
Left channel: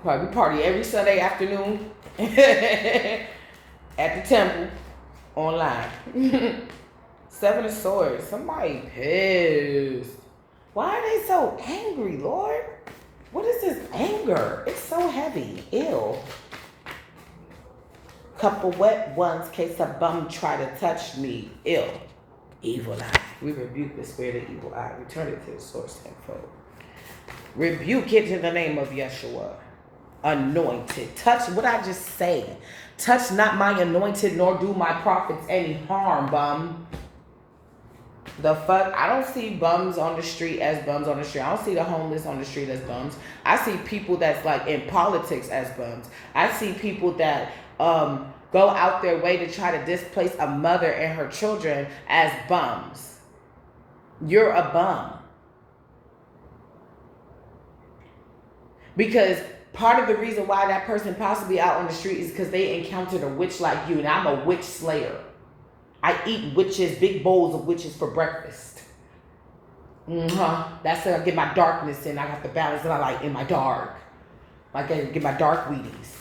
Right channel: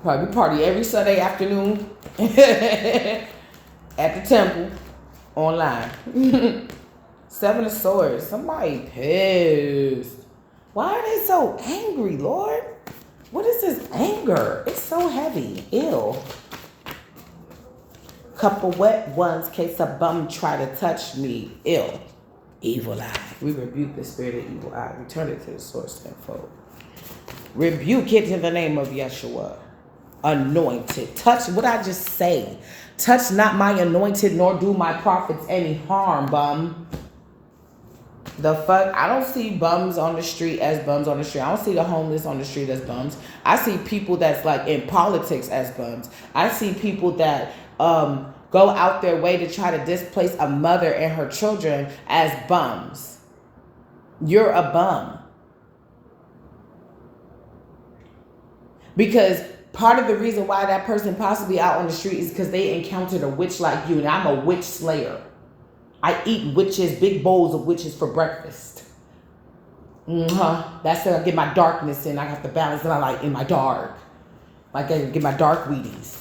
We party every Sunday afternoon at the temple online. Seven of Swords. Somebody pissed. Why are they so angry, Lord? What is this anger? It's so heavy. Ew. Couple wet ones, case a bum try to touch me. Ew. Evil eye. We rebuke the spirit of evil eye. Return it to the source tenfold. Rebuke it in the name of Yeshua. Anointed. Touch what I just say. Touch not my anointed, nor do my prophets any harm, bum. The fuck? I don't see bums on the street as bums on the street. I don't see the homeless on the street as bums. I see people that's like in politics as bums. I see people that go out their way to try to displace a mother and her children as bums. You're a bum. Because part of the reason why that person possibly out on the street is because they encountered a witch like you, and I'm a witch slayer. I eat witches, big bowls of witches for breakfast. That's how I get my darkness in. I have to balance it out like in my dark. Like I get my dark Wheaties.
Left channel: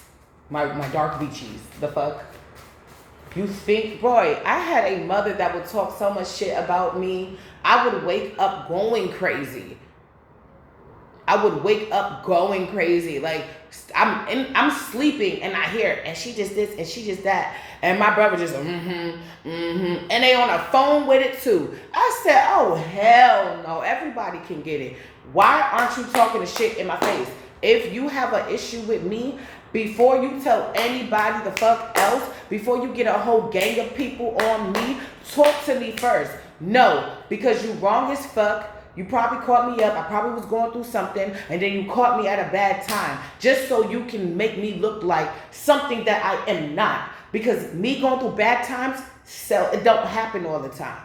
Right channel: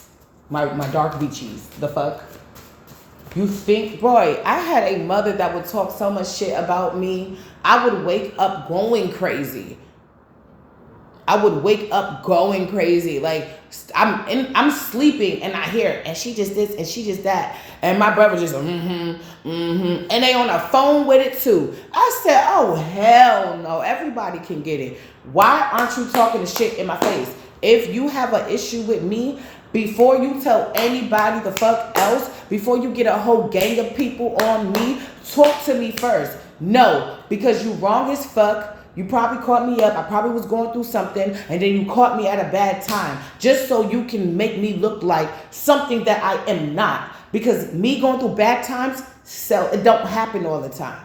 My dark Vichis. The fuck? You think, boy, I had a mother that would talk so much shit about me. I would wake up going crazy. Like I'm sleeping and I hear, and she just this and she just that. And my brother just, and they on a phone with it too. I said, oh, hell no. Everybody can get it. Why aren't you talking the shit in my face? If you have an issue with me, before you tell anybody the fuck else, before you get a whole gang of people on me, talk to me first. No, because you wrong as fuck. You probably caught me up. I probably was going through something, and then you caught me at a bad time, just so you can make me look like something that I am not. Because me going through bad times, so it don't happen all the time.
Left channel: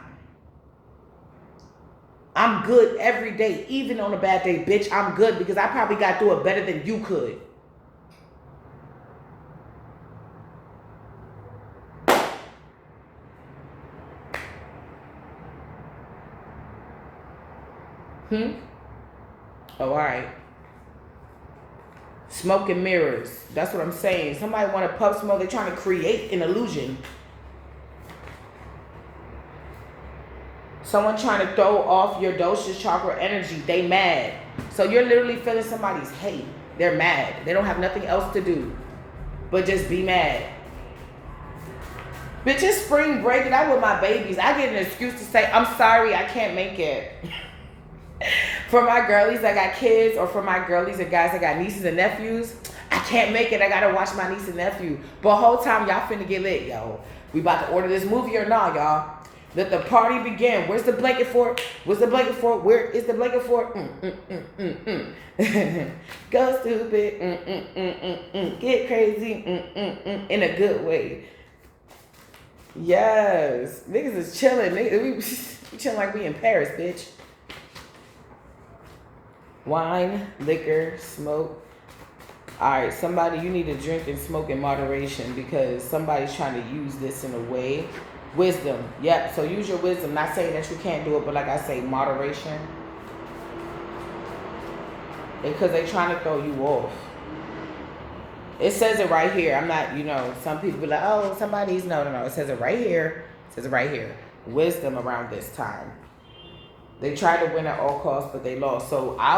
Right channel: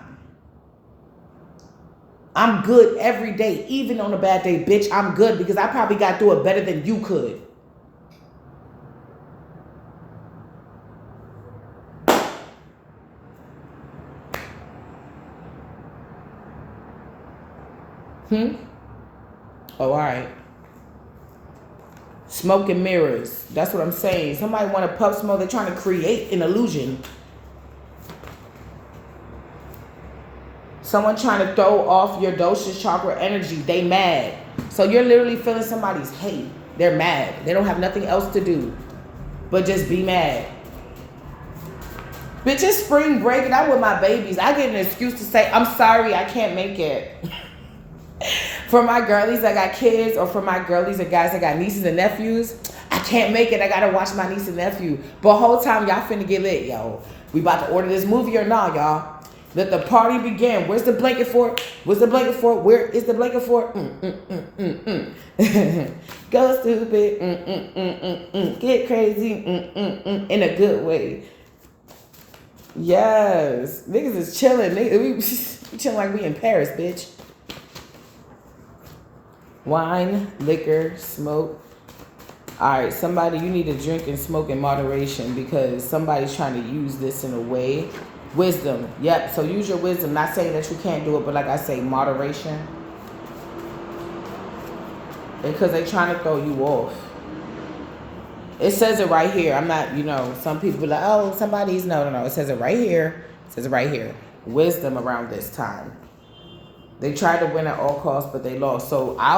I'm good every day, even on a bad day, bitch. I'm good because I probably got through it better than you could. Oh, all right. Smoke and mirrors. That's what I'm saying. Somebody want to puff smoke. They're trying to create an illusion. Someone trying to throw off your dosage chakra energy. They mad. So you're literally feeling somebody's hate. They're mad. They don't have nothing else to do but just be mad. Bitch, it's spring break and I'm with my babies. I get an excuse to say, I'm sorry, I can't make it. For my girlies that got kids, or for my girlies or guys that got nieces and nephews, I can't make it. I gotta watch my niece and nephew. But the whole time y'all finna get lit, yo. We about to order this movie or not, y'all? Let the party begin. Where's the blanket for it? Where's the blanket for it? Where is the blanket for it? Go stupid. Get crazy. In a good way. Yes. Niggas is chilling. We chilling like we in Paris, bitch. Wine, liquor, smoke. All right, somebody, you need to drink and smoke in moderation because somebody's trying to use this in a way. Wisdom. Yep, so use your wisdom. Not saying that you can't do it, but like I say, moderation. Because they're trying to throw you off. It says it right here. I'm not, some people be like, oh, somebody's, no. It says it right here. It says it right here. Wisdom around this time. They tried to win at all costs, but they lost. So I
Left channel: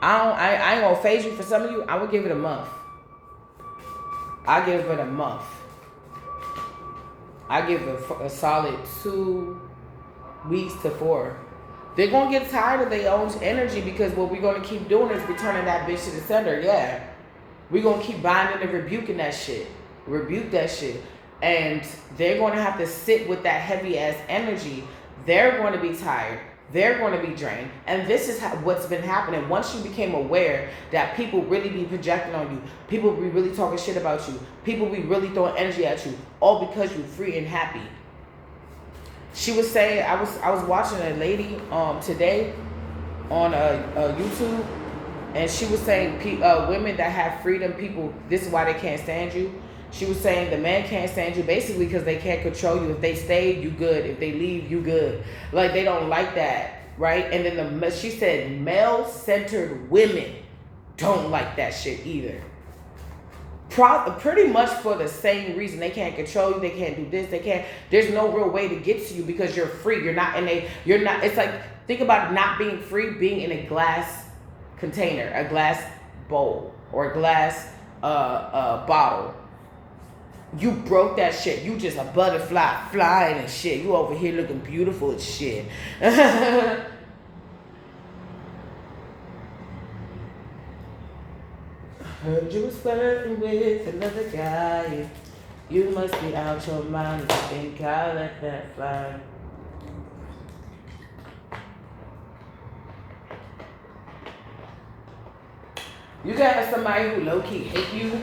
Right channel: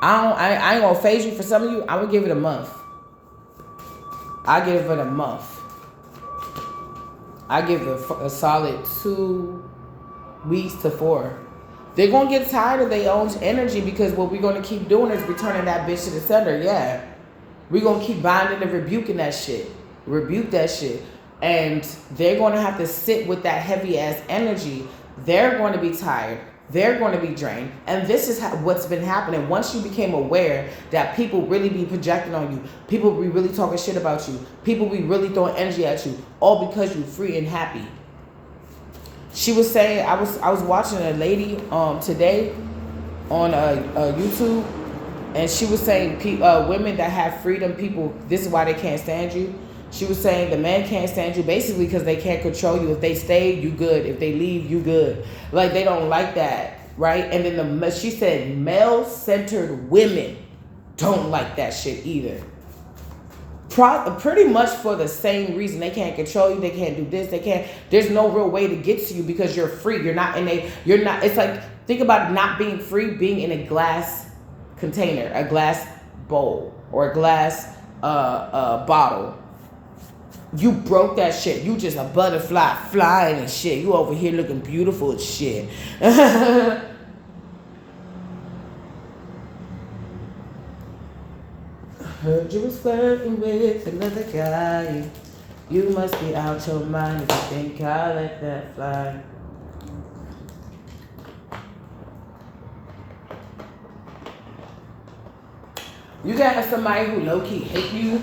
ain't gonna phase you for some of you. I would give it a month. I give it a month. I give it a solid 2 weeks to 4. They're gonna get tired of their own energy because what we're gonna keep doing is returning that bitch to the sender. Yeah, we're gonna keep binding and rebuking that shit. Rebuke that shit. And they're going to have to sit with that heavy ass energy. They're going to be tired. They're going to be drained. And this is what's been happening. Once you became aware that people really be projecting on you, people be really talking shit about you, people be really throwing energy at you, all because you're free and happy. She was saying, I was watching a lady today on YouTube, and she was saying women that have freedom, people, this is why they can't stand you. She was saying the man can't stand you basically because they can't control you. If they stay, you good. If they leave, you good. Like, they don't like that, right? And then she said male-centered women don't like that shit either. Pretty much for the same reason. They can't control you, they can't do this, they can't, there's no real way to get to you because you're free. You're not, it's like, think about not being free, being in a glass container, a glass bowl, or a glass bottle. You broke that shit. You just a butterfly flying and shit. You over here looking beautiful as shit. Heard you was flirting with another guy. You must be out your mind if you think I'll let that fly. You got somebody who low-key hate you,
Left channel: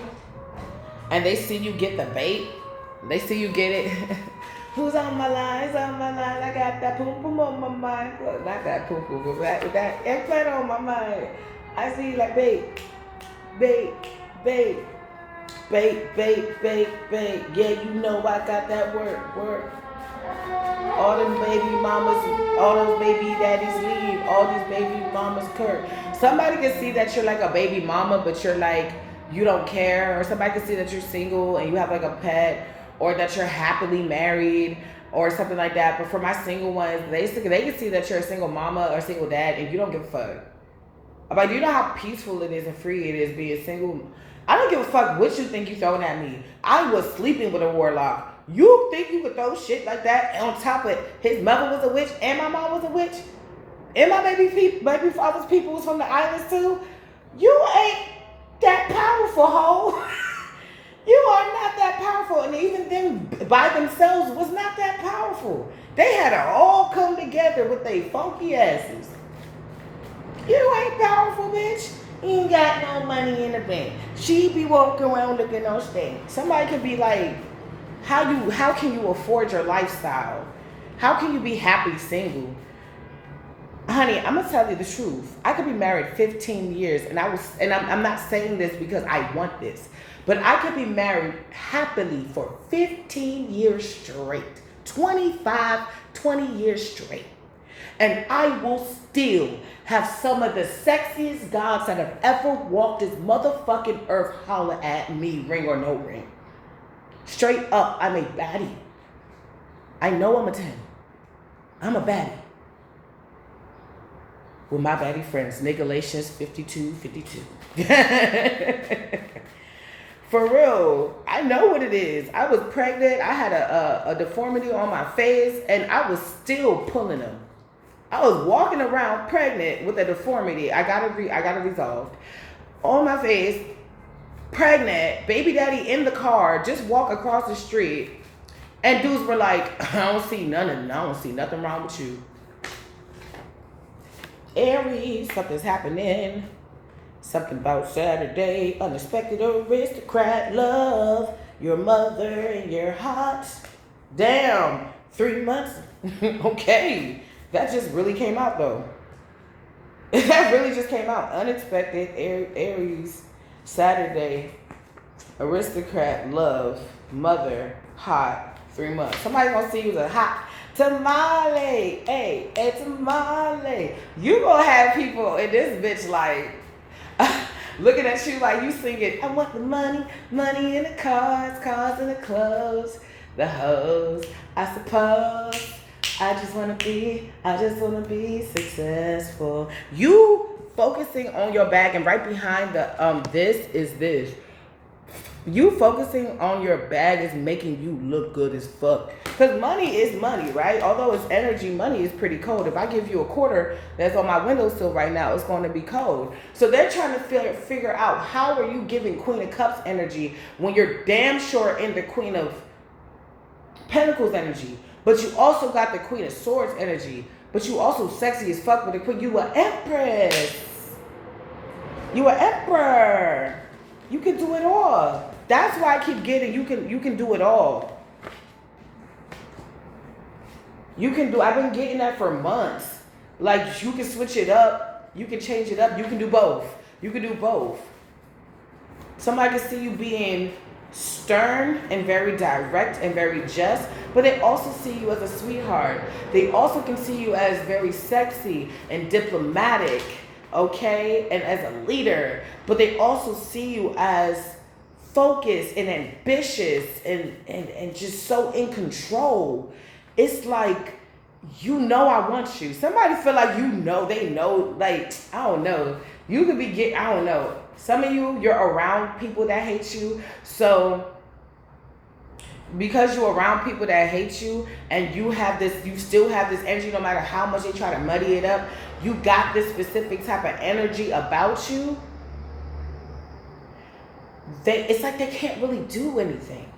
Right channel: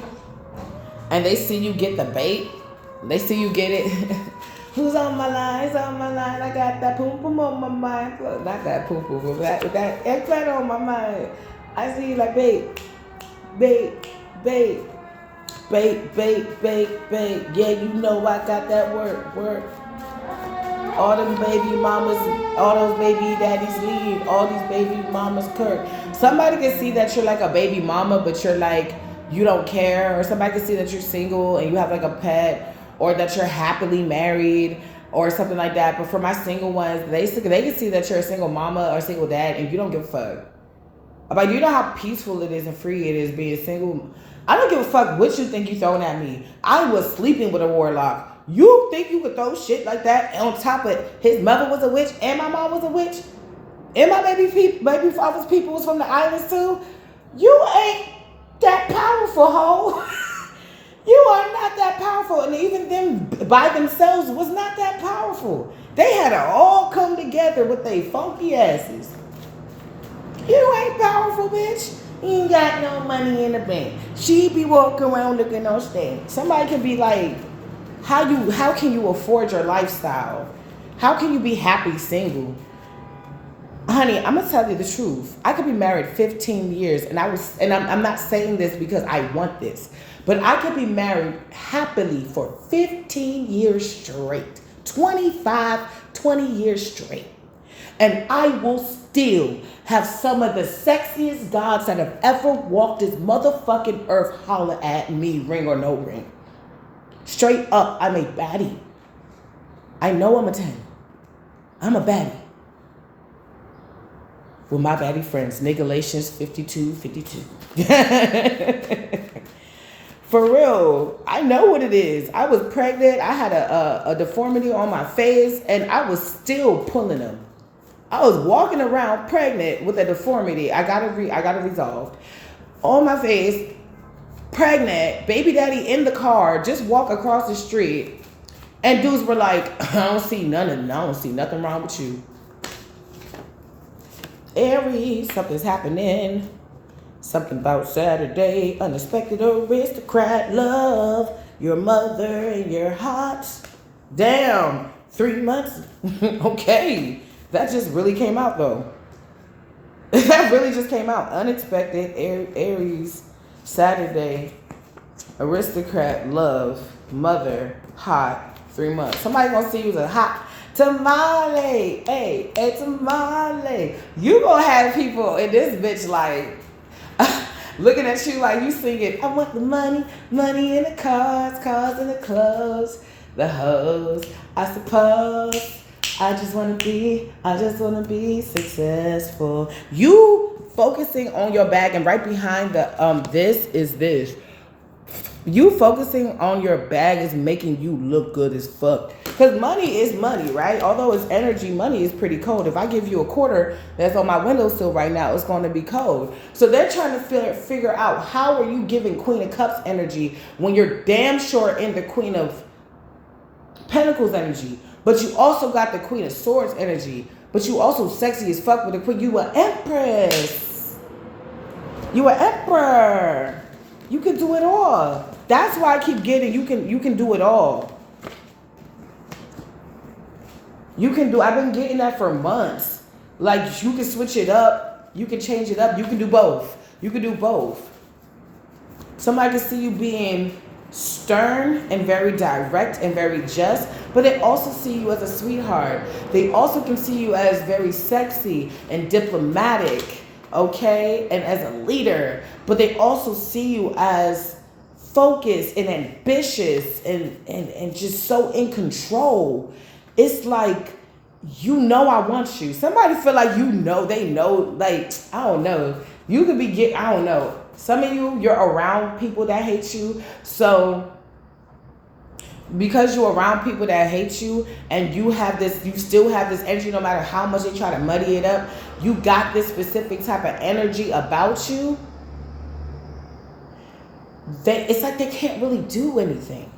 and they see you get the bait. They see you get it. Who's on my line? Who's on my line? I got that poo-poo on my mind. Well, not that poo-poo, but that implant on my mind. I see you like bait. Bait, bait, bait, bait, bait, bait. Yeah, you know I got that work. All them baby mamas, all those baby daddies leave. All these baby mamas curve. Somebody can see that you're like a baby mama, but you're like, you don't care. Or somebody can see that you're single and you have like a pet, or that you're happily married, or something like that. But for my single ones, they can see that you're a single mama or a single dad and you don't give a fuck. Like, do you know how peaceful it is and free it is being single? I don't give a fuck what you think you throwing at me. I was sleeping with a warlock. You think you could throw shit like that on top of his mother was a witch and my mom was a witch? And my baby father's people was from the islands too? You ain't that powerful, ho. You are not that powerful. And even them by themselves was not that powerful. They had to all come together with their funky asses. You ain't powerful, bitch. You ain't got no money in the bank. She be walking around looking on stage. Somebody can be like, how can you afford your lifestyle? How can you be happy single? Honey, I'm gonna tell you the truth. I could be married 15 years, and I'm not saying this because I want this, but I could be married happily for 15 years straight, 20 years straight. And I will still have some of the sexiest gods that have ever walked this motherfucking earth holler at me, ring or no ring. Straight up, I'm a baddie. I know I'm a 10. I'm a baddie. With my baddie friends, Nigalations 52. For real, I know what it is. I was pregnant. I had a deformity on my face, and I was still pulling them. I was walking around pregnant with a deformity. I got it resolved. On my face, pregnant, baby daddy in the car, just walk across the street, and dudes were like, I don't see nothing wrong with you. Aries, something's happening. Something about Saturday, unexpected aristocrat love, your mother and your hot. Damn, 3 months. Okay. That just really came out, though. That really just came out. Unexpected, Aries, Saturday, aristocrat, love, mother, hot, 3 months. Somebody gonna see you as a hot tamale. Hey, tamale. You gonna have people in this bitch like looking at you like you singing, I want the money in the cars in the clothes, the hoes, I suppose. I just wanna be successful. You focusing on your bag, and right behind the this is this. You focusing on your bag is making you look good as fuck. Cause money is money, right? Although it's energy, money is pretty cold. If I give you a quarter that's on my windowsill right now, it's going to be cold. So they're trying to figure out, how are you giving Queen of Cups energy when you're damn sure in the Queen of Pentacles energy? But you also got the Queen of Swords energy. But you also sexy as fuck with the Queen. You an Empress. You an Emperor. You can do it all. That's why I keep getting you can do it all. I've been getting that for months. Like, you can switch it up. You can change it up. You can do both. Somebody can see you being stern and very direct and very just, but they also see you as a sweetheart. They also can see you as very sexy and diplomatic, okay, and as a leader, but they also see you as focused and ambitious and just so in control. It's like, you know, I want you. Somebody feel like, you know, they know, like, I don't know. You could be I don't know. Some of you're around people that hate you. So because you're around people that hate you and you still have this energy, no matter how much they try to muddy it up, you got this specific type of energy about you. It's like they can't really do anything.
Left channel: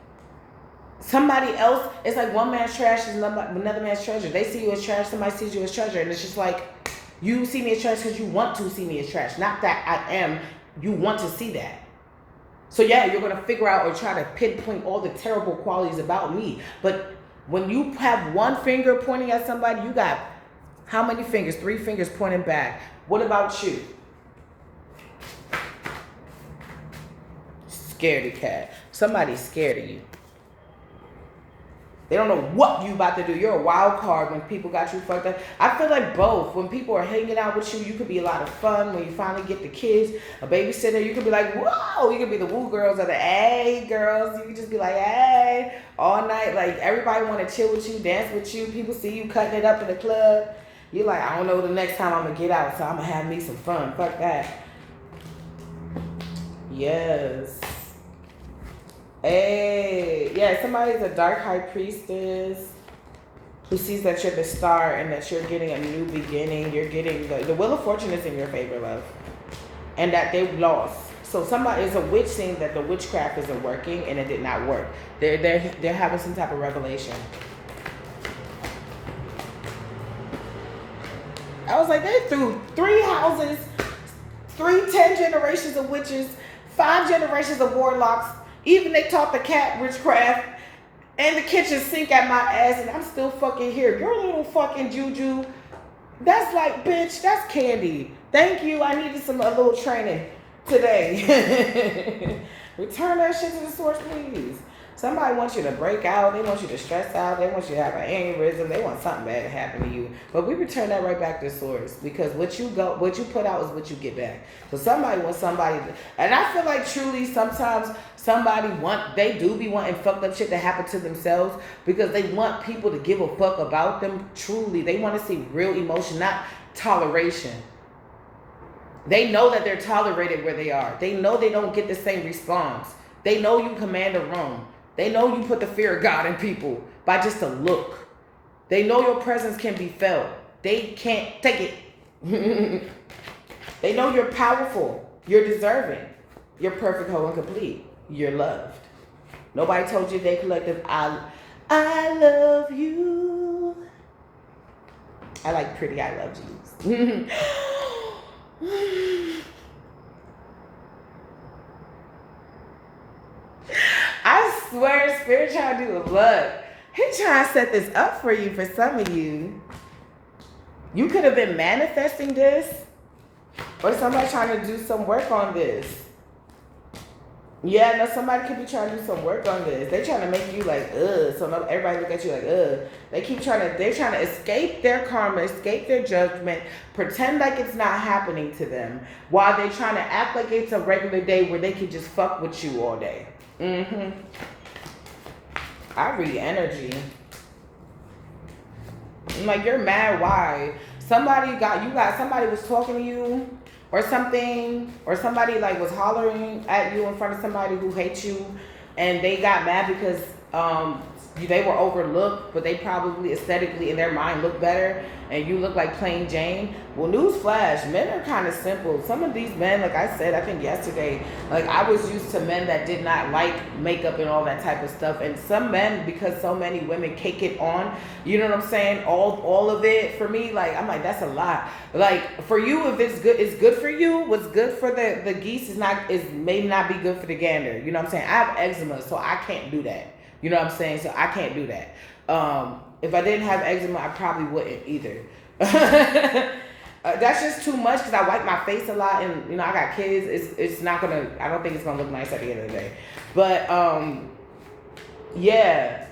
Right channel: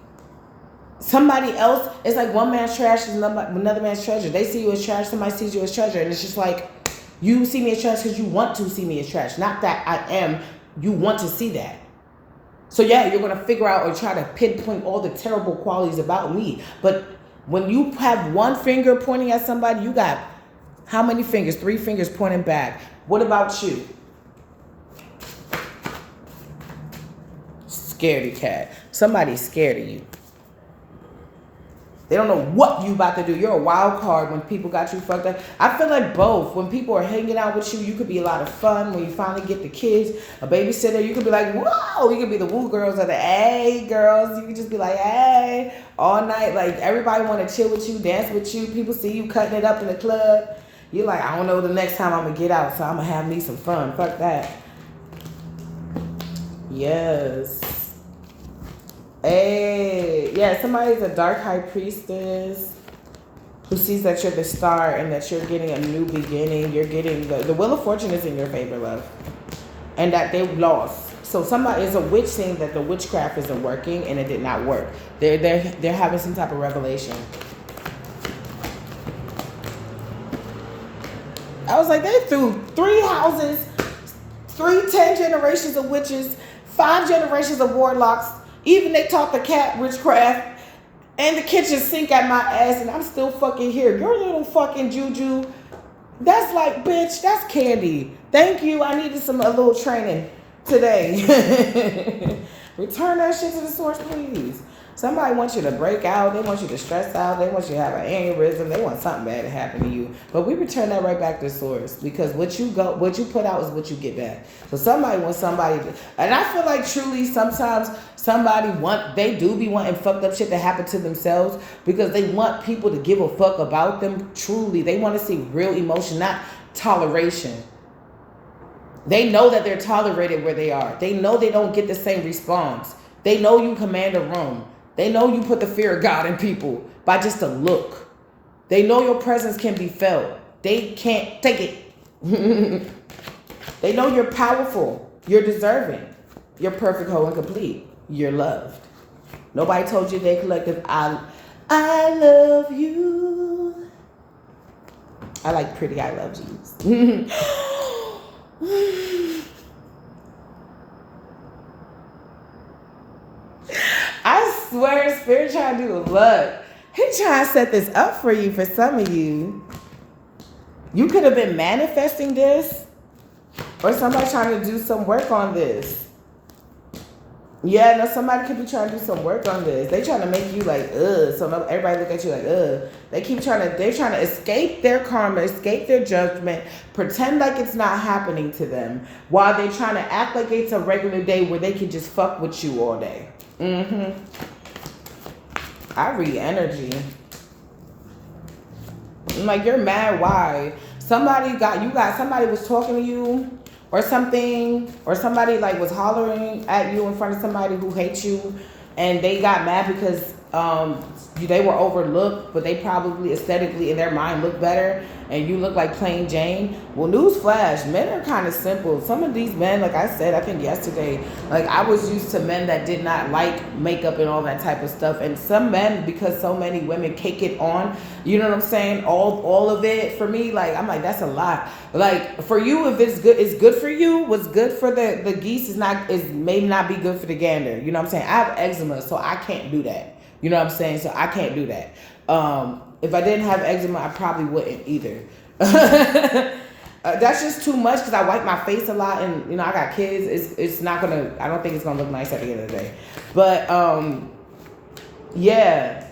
Somebody else, it's like one man's trash is another man's treasure. They see you as trash, somebody sees you as treasure, and it's just like, you see me as trash because you want to see me as trash. Not that I am, you want to see that. So yeah, you're going to figure out or try to pinpoint all the terrible qualities about me. But when you have one finger pointing at somebody, you got how many fingers? 3 fingers pointing back. What about you? Scaredy cat. Somebody's scared of you. They don't know what you about to do. You're a wild card when people got you fucked up. I feel like both. When people are hanging out with you, you could be a lot of fun. When you finally get the kids, a babysitter, you could be like, whoa. You could be the woo girls or the hey girls. You could just be like, hey, all night. Like, everybody want to chill with you, dance with you. People see you cutting it up in the club. You're like, I don't know the next time I'm going to get out, so I'm going to have me some fun. Fuck that. Yes. Hey, yeah, somebody's a dark high priestess who sees that you're the star and that you're getting a new beginning. You're getting the Wheel of Fortune is in your favor, love, and that they've lost. So somebody is a witch saying that the witchcraft isn't working and it did not work. They're having some type of revelation. I was like, they threw 3 houses, 10 generations of witches, 5 generations of warlocks. Even they taught the cat witchcraft and the kitchen sink at my ass, and I'm still fucking here. Your little fucking juju, that's like, bitch, that's candy. Thank you. I needed a little training today. Return that shit to the source, please. Somebody wants you to break out. They want you to stress out. They want you to have an aneurysm. They want something bad to happen to you. But we return that right back to the source, because what you put out is what you get back. So somebody wants somebody, and I feel like truly sometimes they do be wanting fucked up shit to happen to themselves because they want people to give a fuck about them. Truly, they want to see real emotion, not toleration. They know that they're tolerated where they are. They know they don't get the same response. They know you command a room. They know you put the fear of God in people by just a look. They know your presence can be felt. They can't take it. They know you're powerful. You're deserving. You're perfect, whole, and complete. You're loved. Nobody told you they collective, I love you. I like pretty I love yous. I swear, Spirit trying to do a look. He trying to set this up for you, for some of you. You could have been manifesting this, or somebody trying to do some work on this. Yeah, no, somebody could be trying to do some work on this. They trying to make you like, ugh. So everybody look at you like, ugh. They're trying to escape their karma, escape their judgment, pretend like it's not happening to them, while they're trying to act like it's a regular day where they can just fuck with you all day. I read energy. I'm like, you're mad. Why? Somebody was talking to you or something, or somebody like was hollering at you in front of somebody who hates you, and they got mad because they were overlooked, but they probably aesthetically in their mind look better, and you look like plain Jane. Well, newsflash, men are kind of simple. Some of these men, like I said, I think yesterday, like I was used to men that did not like makeup and all that type of stuff, and some men, because so many women cake it on, you know what I'm saying, all of it, for me, like I'm like, that's a lot. Like for you, if it's good for you. What's good for the geese may not be good for the gander. You know what I'm saying? I have eczema, so I can't do that. You know what I'm saying? So I can't do that. If I didn't have eczema, I probably wouldn't either. That's just too much because I wipe my face a lot, and you know I got kids. It's not gonna. I don't think it's gonna look nice at the end of the day. But yeah,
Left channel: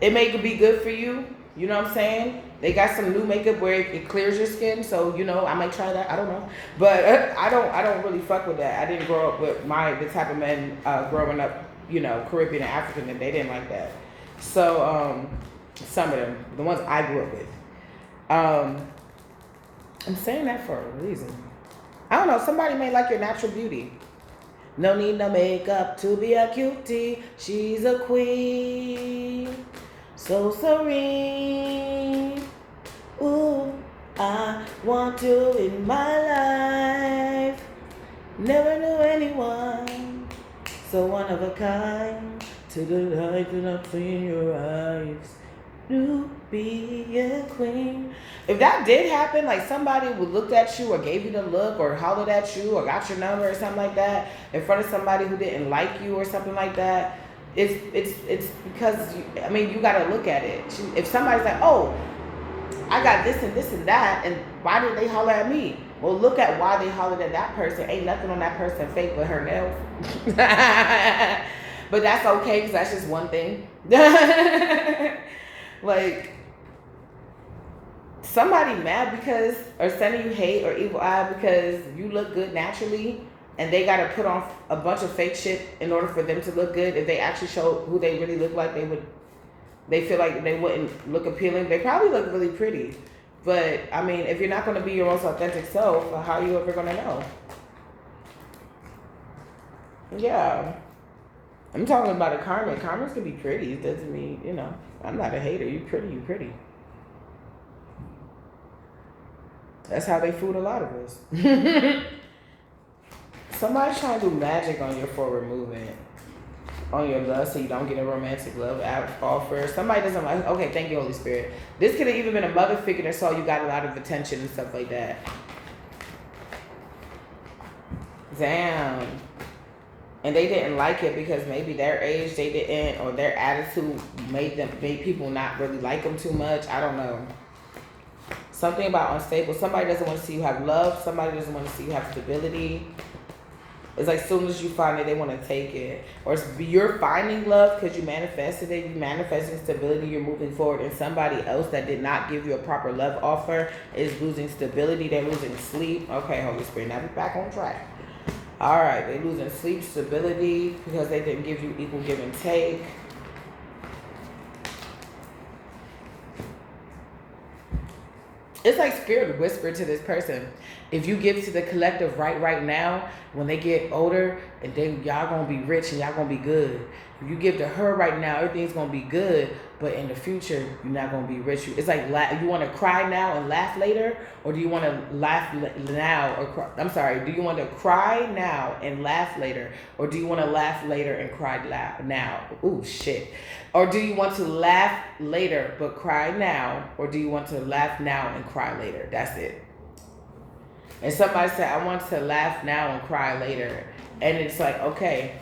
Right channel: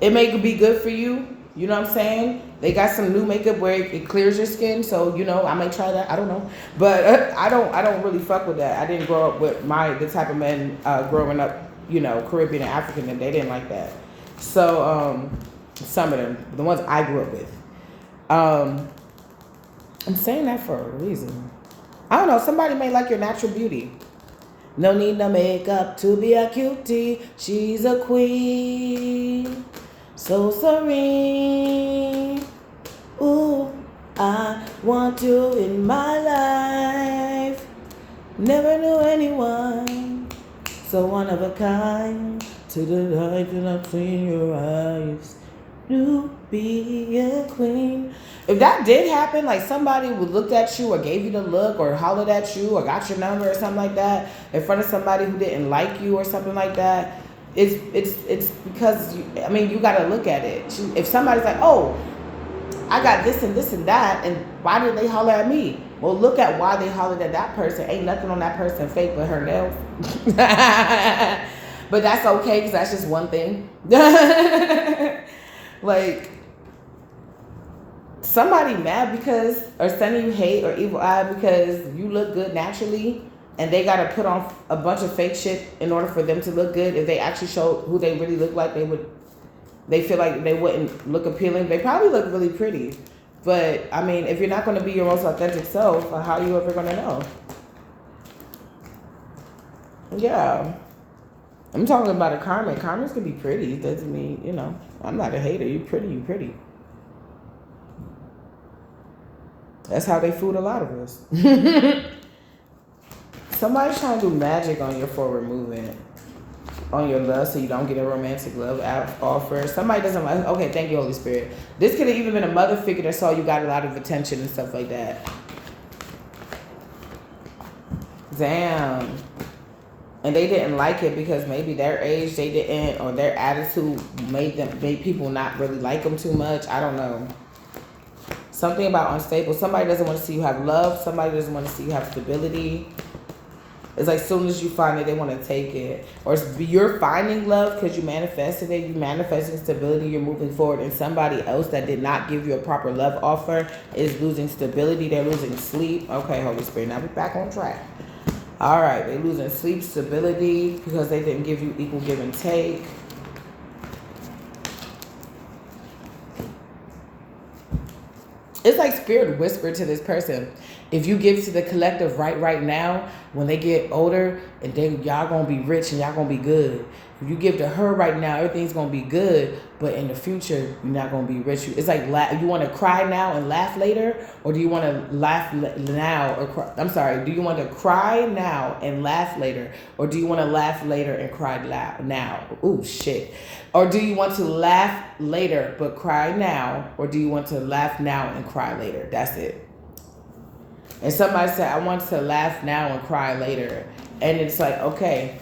it may be good for you. You know what I'm saying? They got some new makeup where it clears your skin, so you know I might try that. I don't know, but I don't really fuck with that. I didn't grow up with the type of men growing up, you know, Caribbean and African, and they didn't like that. So some of them, the ones I grew up with, I'm saying that for a reason. I don't know. Somebody may like your natural beauty. No need no makeup to be a cutie. She's a queen. So serene. Ooh, I want you in my life. Never knew anyone so one of a kind. To the light that I've seen your eyes. To be a queen. If that did happen, like somebody would look at you or gave you the look or hollered at you or got your number or something like that in front of somebody who didn't like you or something like that, it's because you got to look at it. If somebody's like, oh, I got this and this and that, and why did they holler at me? Well, look at why they hollered at that person. Ain't nothing on that person fake but her nails. But that's okay because that's just one thing. Like, somebody mad because, or sending you hate or evil eye because you look good naturally, and they got to put on a bunch of fake shit in order for them to look good. If they actually show who they really look like, they feel like they wouldn't look appealing. They probably look really pretty. But, I mean, if you're not going to be your most authentic self, how are you ever going to know? Yeah. I'm talking about a Carmen. Carmen's can be pretty. It doesn't mean, you know, I'm not a hater. You pretty. That's how they fooled a lot of us. Somebody's trying to do magic on you for removing on your love so you don't get a romantic love offer. Somebody doesn't like, okay, thank you, Holy Spirit. This could have even been a mother figure that saw you got a lot of attention and stuff like that. Damn. And they didn't like it because maybe their age, they didn't, or their attitude made people not really like them too much. I don't know. Something about unstable. Somebody doesn't want to see you have love. Somebody doesn't want to see you have stability. It's like as soon as you find it, they want to take it. Or you're finding love because you manifested it. You manifesting stability. You're moving forward. And somebody else that did not give you a proper love offer is losing stability. They're losing sleep. Okay, Holy Spirit, now we're back on track. All right, they're losing sleep, stability because they didn't give you equal give and take. It's like spirit whispered to this person, if you give to the collective right now, when they get older, and then y'all gonna be rich and y'all gonna be good. If you give to her right now, everything's gonna be good, but in the future, you're not gonna be rich. It's like, you want to cry now and laugh later, or do you want to laugh now or cry? I'm sorry. Do you want to cry now and laugh later, or do you want to laugh later and cry now? Ooh, shit. Or do you want to laugh later but cry now, or do you want to laugh now and cry later? That's it. And somebody said, I want to laugh now and cry later. And it's like, okay.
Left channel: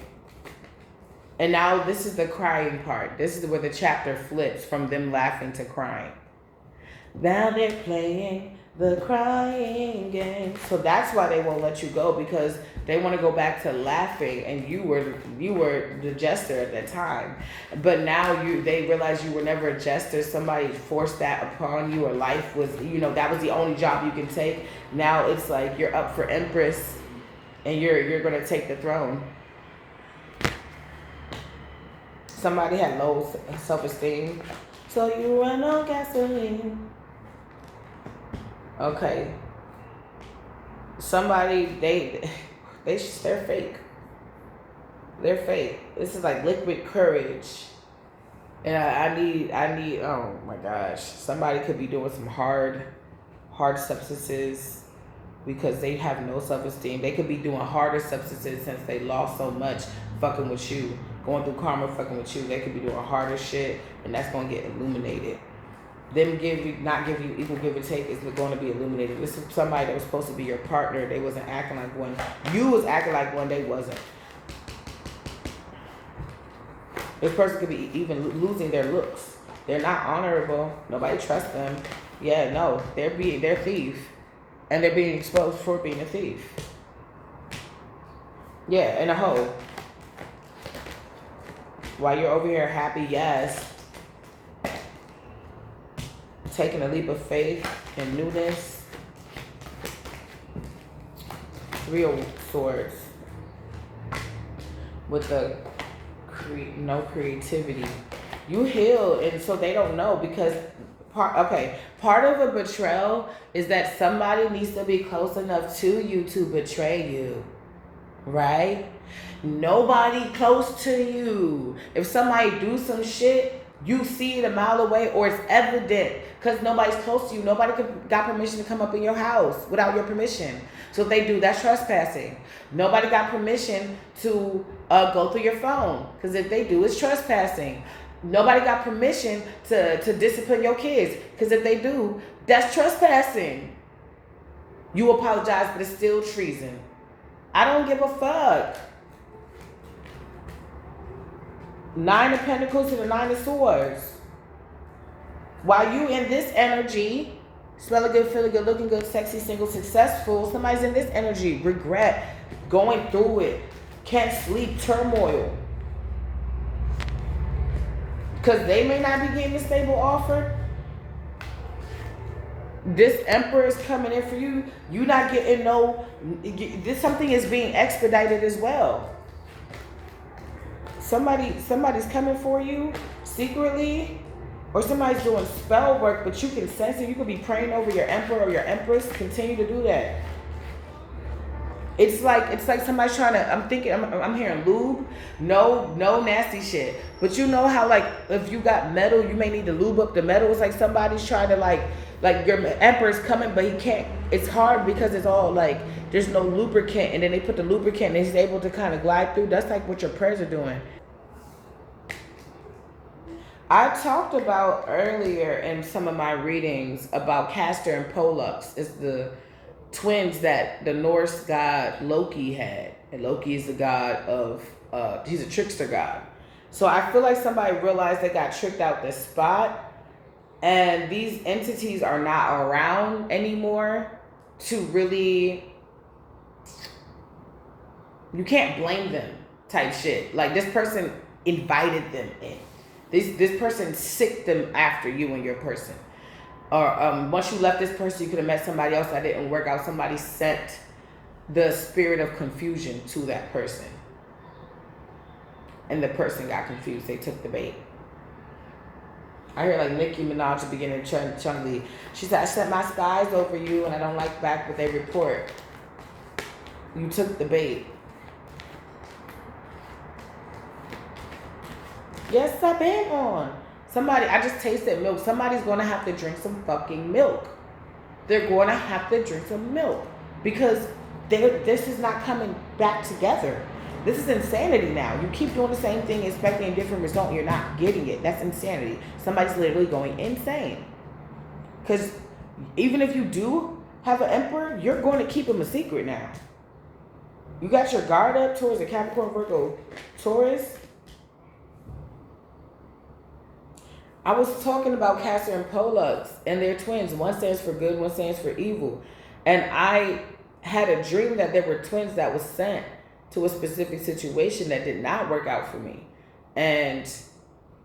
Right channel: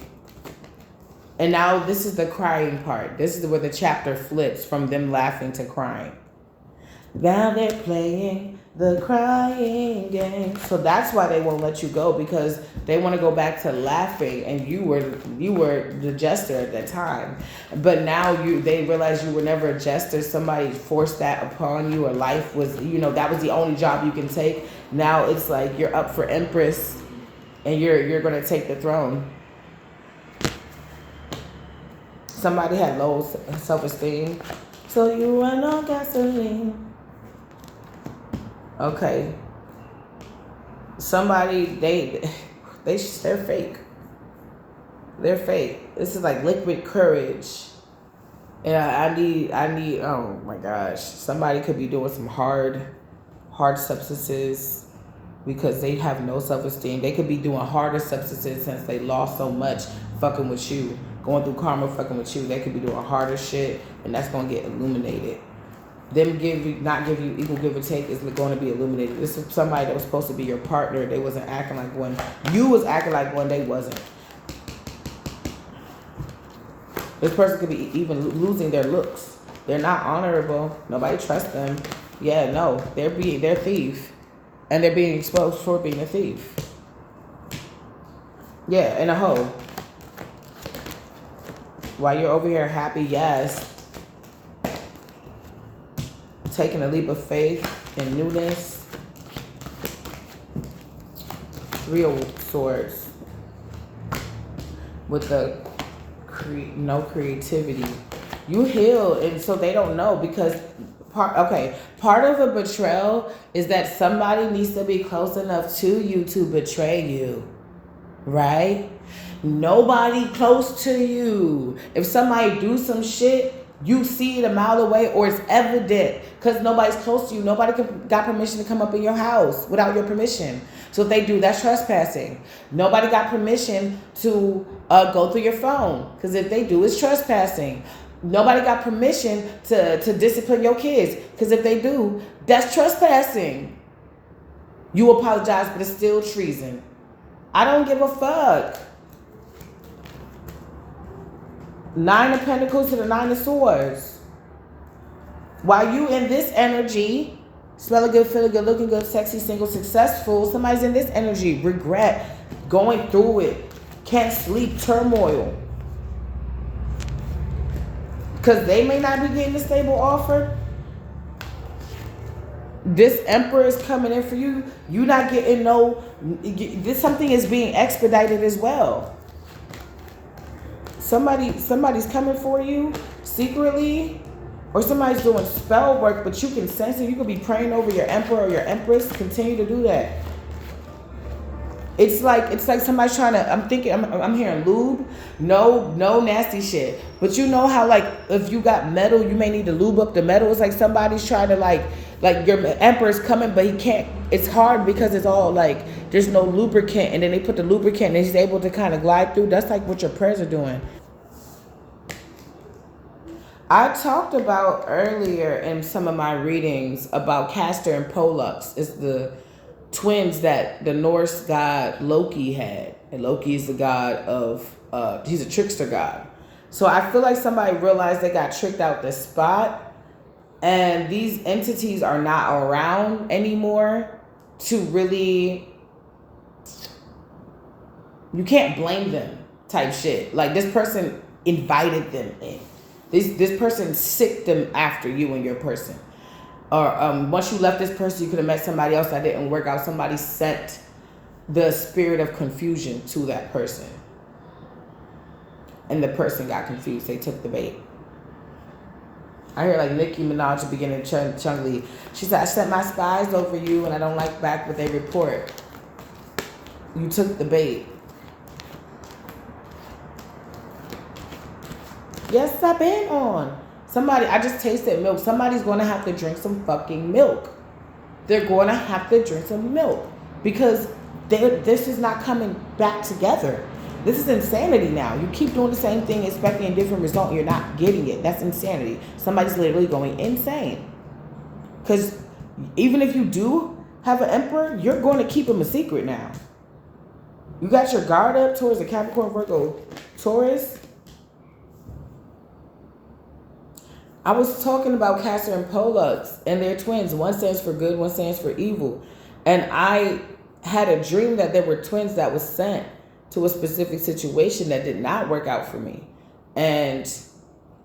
And now this is the crying part. This is where the chapter flips from them laughing to crying. Now they're playing the crying game. So that's why they won't let you go, because they want to go back to laughing, and you were the jester at that time. But now they realize you were never a jester. Somebody forced that upon you, or life was, that was the only job you can take. Now it's like you're up for Empress, and you're going to take the throne. Somebody had low self-esteem, so you run on gasoline. Okay. Somebody, they're fake. They're fake. This is like liquid courage. And I need, oh my gosh. Somebody could be doing some hard substances because they have no self-esteem. They could be doing harder substances since they lost so much fucking with you. Going through karma fucking with you. They could be doing harder shit, and that's going to get illuminated. Them not give you equal give and take is going to be illuminated. This is somebody that was supposed to be your partner. They wasn't acting like one. You was acting like one. They wasn't. This person could be even losing their looks. They're not honorable. Nobody trusts them. Yeah, no. They're thief. And they're being exposed for being a thief. Yeah, and a hoe. While you're over here happy, yes. taking a leap of faith and newness. 3 of Swords with the no creativity. You heal, and so they don't know because part of a betrayal is that somebody needs to be close enough to you to betray you, right? Nobody close to you. If somebody do some shit, you see it a mile away, or it's evident because nobody's close to you. Nobody got permission to come up in your house without your permission. So if they do, that's trespassing. Nobody got permission to go through your phone, because if they do, it's trespassing. Nobody got permission to discipline your kids, because if they do, that's trespassing. You apologize, but it's still treason. I don't give a fuck. 9 of Pentacles to the 9 of Swords. While you in this energy, smelling good, feeling good, looking good, sexy, single, successful, somebody's in this energy, regret, going through it, can't sleep, turmoil. Because they may not be getting a stable offer. This Emperor is coming in for you. You not getting this, something is being expedited as well. Somebody's coming for you secretly, or somebody's doing spell work, but you can sense it. You could be praying over your Emperor or your Empress. Continue to do that. It's like somebody's trying to. I'm hearing lube. No nasty shit. But you know how, like, if you got metal, you may need to lube up the metal. It's like somebody's trying to like your Emperor's coming, but he can't. It's hard because it's all like there's no lubricant, and then they put the lubricant, and he's able to kind of glide through. That's like what your prayers are doing. I talked about earlier in some of my readings about Castor and Pollux. It's the twins that the Norse god Loki had. And Loki is the god of, he's a trickster god. So I feel like somebody realized they got tricked out the spot, and these entities are not around anymore to really, you can't blame them type shit. Like, this person invited them in. This person sicked them after you and your person. Or once you left this person, you could have met somebody else that didn't work out. Somebody sent the spirit of confusion to that person. And the person got confused. They took the bait. I hear like Nicki Minaj at the beginning of Chung-Li. She said, I sent my spies over you and I don't like back what they report. You took the bait. Yes, I've been on. Somebody, I just tasted milk. Somebody's going to have to drink some fucking milk. They're going to have to drink some milk. Because this is not coming back together. This is insanity now. You keep doing the same thing, expecting a different result, and you're not getting it. That's insanity. Somebody's literally going insane. Because even if you do have an Emperor, you're going to keep him a secret now. You got your guard up towards the Capricorn, Virgo, Taurus. I was talking about Castor and Pollux and their twins. One stands for good, one stands for evil. And I had a dream that there were twins that was sent to a specific situation that did not work out for me. And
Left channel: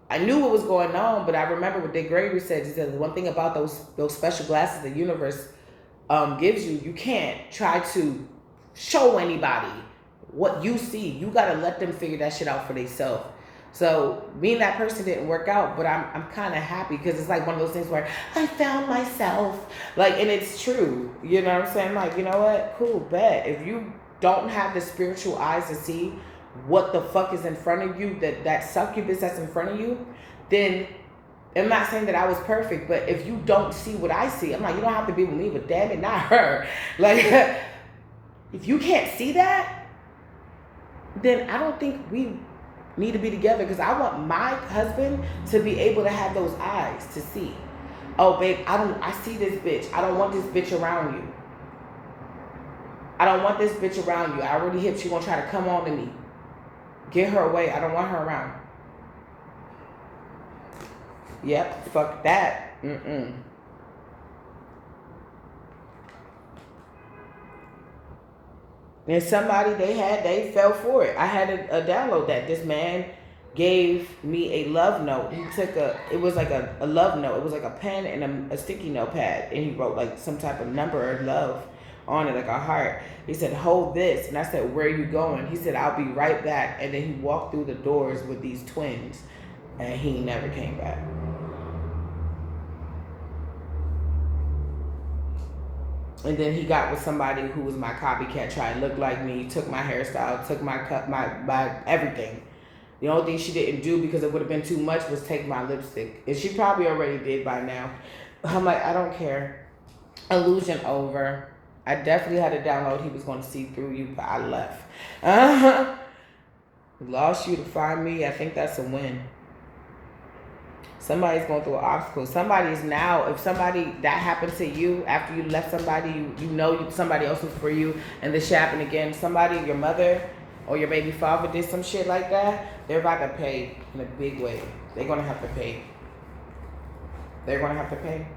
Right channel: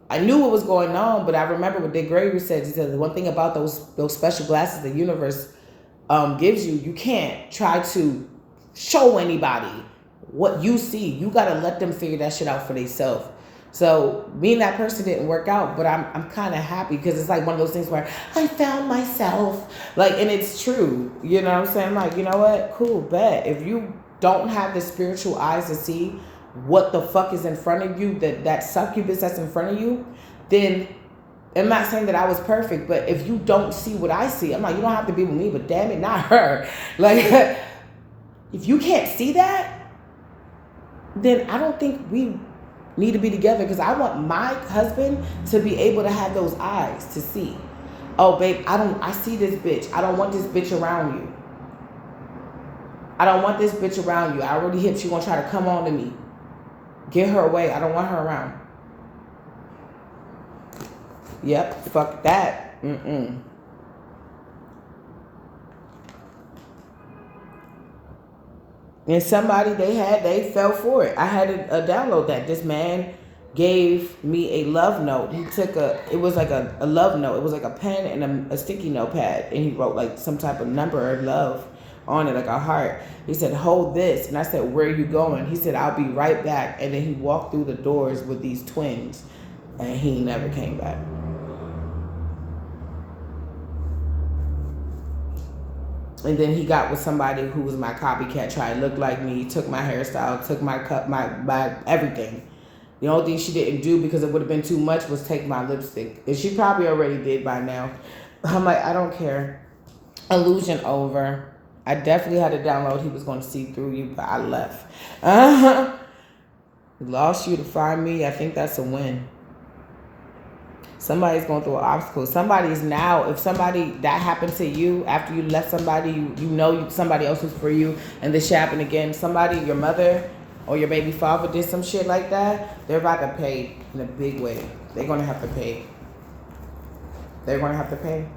I knew what was going on, but I remember what Dick Gregory said. He said the one thing about those special glasses the universe gives you, you can't try to show anybody what you see. You got to let them figure that shit out for themselves. So me and that person didn't work out, but I'm kind of happy because it's like one of those things where I found myself, like, and it's true. You know what I'm saying? Like, you know what? Cool, bet. If you don't have the spiritual eyes to see what the fuck is in front of you, that succubus that's in front of you, then I'm not saying that I was perfect, but if you don't see what I see, I'm like, you don't have to be with me, but damn it, not her. Like, if you can't see that, then I don't think we need to be together, because I want my husband to be able to have those eyes to see. Oh, babe, I see this bitch. I don't want this bitch around you. I don't want this bitch around you. I already hip. She gonna try to come on to me. Get her away. I don't want her around. Yep, fuck that. And somebody they fell for it. I had to download that. This man gave me a love note. He took it was like a love note. It was like a pen and a sticky notepad. And he wrote like some type of number of love on it, like a heart. He said, hold this. And I said, where are you going? He said, I'll be right back. And then he walked through the doors with these twins. And he never came back. And then he got with somebody who was my copycat, tried to look like me, took my hairstyle, took my cut, my everything. The only thing she didn't do, because it would have been too much, was take my lipstick. And she probably already did by now. I'm like, I don't care. Illusion over. I definitely had to download He Was Going to See Through You, but I left. Lost you to find me. I think that's a win. Somebody's going through an obstacle. Somebody is now, if somebody, that happened to you after you left somebody, you know somebody else was for you, and this shit happened again. Somebody, your mother or your baby father did some shit like that, they're about to pay in a big way. They're going to have to pay. They're going to have to pay.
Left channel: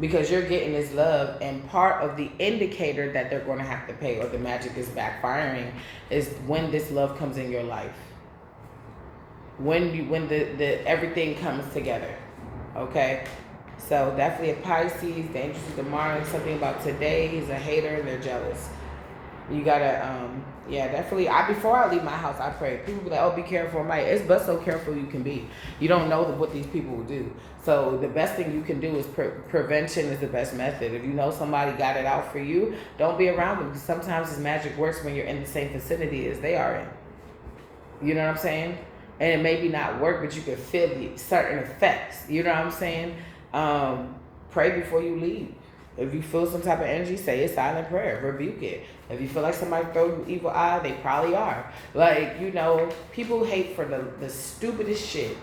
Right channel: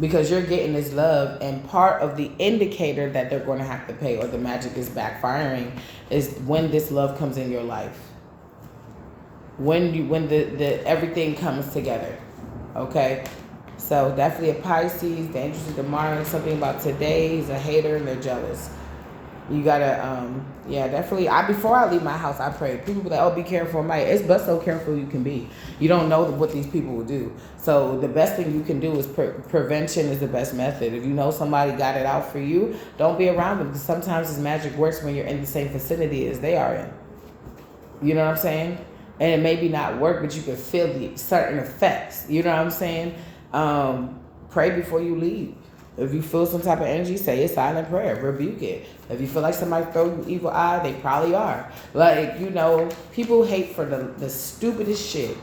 Because you're getting this love, and part of the indicator that they're going to have to pay or the magic is backfiring is when this love comes in your life. When the everything comes together. Okay? So definitely a Pisces, dangerous to Mars, something about today, he's a hater and they're jealous. You gotta, yeah, definitely. Before I leave my house, I pray. People be like, oh, be careful, Mike. It's but so careful you can be. You don't know what these people will do. So the best thing you can do is prevention is the best method. If you know somebody got it out for you, don't be around them, because sometimes this magic works when you're in the same vicinity as they are in. You know what I'm saying? And it maybe not work, but you can feel the certain effects. You know what I'm saying? Pray before you leave. If you feel some type of energy, say a silent prayer. Rebuke it. If you feel like somebody throw you evil eye, they probably are. Like, you know, people hate for the stupidest shit.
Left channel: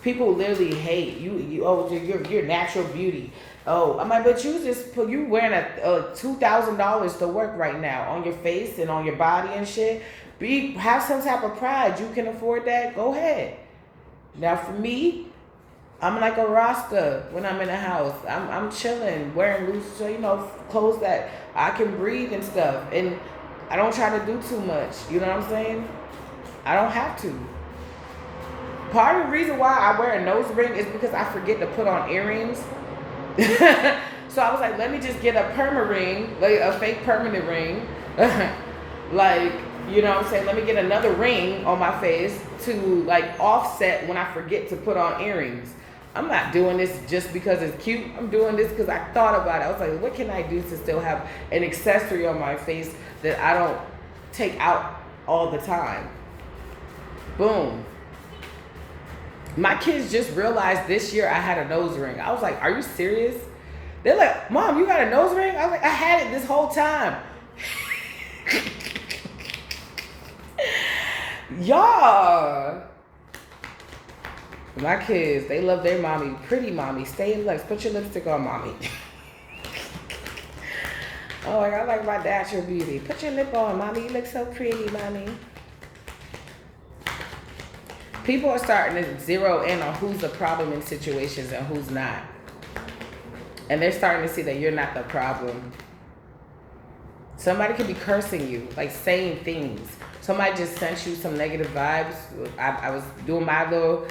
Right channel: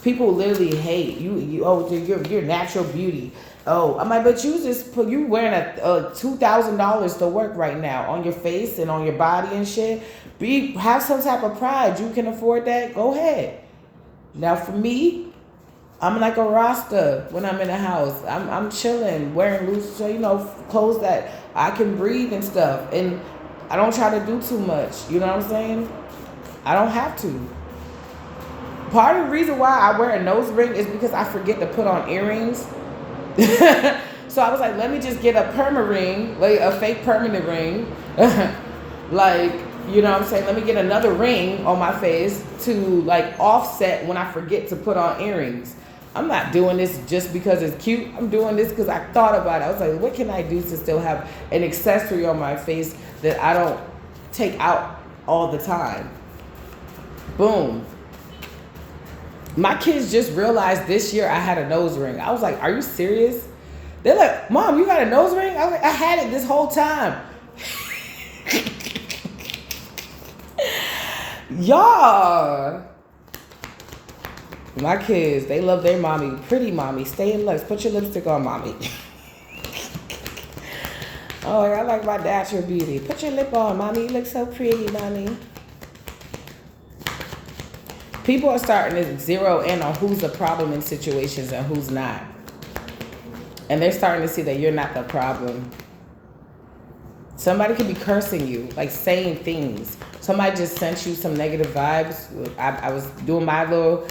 People literally hate you. Oh, your natural beauty. Oh, I'm like, but you wearing a $2,000 to work right now on your face and on your body and shit. Have some type of pride. You can afford that. Go ahead. Now for me, I'm like a Rasta when I'm in the house. I'm chilling, wearing loose, so, you know, clothes that I can breathe and stuff. And I don't try to do too much. You know what I'm saying? I don't have to. Part of the reason why I wear a nose ring is because I forget to put on earrings. So I was like, let me just get a perma ring, like a fake permanent ring. Like, you know what I'm saying? Let me get another ring on my face to like offset when I forget to put on earrings. I'm not doing this just because it's cute. I'm doing this because I thought about it. I was like, what can I do to still have an accessory on my face that I don't take out all the time? Boom. My kids just realized this year I had a nose ring. I was like, are you serious? They're like, Mom, you got a nose ring? I was like, I had it this whole time. Y'all. My kids, they love their mommy. Pretty mommy. Stay in looks. Put your lipstick on, mommy. Oh, I like my natural beauty. Put your lip on, mommy. You look so pretty, mommy. People are starting to zero in on who's the problem in situations and who's not. And they're starting to see that you're not the problem. Somebody could be cursing you, like saying things. Somebody just sent you some negative vibes. I was doing my little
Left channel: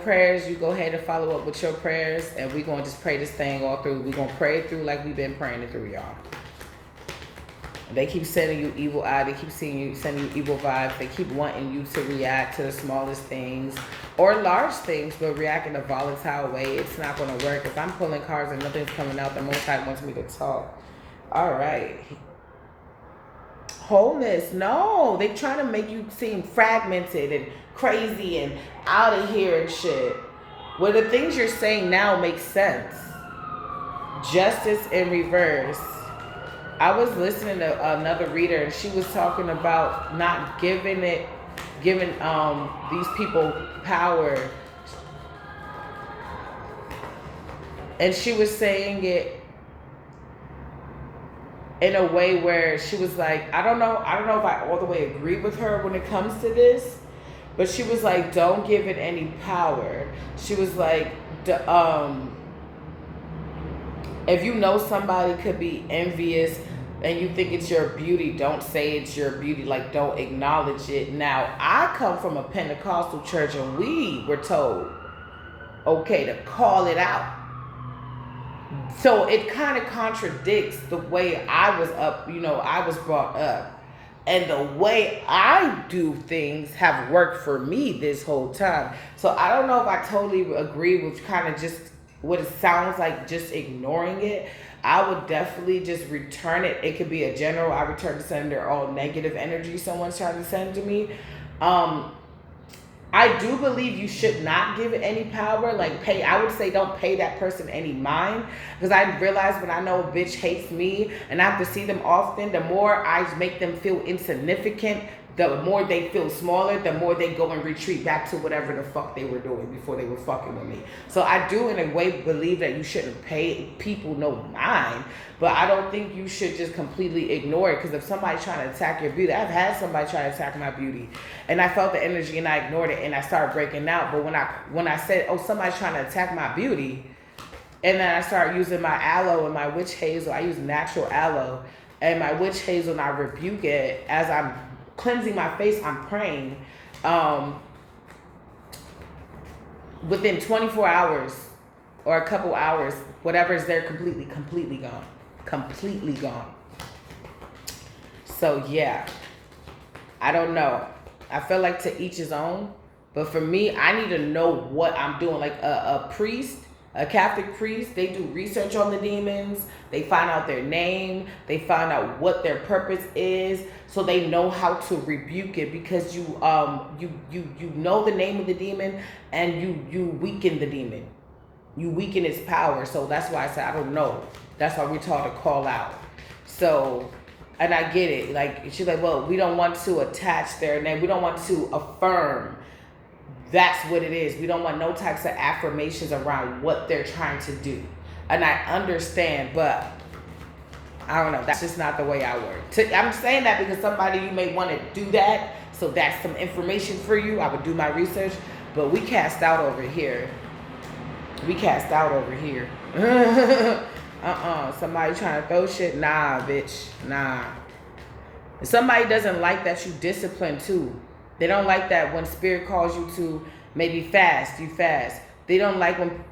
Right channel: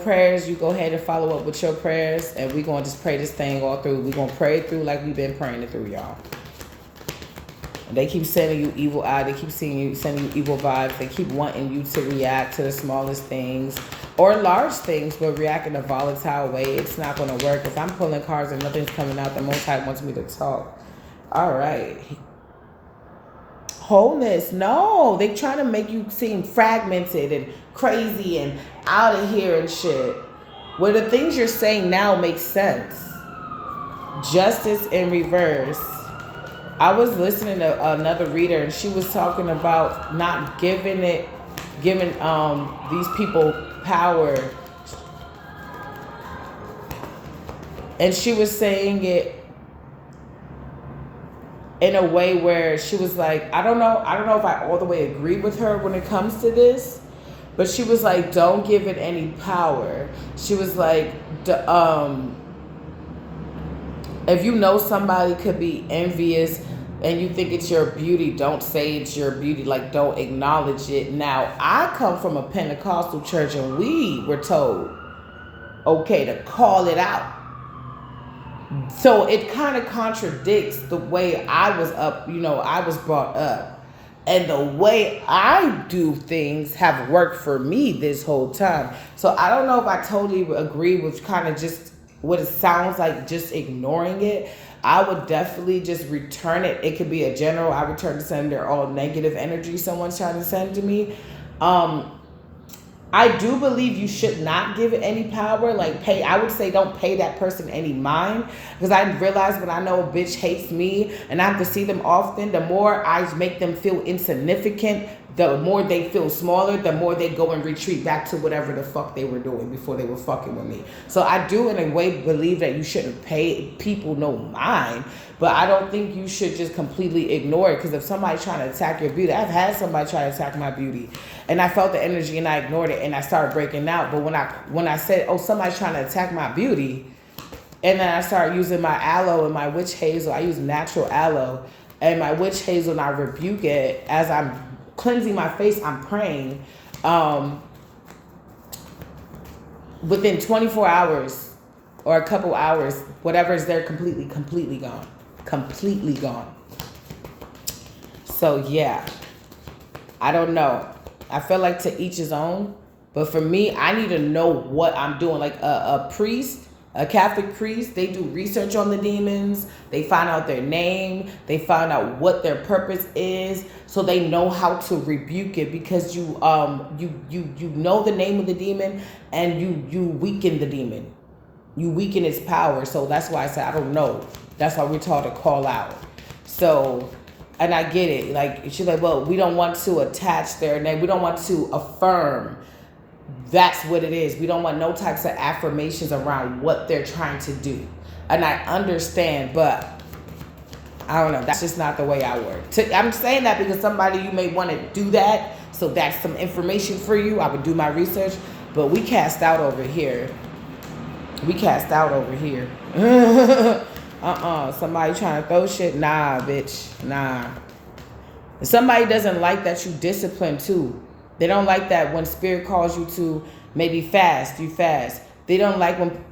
prayers. You go ahead and follow up with your prayers, and we're going to just pray this thing all through. We're going to pray it through like we've been praying it through, y'all. They keep sending you evil eye. They keep sending you evil vibes. They keep wanting you to react to the smallest things or large things, but react in a volatile way. It's not going to work. If I'm pulling cards and nothing's coming out, the Most High wants me to talk. All right. Wholeness. No, they trying to make you seem fragmented and crazy and out of here and shit. Well, the things you're saying now make sense. Justice in reverse. I was listening to another reader, and she was talking about not giving these people power. And she was saying it in a way where she was like, I don't know if I all the way agree with her when it comes to this, but she was like, don't give it any power. She was like, if you know somebody could be envious and you think it's your beauty, don't say it's your beauty. Like, don't acknowledge it. Now, I come from a Pentecostal church, and we were told, okay, to call it out. So it kind of contradicts the way I was up, I was brought up. And the way I do things have worked for me this whole time. So I don't know if I totally agree with kind of just what it sounds like, just ignoring it. I would definitely just return it. It could be a general, I return to sender all negative energy someone's trying to send to me. I do believe you should not give it any power. Like, I would say don't pay that person any mind. Because I realize when I know a bitch hates me and I have to see them often, the more I make them feel insignificant, the more they feel smaller, the more they go and retreat back to whatever the fuck they were doing before they were fucking with me. So I do in a way believe that you shouldn't pay people no mind. But I don't think you should just completely ignore it. Because if somebody's trying to attack your beauty, I've had somebody try to attack my beauty. And I felt the energy and I ignored it and I started breaking out. But when I said, oh, somebody's trying to attack my beauty, and then I started using my aloe and my witch hazel. I use natural aloe and my witch hazel, and I rebuke it as I'm cleansing my face, I'm praying. Within 24 hours or a couple hours, whatever is there completely gone. Completely gone. So yeah, I don't know. I feel like to each his own. But for me, I need to know what I'm doing. Like a priest, a Catholic priest, they do research on the demons. They find out their name. They find out what their purpose is, so they know how to rebuke it. Because you know the name of the demon, and you weaken the demon. You weaken its power. So that's why I say I don't know. That's why we're taught to call out. So, and I get it. Like, she's like, well, we don't want to attach their name. We don't want to affirm. That's what it is. We don't want no types of affirmations around what they're trying to do. And I understand, but I don't know. That's just not the way I work. I'm saying that because somebody, you may want to do that. So that's some information for you. I would do my research. But we cast out over here. We cast out over here. Somebody trying to throw shit? Nah, bitch. Nah. If somebody doesn't like that you discipline too. They don't like that when spirit calls you to maybe fast, you fast. They don't like when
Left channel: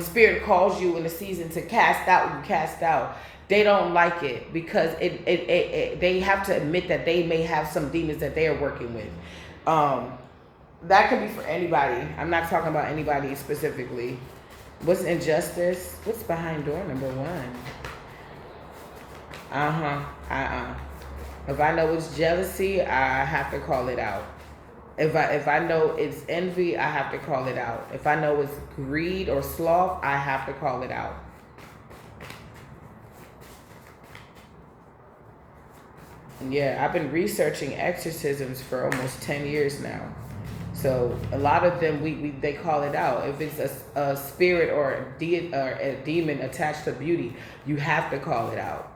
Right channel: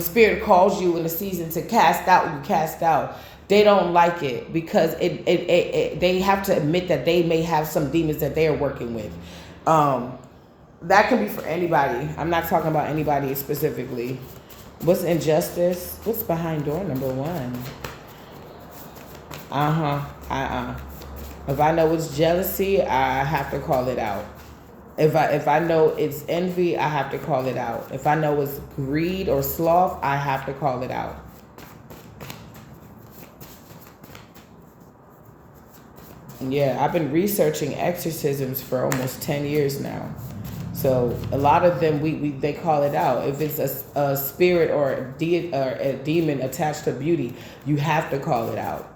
spirit calls you in the season to cast out, you cast out. They don't like it because they have to admit that they may have some demons that they are working with. That can be for anybody. I'm not talking about anybody specifically. What's injustice? What's behind door number 1? If I know it's jealousy, I have to call it out. If I know it's envy, I have to call it out. If I know it's greed or sloth, I have to call it out. Yeah, I've been researching exorcisms for almost 10 years now. So a lot of them, they call it out. If it's a spirit or a demon attached to beauty, you have to call it out.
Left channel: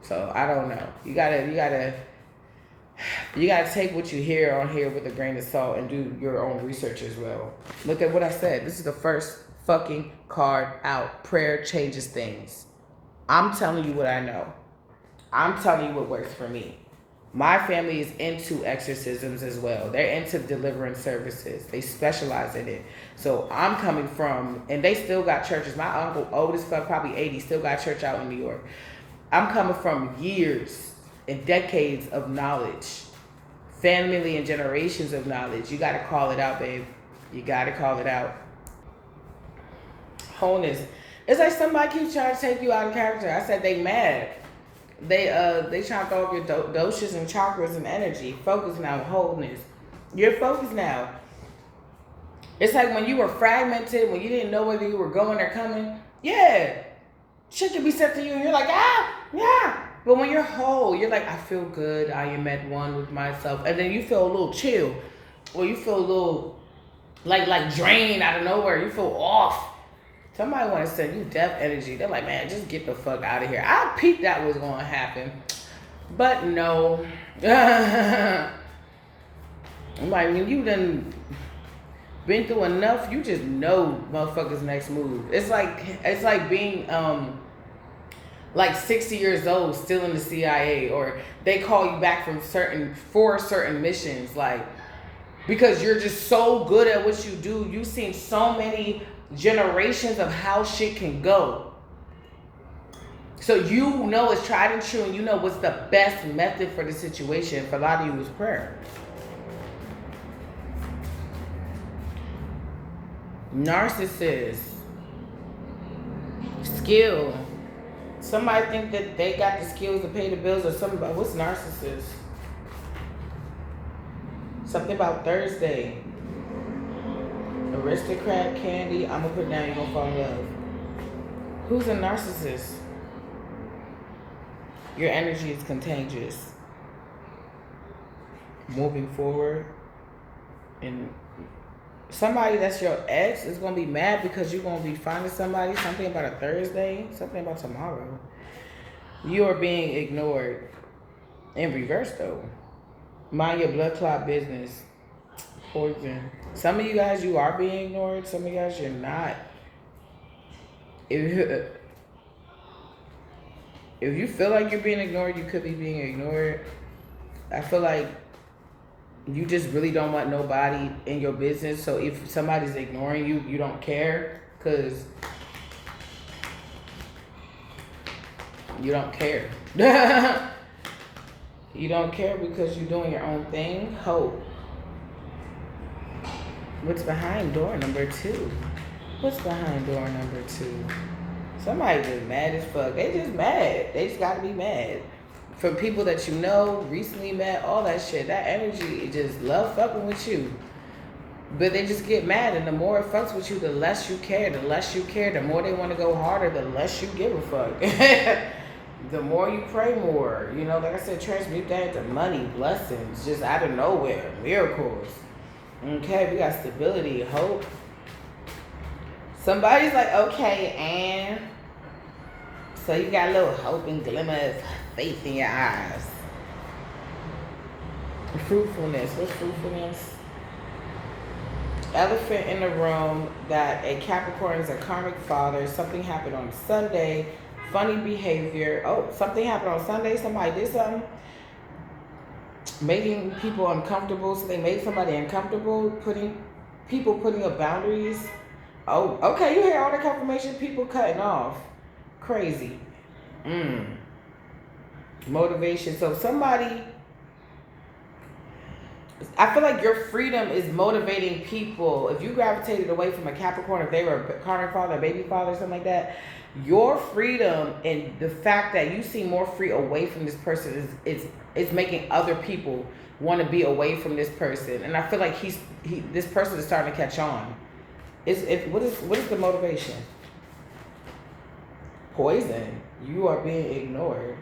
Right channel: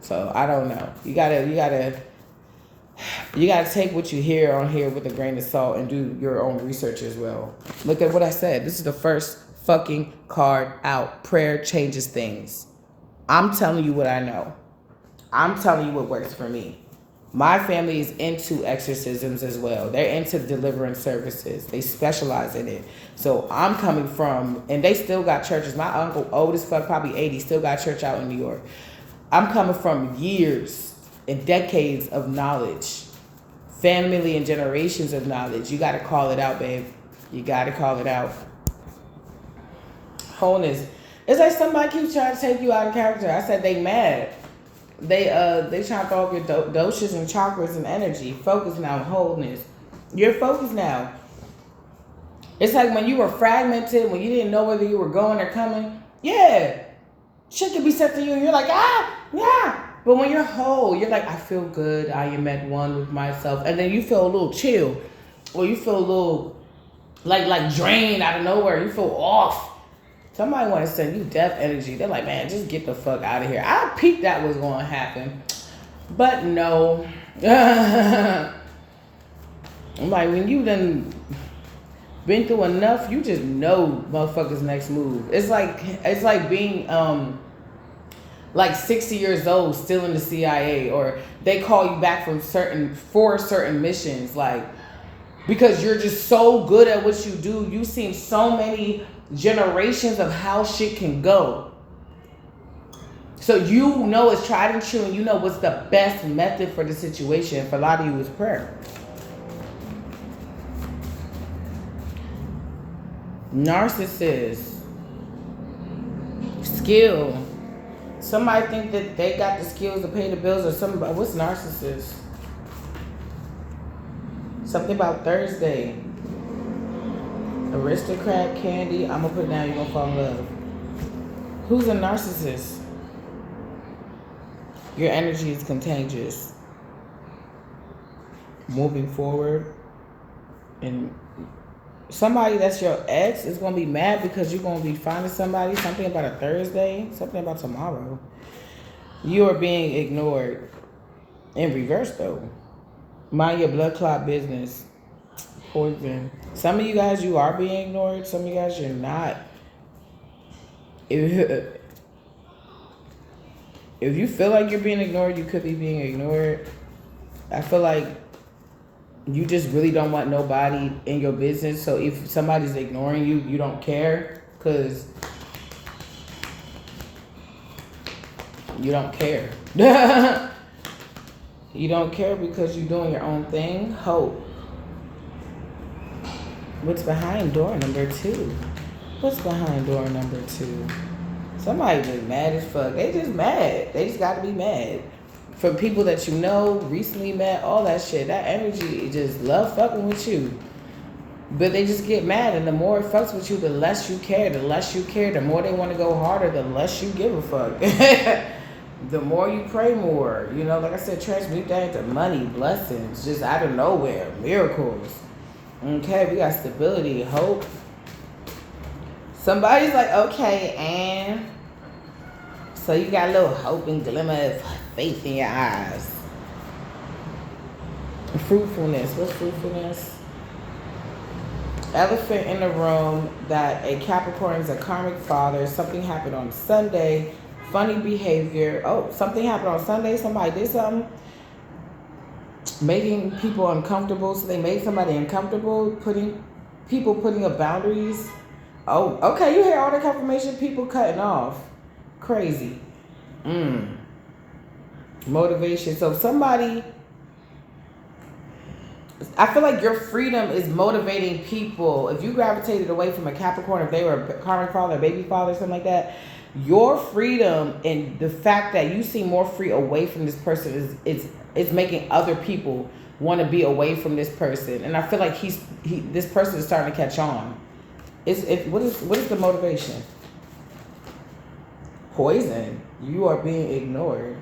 So I don't know. You gotta take what you hear on here with a grain of salt and do your own research as well. Look at what I said. This is the first fucking card out. Prayer changes things. I'm telling you what I know. I'm telling you what works for me. My family is into exorcisms as well. They're into deliverance services. They specialize in it. So I'm coming from, and they still got churches. My uncle, old as fuck, probably 80, still got church out in New York. I'm coming from years and decades of knowledge. Family and generations of knowledge. You got to call it out, babe. You got to call it out. Wholeness. It's like somebody keeps trying to take you out of character. I said they mad. They trying to throw up your doshas and chakras and energy. Focus now on wholeness. You're focused now. It's like when you were fragmented, when you didn't know whether you were going or coming. Yeah. Shit could be said to you and you're like, yeah. But when you're whole, you're like, I feel good. I am at one with myself. And then you feel a little chill. Or you feel a little like drained out of nowhere. You feel off. Somebody want to send you death energy. They're like, man, just get the fuck out of here. I peeped that was going to happen. But no. I'm like, when you done been through enough, you just know motherfuckers' next move. It's like being like 60 years old, still in the CIA, or they call you back from certain missions, like, because you're just so good at what you do. You've seen so many generations of how shit can go. So you know it's tried and true, and you know what's the best method for the situation. For a lot of you is prayer. Narcissist. Skill. Somebody think that they got the skills to pay the bills, or somebody. What's narcissist? Something about Thursday. Aristocrat, candy. I'm gonna put it down. You're gonna fall in love. Who's a narcissist? Your energy is contagious. Moving forward, and somebody that's your ex is gonna be mad because you're gonna be finding somebody. Something about a Thursday. Something about tomorrow. You are being ignored. In reverse, though. Mind your blood clot business. Poison. Some of you guys, you are being ignored. Some of you guys, you're not. If you feel like you're being ignored, you could be being ignored. I feel like you just really don't want nobody in your business. So if somebody's ignoring you, you don't care, because you don't care. You don't care because you're doing your own thing. Hope. What's behind door number 2? What's behind door number 2? Somebody just mad as fuck. They just mad. They just gotta be mad. For people that you know, recently met, all that shit. That energy just love fucking with you. But they just get mad, and the more it fucks with you, the less you care. The less you care, the more they want to go harder, the less you give a fuck. The more you pray more. You know, like I said, transmute that into money, blessings, just out of nowhere, miracles. Okay, we got stability, hope. Somebody's like, okay, and so you got a little hope and glimmer of faith in your eyes. Fruitfulness. What's fruitfulness? Elephant in the room that a Capricorn is a karmic father. Something happened on Sunday. Funny behavior. Oh, something happened on Sunday. Somebody did something. Making people uncomfortable. So they made somebody uncomfortable. Putting up boundaries. Oh, okay. You hear all the confirmation. People cutting off. Crazy. Motivation. So somebody, I feel like your freedom is motivating people. If you gravitated away from a Capricorn, if they were a karmic father, a baby father, something like that, your freedom and the fact that you seem more free away from this person is making other people want to be away from this person. And I feel like this person is starting to catch on. What is the motivation? Poison. You are being ignored.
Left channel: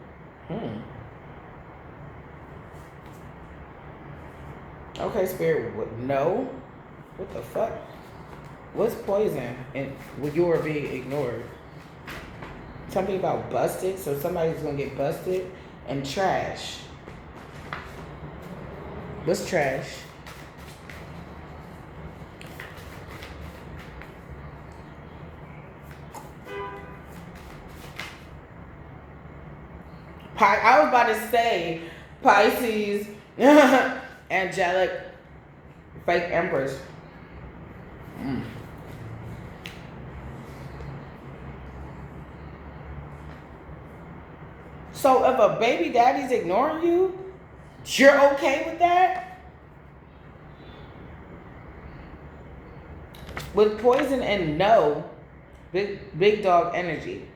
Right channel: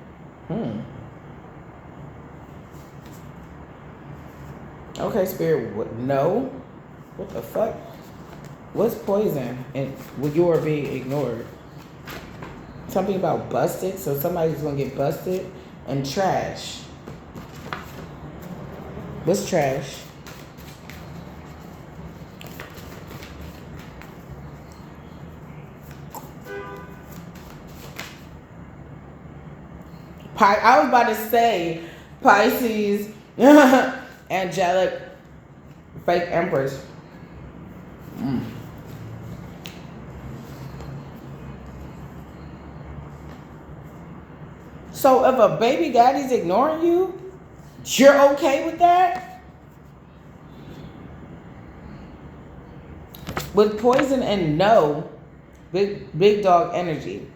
Okay, Spirit. No. What the fuck? What's poison? And when you are being ignored. Something about busted. So somebody's gonna get busted. And trash. What's trash? I was about to say Pisces, angelic, fake empress. So if a baby daddy's ignoring you, you're okay with that? With poison and no, big dog energy.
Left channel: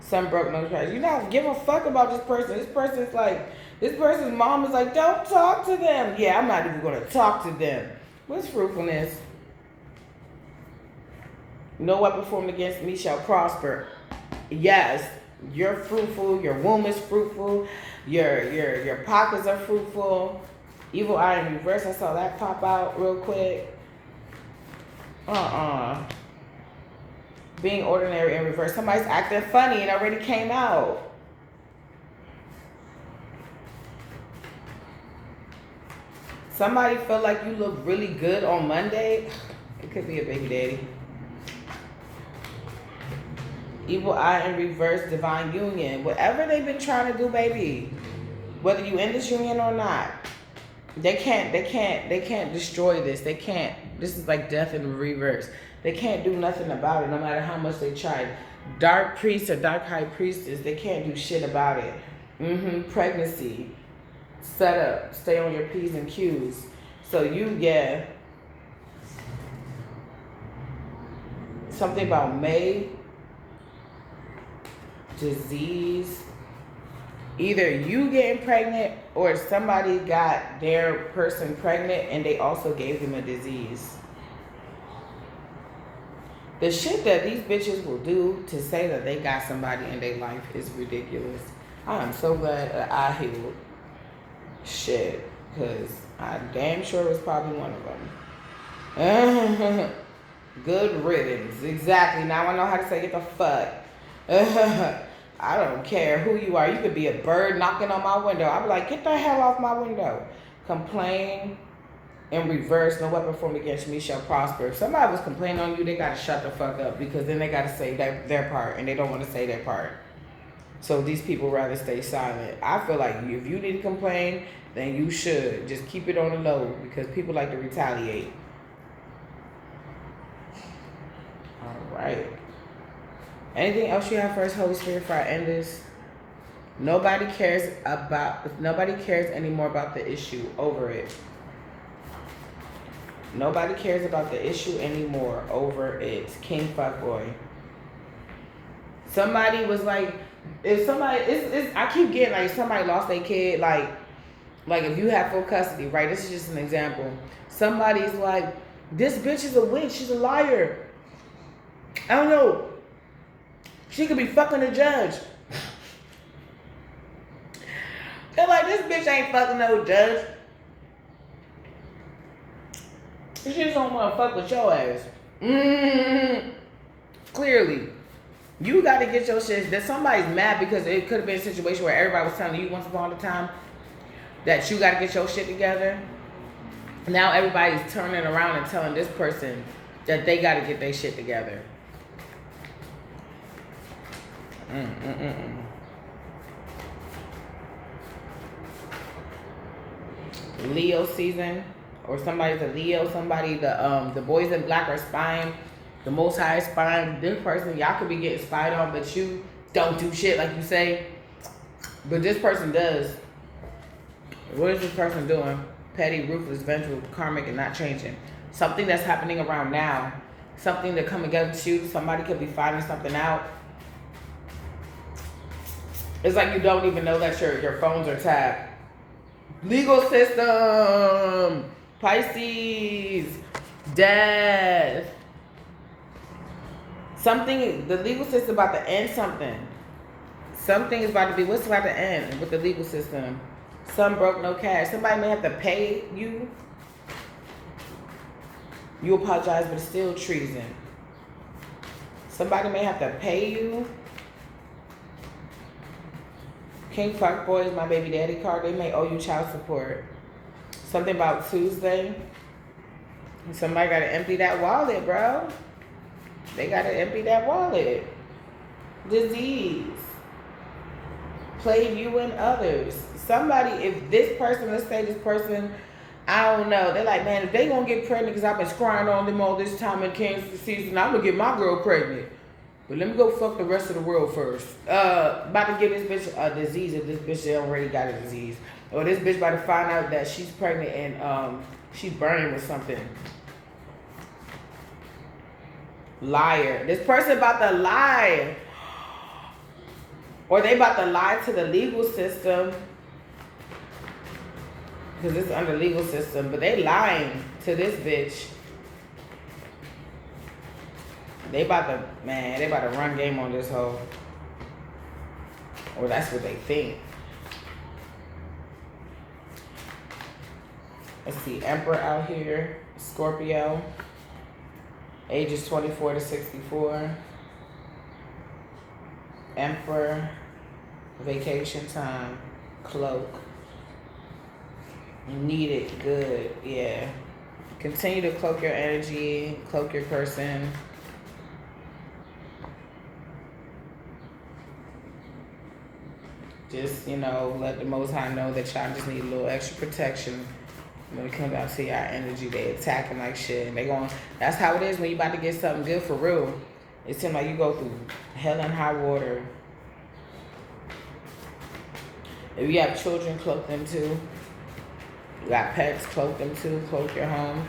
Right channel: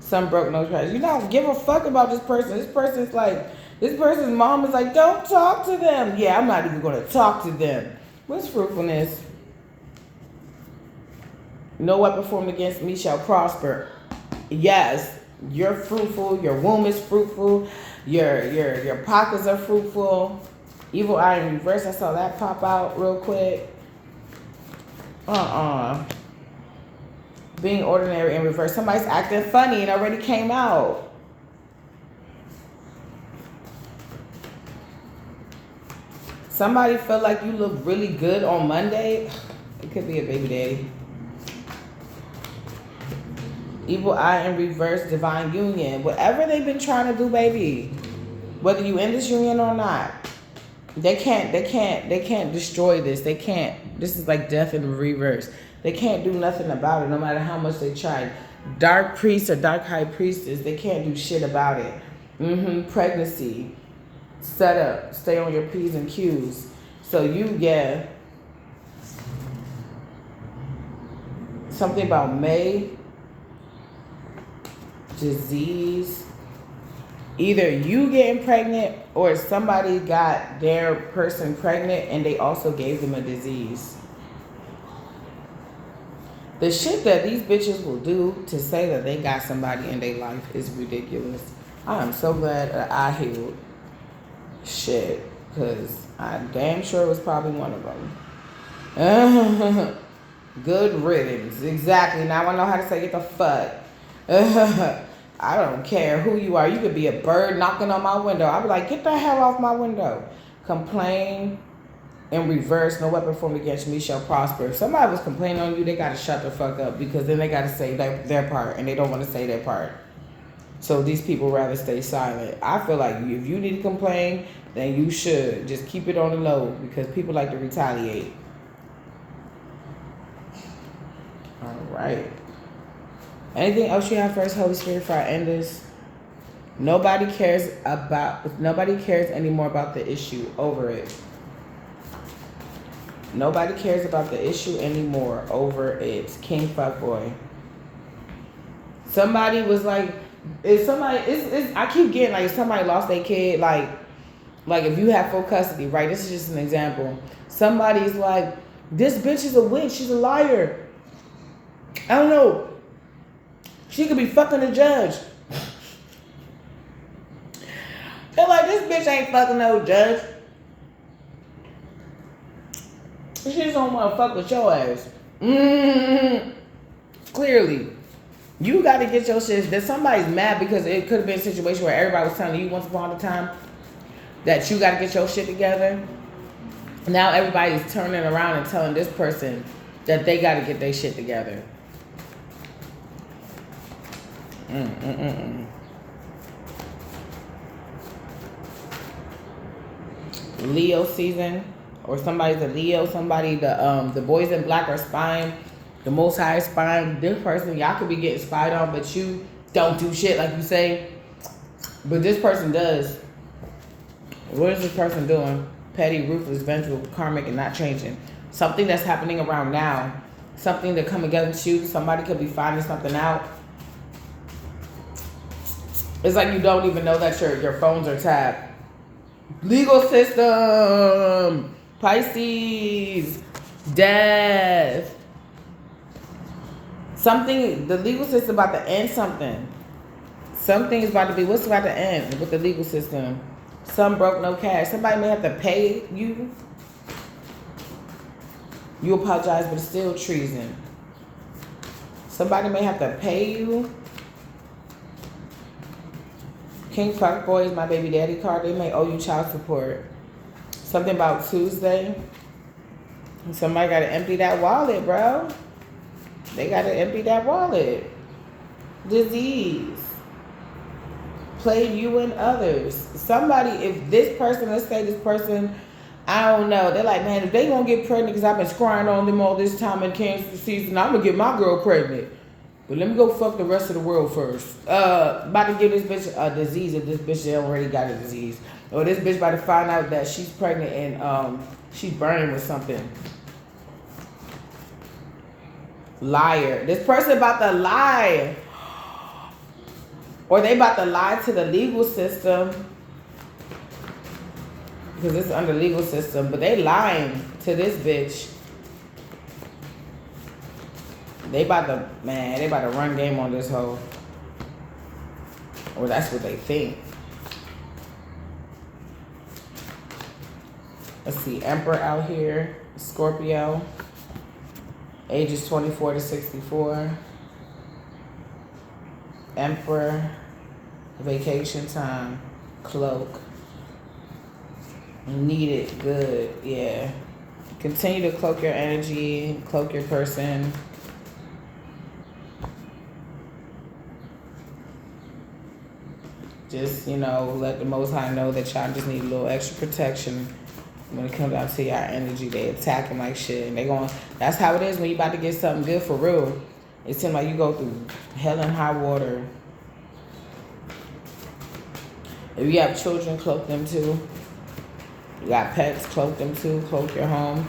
Some broke, no trash. You don't give a fuck about this person. This person's mom is like, don't talk to them. Yeah, I'm not even going to talk to them. What's fruitfulness? No weapon formed against me shall prosper. Yes, you're fruitful. Your womb is fruitful. Your pockets are fruitful. Evil eye in reverse. I saw that pop out real quick. Being ordinary in reverse. Somebody's acting funny and already came out. Somebody felt like you look really good on Monday. It could be a baby daddy. Evil eye in reverse, divine union. Whatever they've been trying to do, baby. Whether you in this union or not. They can't destroy this. They can't. This is like death in reverse. They can't do nothing about it, no matter how much they try. Dark priest or dark high priestess, they can't do shit about it. Pregnancy. Set up. Stay on your P's and Q's. So you get something about May. Disease. Either you getting pregnant or somebody got their person pregnant and they also gave them a disease. The shit that these bitches will do to say that they got somebody in their life is ridiculous. I am so glad that I healed. Shit. Because I'm damn sure it was probably one of them. Good riddance. Exactly. Now I know how to say get the fuck. I don't care who you are. You could be a bird knocking on my window. I'd be like, get the hell off my window. Complain in reverse. No weapon formed against me shall prosper. If somebody was complaining on you, they got to shut the fuck up because then they got to say their part and they don't want to say their part. So these people rather stay silent. I feel like if you need to complain, then you should. Just keep it on the low because people like to retaliate. All right. Anything else you have for us, Holy Spirit, for our enders? Nobody cares anymore about the issue. Over it. Nobody cares about the issue anymore. Over it. King fuckboy. Somebody was like, if somebody, I keep getting like, if somebody lost their kid, like if you have full custody, right? This is just an example. Somebody's like, this bitch is a witch. She's a liar. I don't know. She could be fucking the judge. They're like, this bitch ain't fucking no judge. She just don't want to fuck with your ass. Clearly. You got to get your shit. That somebody's mad because it could have been a situation where everybody was telling you once upon a time that you got to get your shit together. Now everybody's turning around and telling this person that they got to get their shit together. Leo season, or somebody's a Leo, somebody the boys in black are spying, the Most High is spying. This person, y'all could be getting spied on, but you don't do shit like you say. But this person does. What is this person doing? Petty, ruthless, vengeful, karmic, and not changing. Something that's happening around now. Something to come against you. Somebody could be finding something out. It's like you don't even know that your phones are tapped. Legal system. Pisces. Death. Something, the legal system about to end something. Something is about to be, what's about to end with the legal system? Some broke, no cash. Somebody may have to pay you. You apologize, but it's still treason. Somebody may have to pay you. King Fuckboy is my baby daddy card. They may owe you child support. Something about Tuesday. Somebody got to empty that wallet, bro. They got to empty that wallet. Disease. Play you and others. Somebody, if this person, let's say this person, I don't know. They're like, man, if they gonna get pregnant because I've been scrying on them all this time in cancer season, I'm gonna get my girl pregnant. But let me go fuck the rest of the world first. About to give this bitch a disease if this bitch already got a disease. Or this bitch about to find out that she's pregnant and she's burning with something. Liar. This person about to lie. Or they about to lie to the legal system. Because it's under legal system. But they lying to this bitch. They about to run game on this hoe. Or that's what they think. Let's see, Emperor out here, Scorpio, ages 24 to 64. Emperor, vacation time, cloak. Need it good, yeah. Continue to cloak your energy, cloak your person. Just, you know, let the Most High know that y'all just need a little extra protection when it comes out to y'all energy. They attacking like shit. And they going, that's how it is when you about to get something good for real. It seems like you go through hell and high water. If you have children, cloak them too. You got pets, cloak them too. Cloak your home.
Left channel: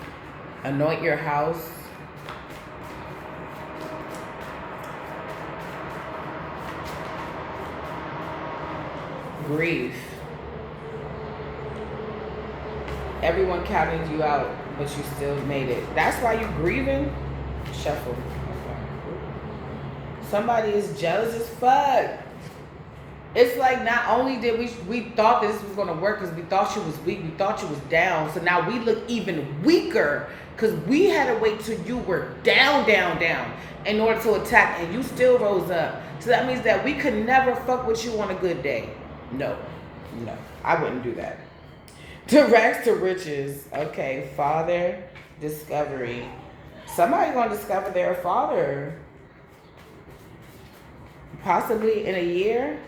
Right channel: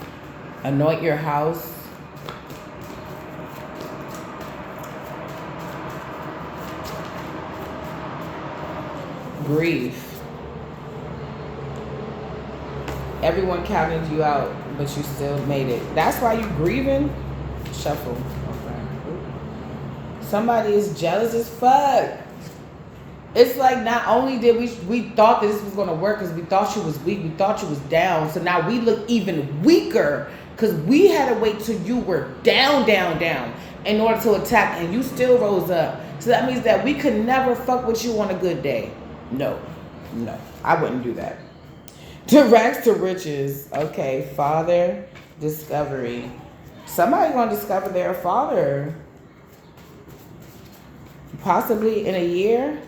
Anoint your house. Grief. Everyone counted you out, but you still made it. That's why you grieving? Shuffle. Okay. Somebody is jealous as fuck. It's like not only did we thought this was going to work because we thought she was weak, we thought she was down. So now we look even weaker because we had to wait till you were down in order to attack, and you still rose up. So that means that we could never fuck with you on a good day. No, I wouldn't do that. To rags to riches. Okay, father, discovery. Somebody's going to discover their father. Possibly in a year.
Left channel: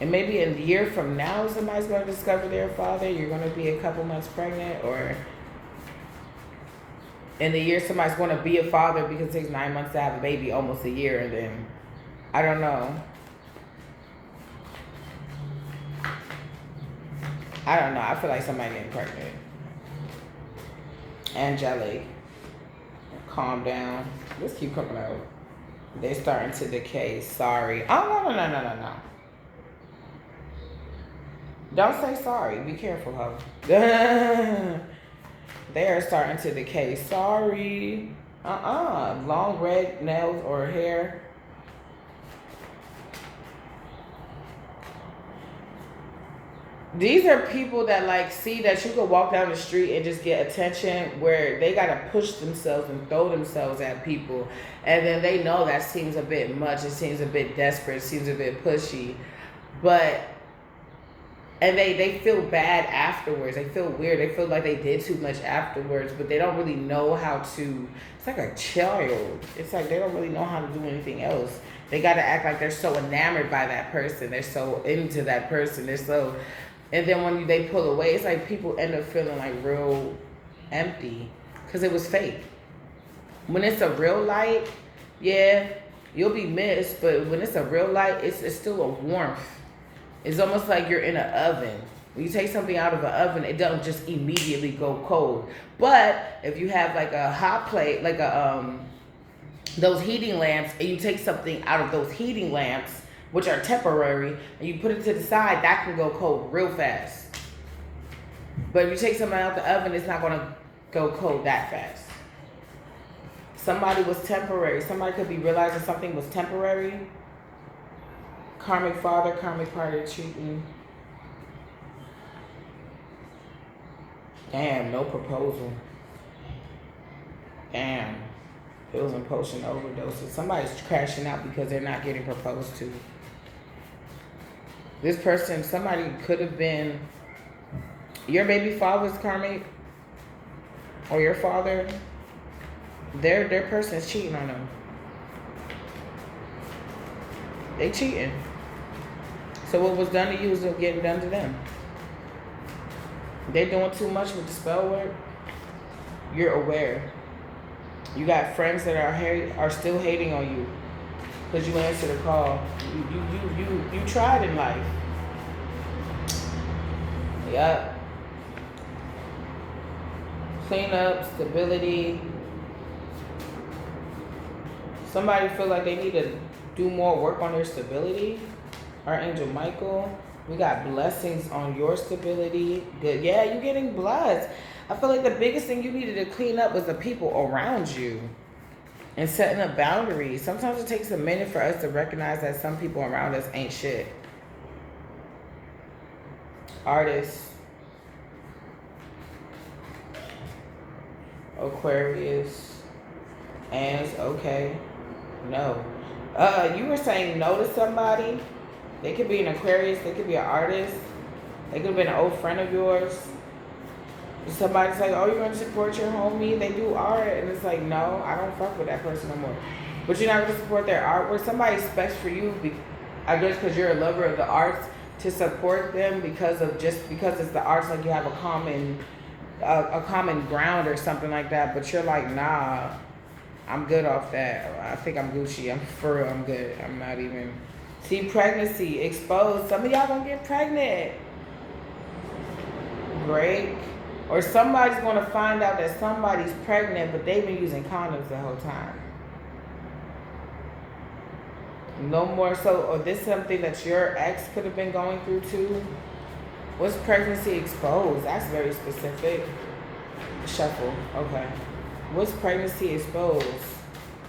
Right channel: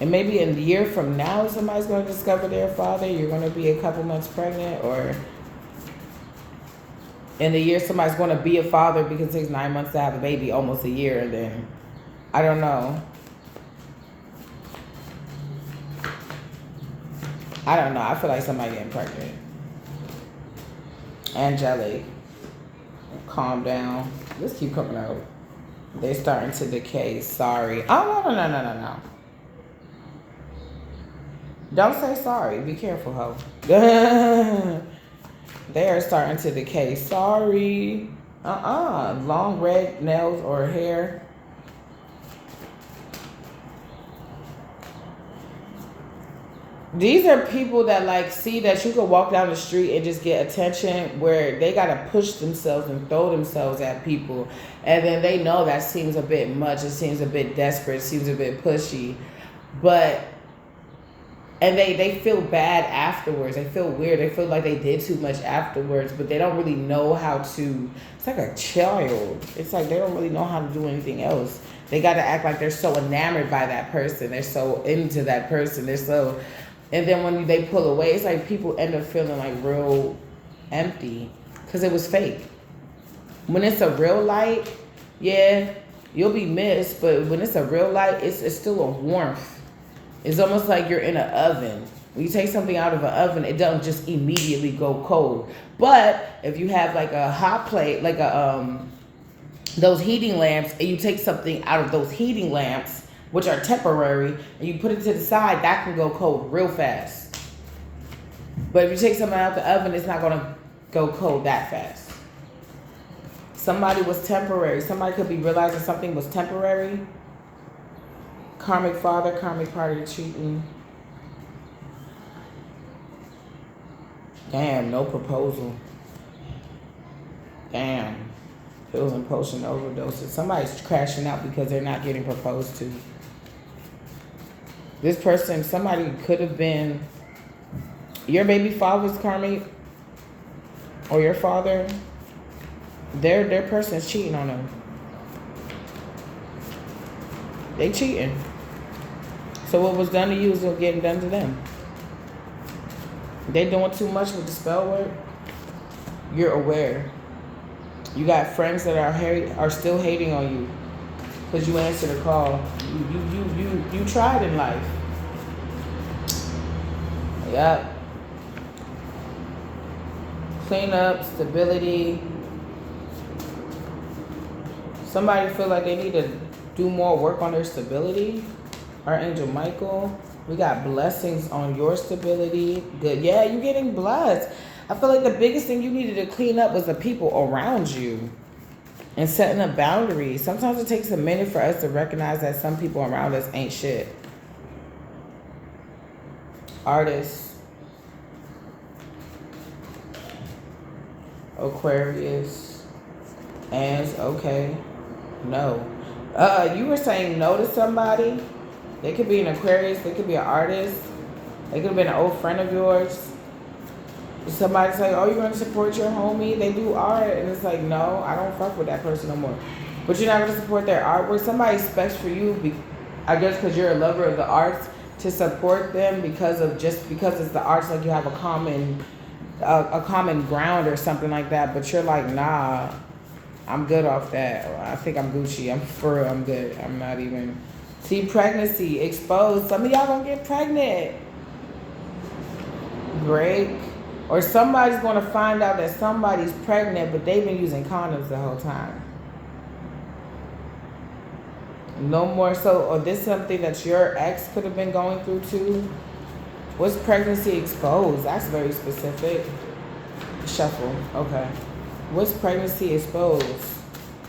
And maybe a year from now, somebody's going to discover their father. You're going to be a couple months pregnant, or in a year, somebody's going to be a father because it takes 9 months to have a baby, almost a year, and then, I don't know. I feel like somebody getting pregnant. Angelic. Calm down. Let's keep coming out. They starting to decay. Sorry. Oh, no. Don't say sorry. Be careful, ho. They are starting to decay. Sorry. Long red nails or hair. These are people that like see that you could walk down the street and just get attention, where they got to push themselves and throw themselves at people. And then they know that seems a bit much. It seems a bit desperate. It seems a bit pushy. And they feel bad afterwards. They feel weird. They feel like they did too much afterwards, but they don't really know how to. It's like a child. It's like they don't really know how to do anything else. They got to act like they're so enamored by that person. They're so into that person. They're so... And then when they pull away, it's like people end up feeling like real empty because it was fake. When it's a real light, yeah, you'll be missed. But when it's a real light, it's still a warmth. It's almost like you're in an oven. When you take something out of an oven, it doesn't just immediately go cold. But if you have like a hot plate, like those heating lamps, and you take something out of those heating lamps, which are temporary, and you put it to the side, that can go cold real fast. But if you take something out the oven, it's not going to go cold that fast. Somebody was temporary. Somebody could be realizing something was temporary. Karmic father, karmic partner cheating. Damn, no proposal. Damn. Pills and potion overdoses. Somebody's crashing out because they're not getting proposed to. This person, somebody could have been your baby father's karmic, or your father. Their person is cheating on them. They cheating. So what was done to you is getting done to them. They doing too much with the spell work. You're aware. You got friends that are still hating on you because you answered the call. You tried in life. Yep. Clean up, stability. Somebody feel like they need to do more work on their stability. Archangel Michael. We got blessings on your stability. Good. Yeah, you're getting blessed. I feel like the biggest thing you needed to clean up was the people around you and setting up boundaries. Sometimes it takes a minute for us to recognize that some people around us ain't shit. Artists. Aquarius. And okay. No. You were saying no to somebody. They could be an Aquarius. They could be an artist. They could have been an old friend of yours. Somebody's like, oh, you're going to support your homie? They do art. And it's like, no, I don't fuck with that person no more. But you're not going to support their artwork. Somebody expects for you, I guess because you're a lover of the arts, to support them because it's the arts, like you have a common ground or something like that. But you're like, nah, I'm good off that. I think I'm Gucci. I'm good. I'm not even. See, pregnancy exposed. Some of y'all gonna get pregnant. Break. Or somebody's gonna find out that somebody's pregnant, but they've been using condoms the whole time. No more so, or this something that your ex could have been going through too. What's pregnancy exposed? That's very specific. Shuffle. Okay. What's pregnancy exposed?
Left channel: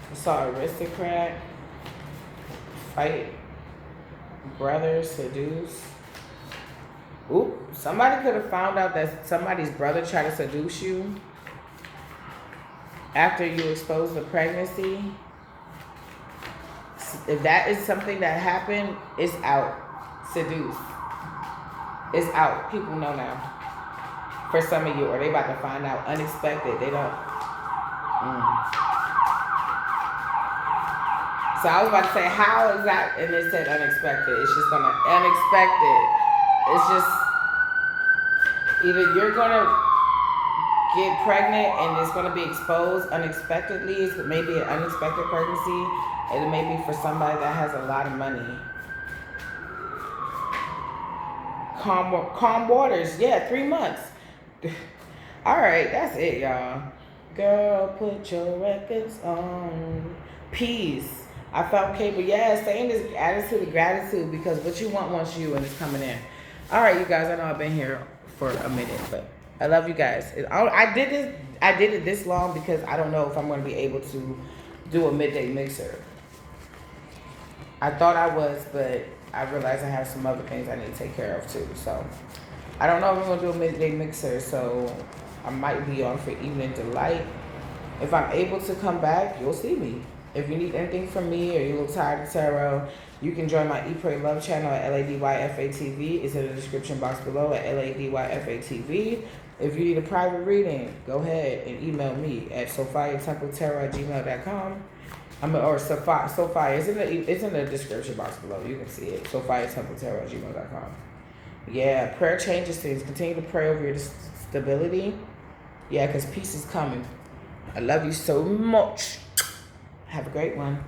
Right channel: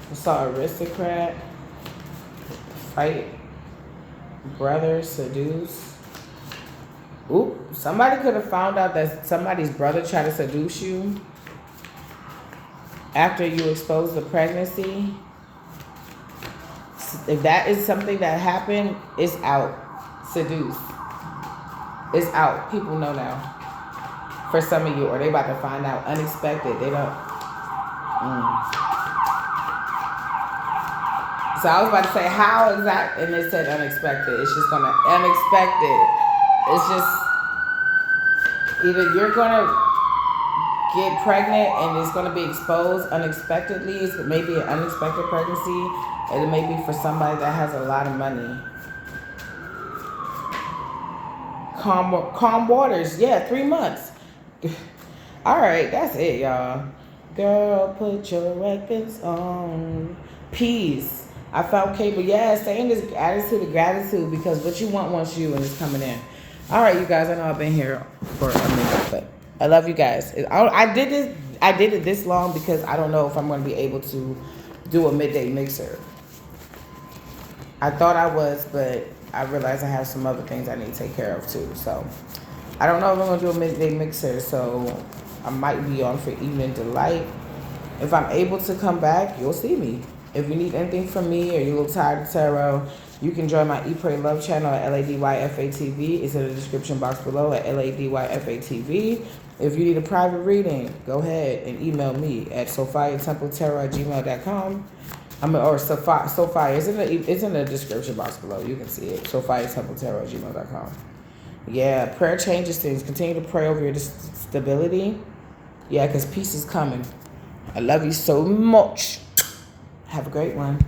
I saw aristocrat. Fight. Brother seduce. Oop. Somebody could have found out that somebody's brother tried to seduce you after you exposed the pregnancy. If that is something that happened, it's out. Seduce. It's out. People know now. For some of you, or they about to find out. Unexpected. They don't. So I was about to say how exact, and it said unexpected. It's just gonna unexpected. It's just either you're gonna get pregnant and it's gonna be exposed unexpectedly. It's maybe an unexpected pregnancy. It may be for somebody that has a lot of money. Calm waters. Yeah, 3 months. All right, that's it, y'all. Girl, put your records on. Peace. I found cable. Yeah, stay in this attitude of gratitude because what you want wants you and it's coming in. All right, you guys. I know I've been here for a minute, but I love you guys. I did it this long because I don't know if I'm going to be able to do a midday mixer. I thought I was, but I realized I have some other things I need to take care of too. So I don't know if I'm going to do a midday mixer, so I might be on for Evening Delight. If I'm able to come back, you'll see me. If you need anything from me or you look tired of tarot, you can join my Eat, Pray, Love channel at LADYFATV. It's in the description box below at LADYFATV. If you need a private reading, go ahead and email me at sophiatempletarot@gmail.com. Or Sophia. It's in the description box below. You can see it. sophiatempletarot@gmail.com. Yeah, prayer changes things. Continue to pray over your stability. Yeah, because peace is coming. I love you so much. Have a great one.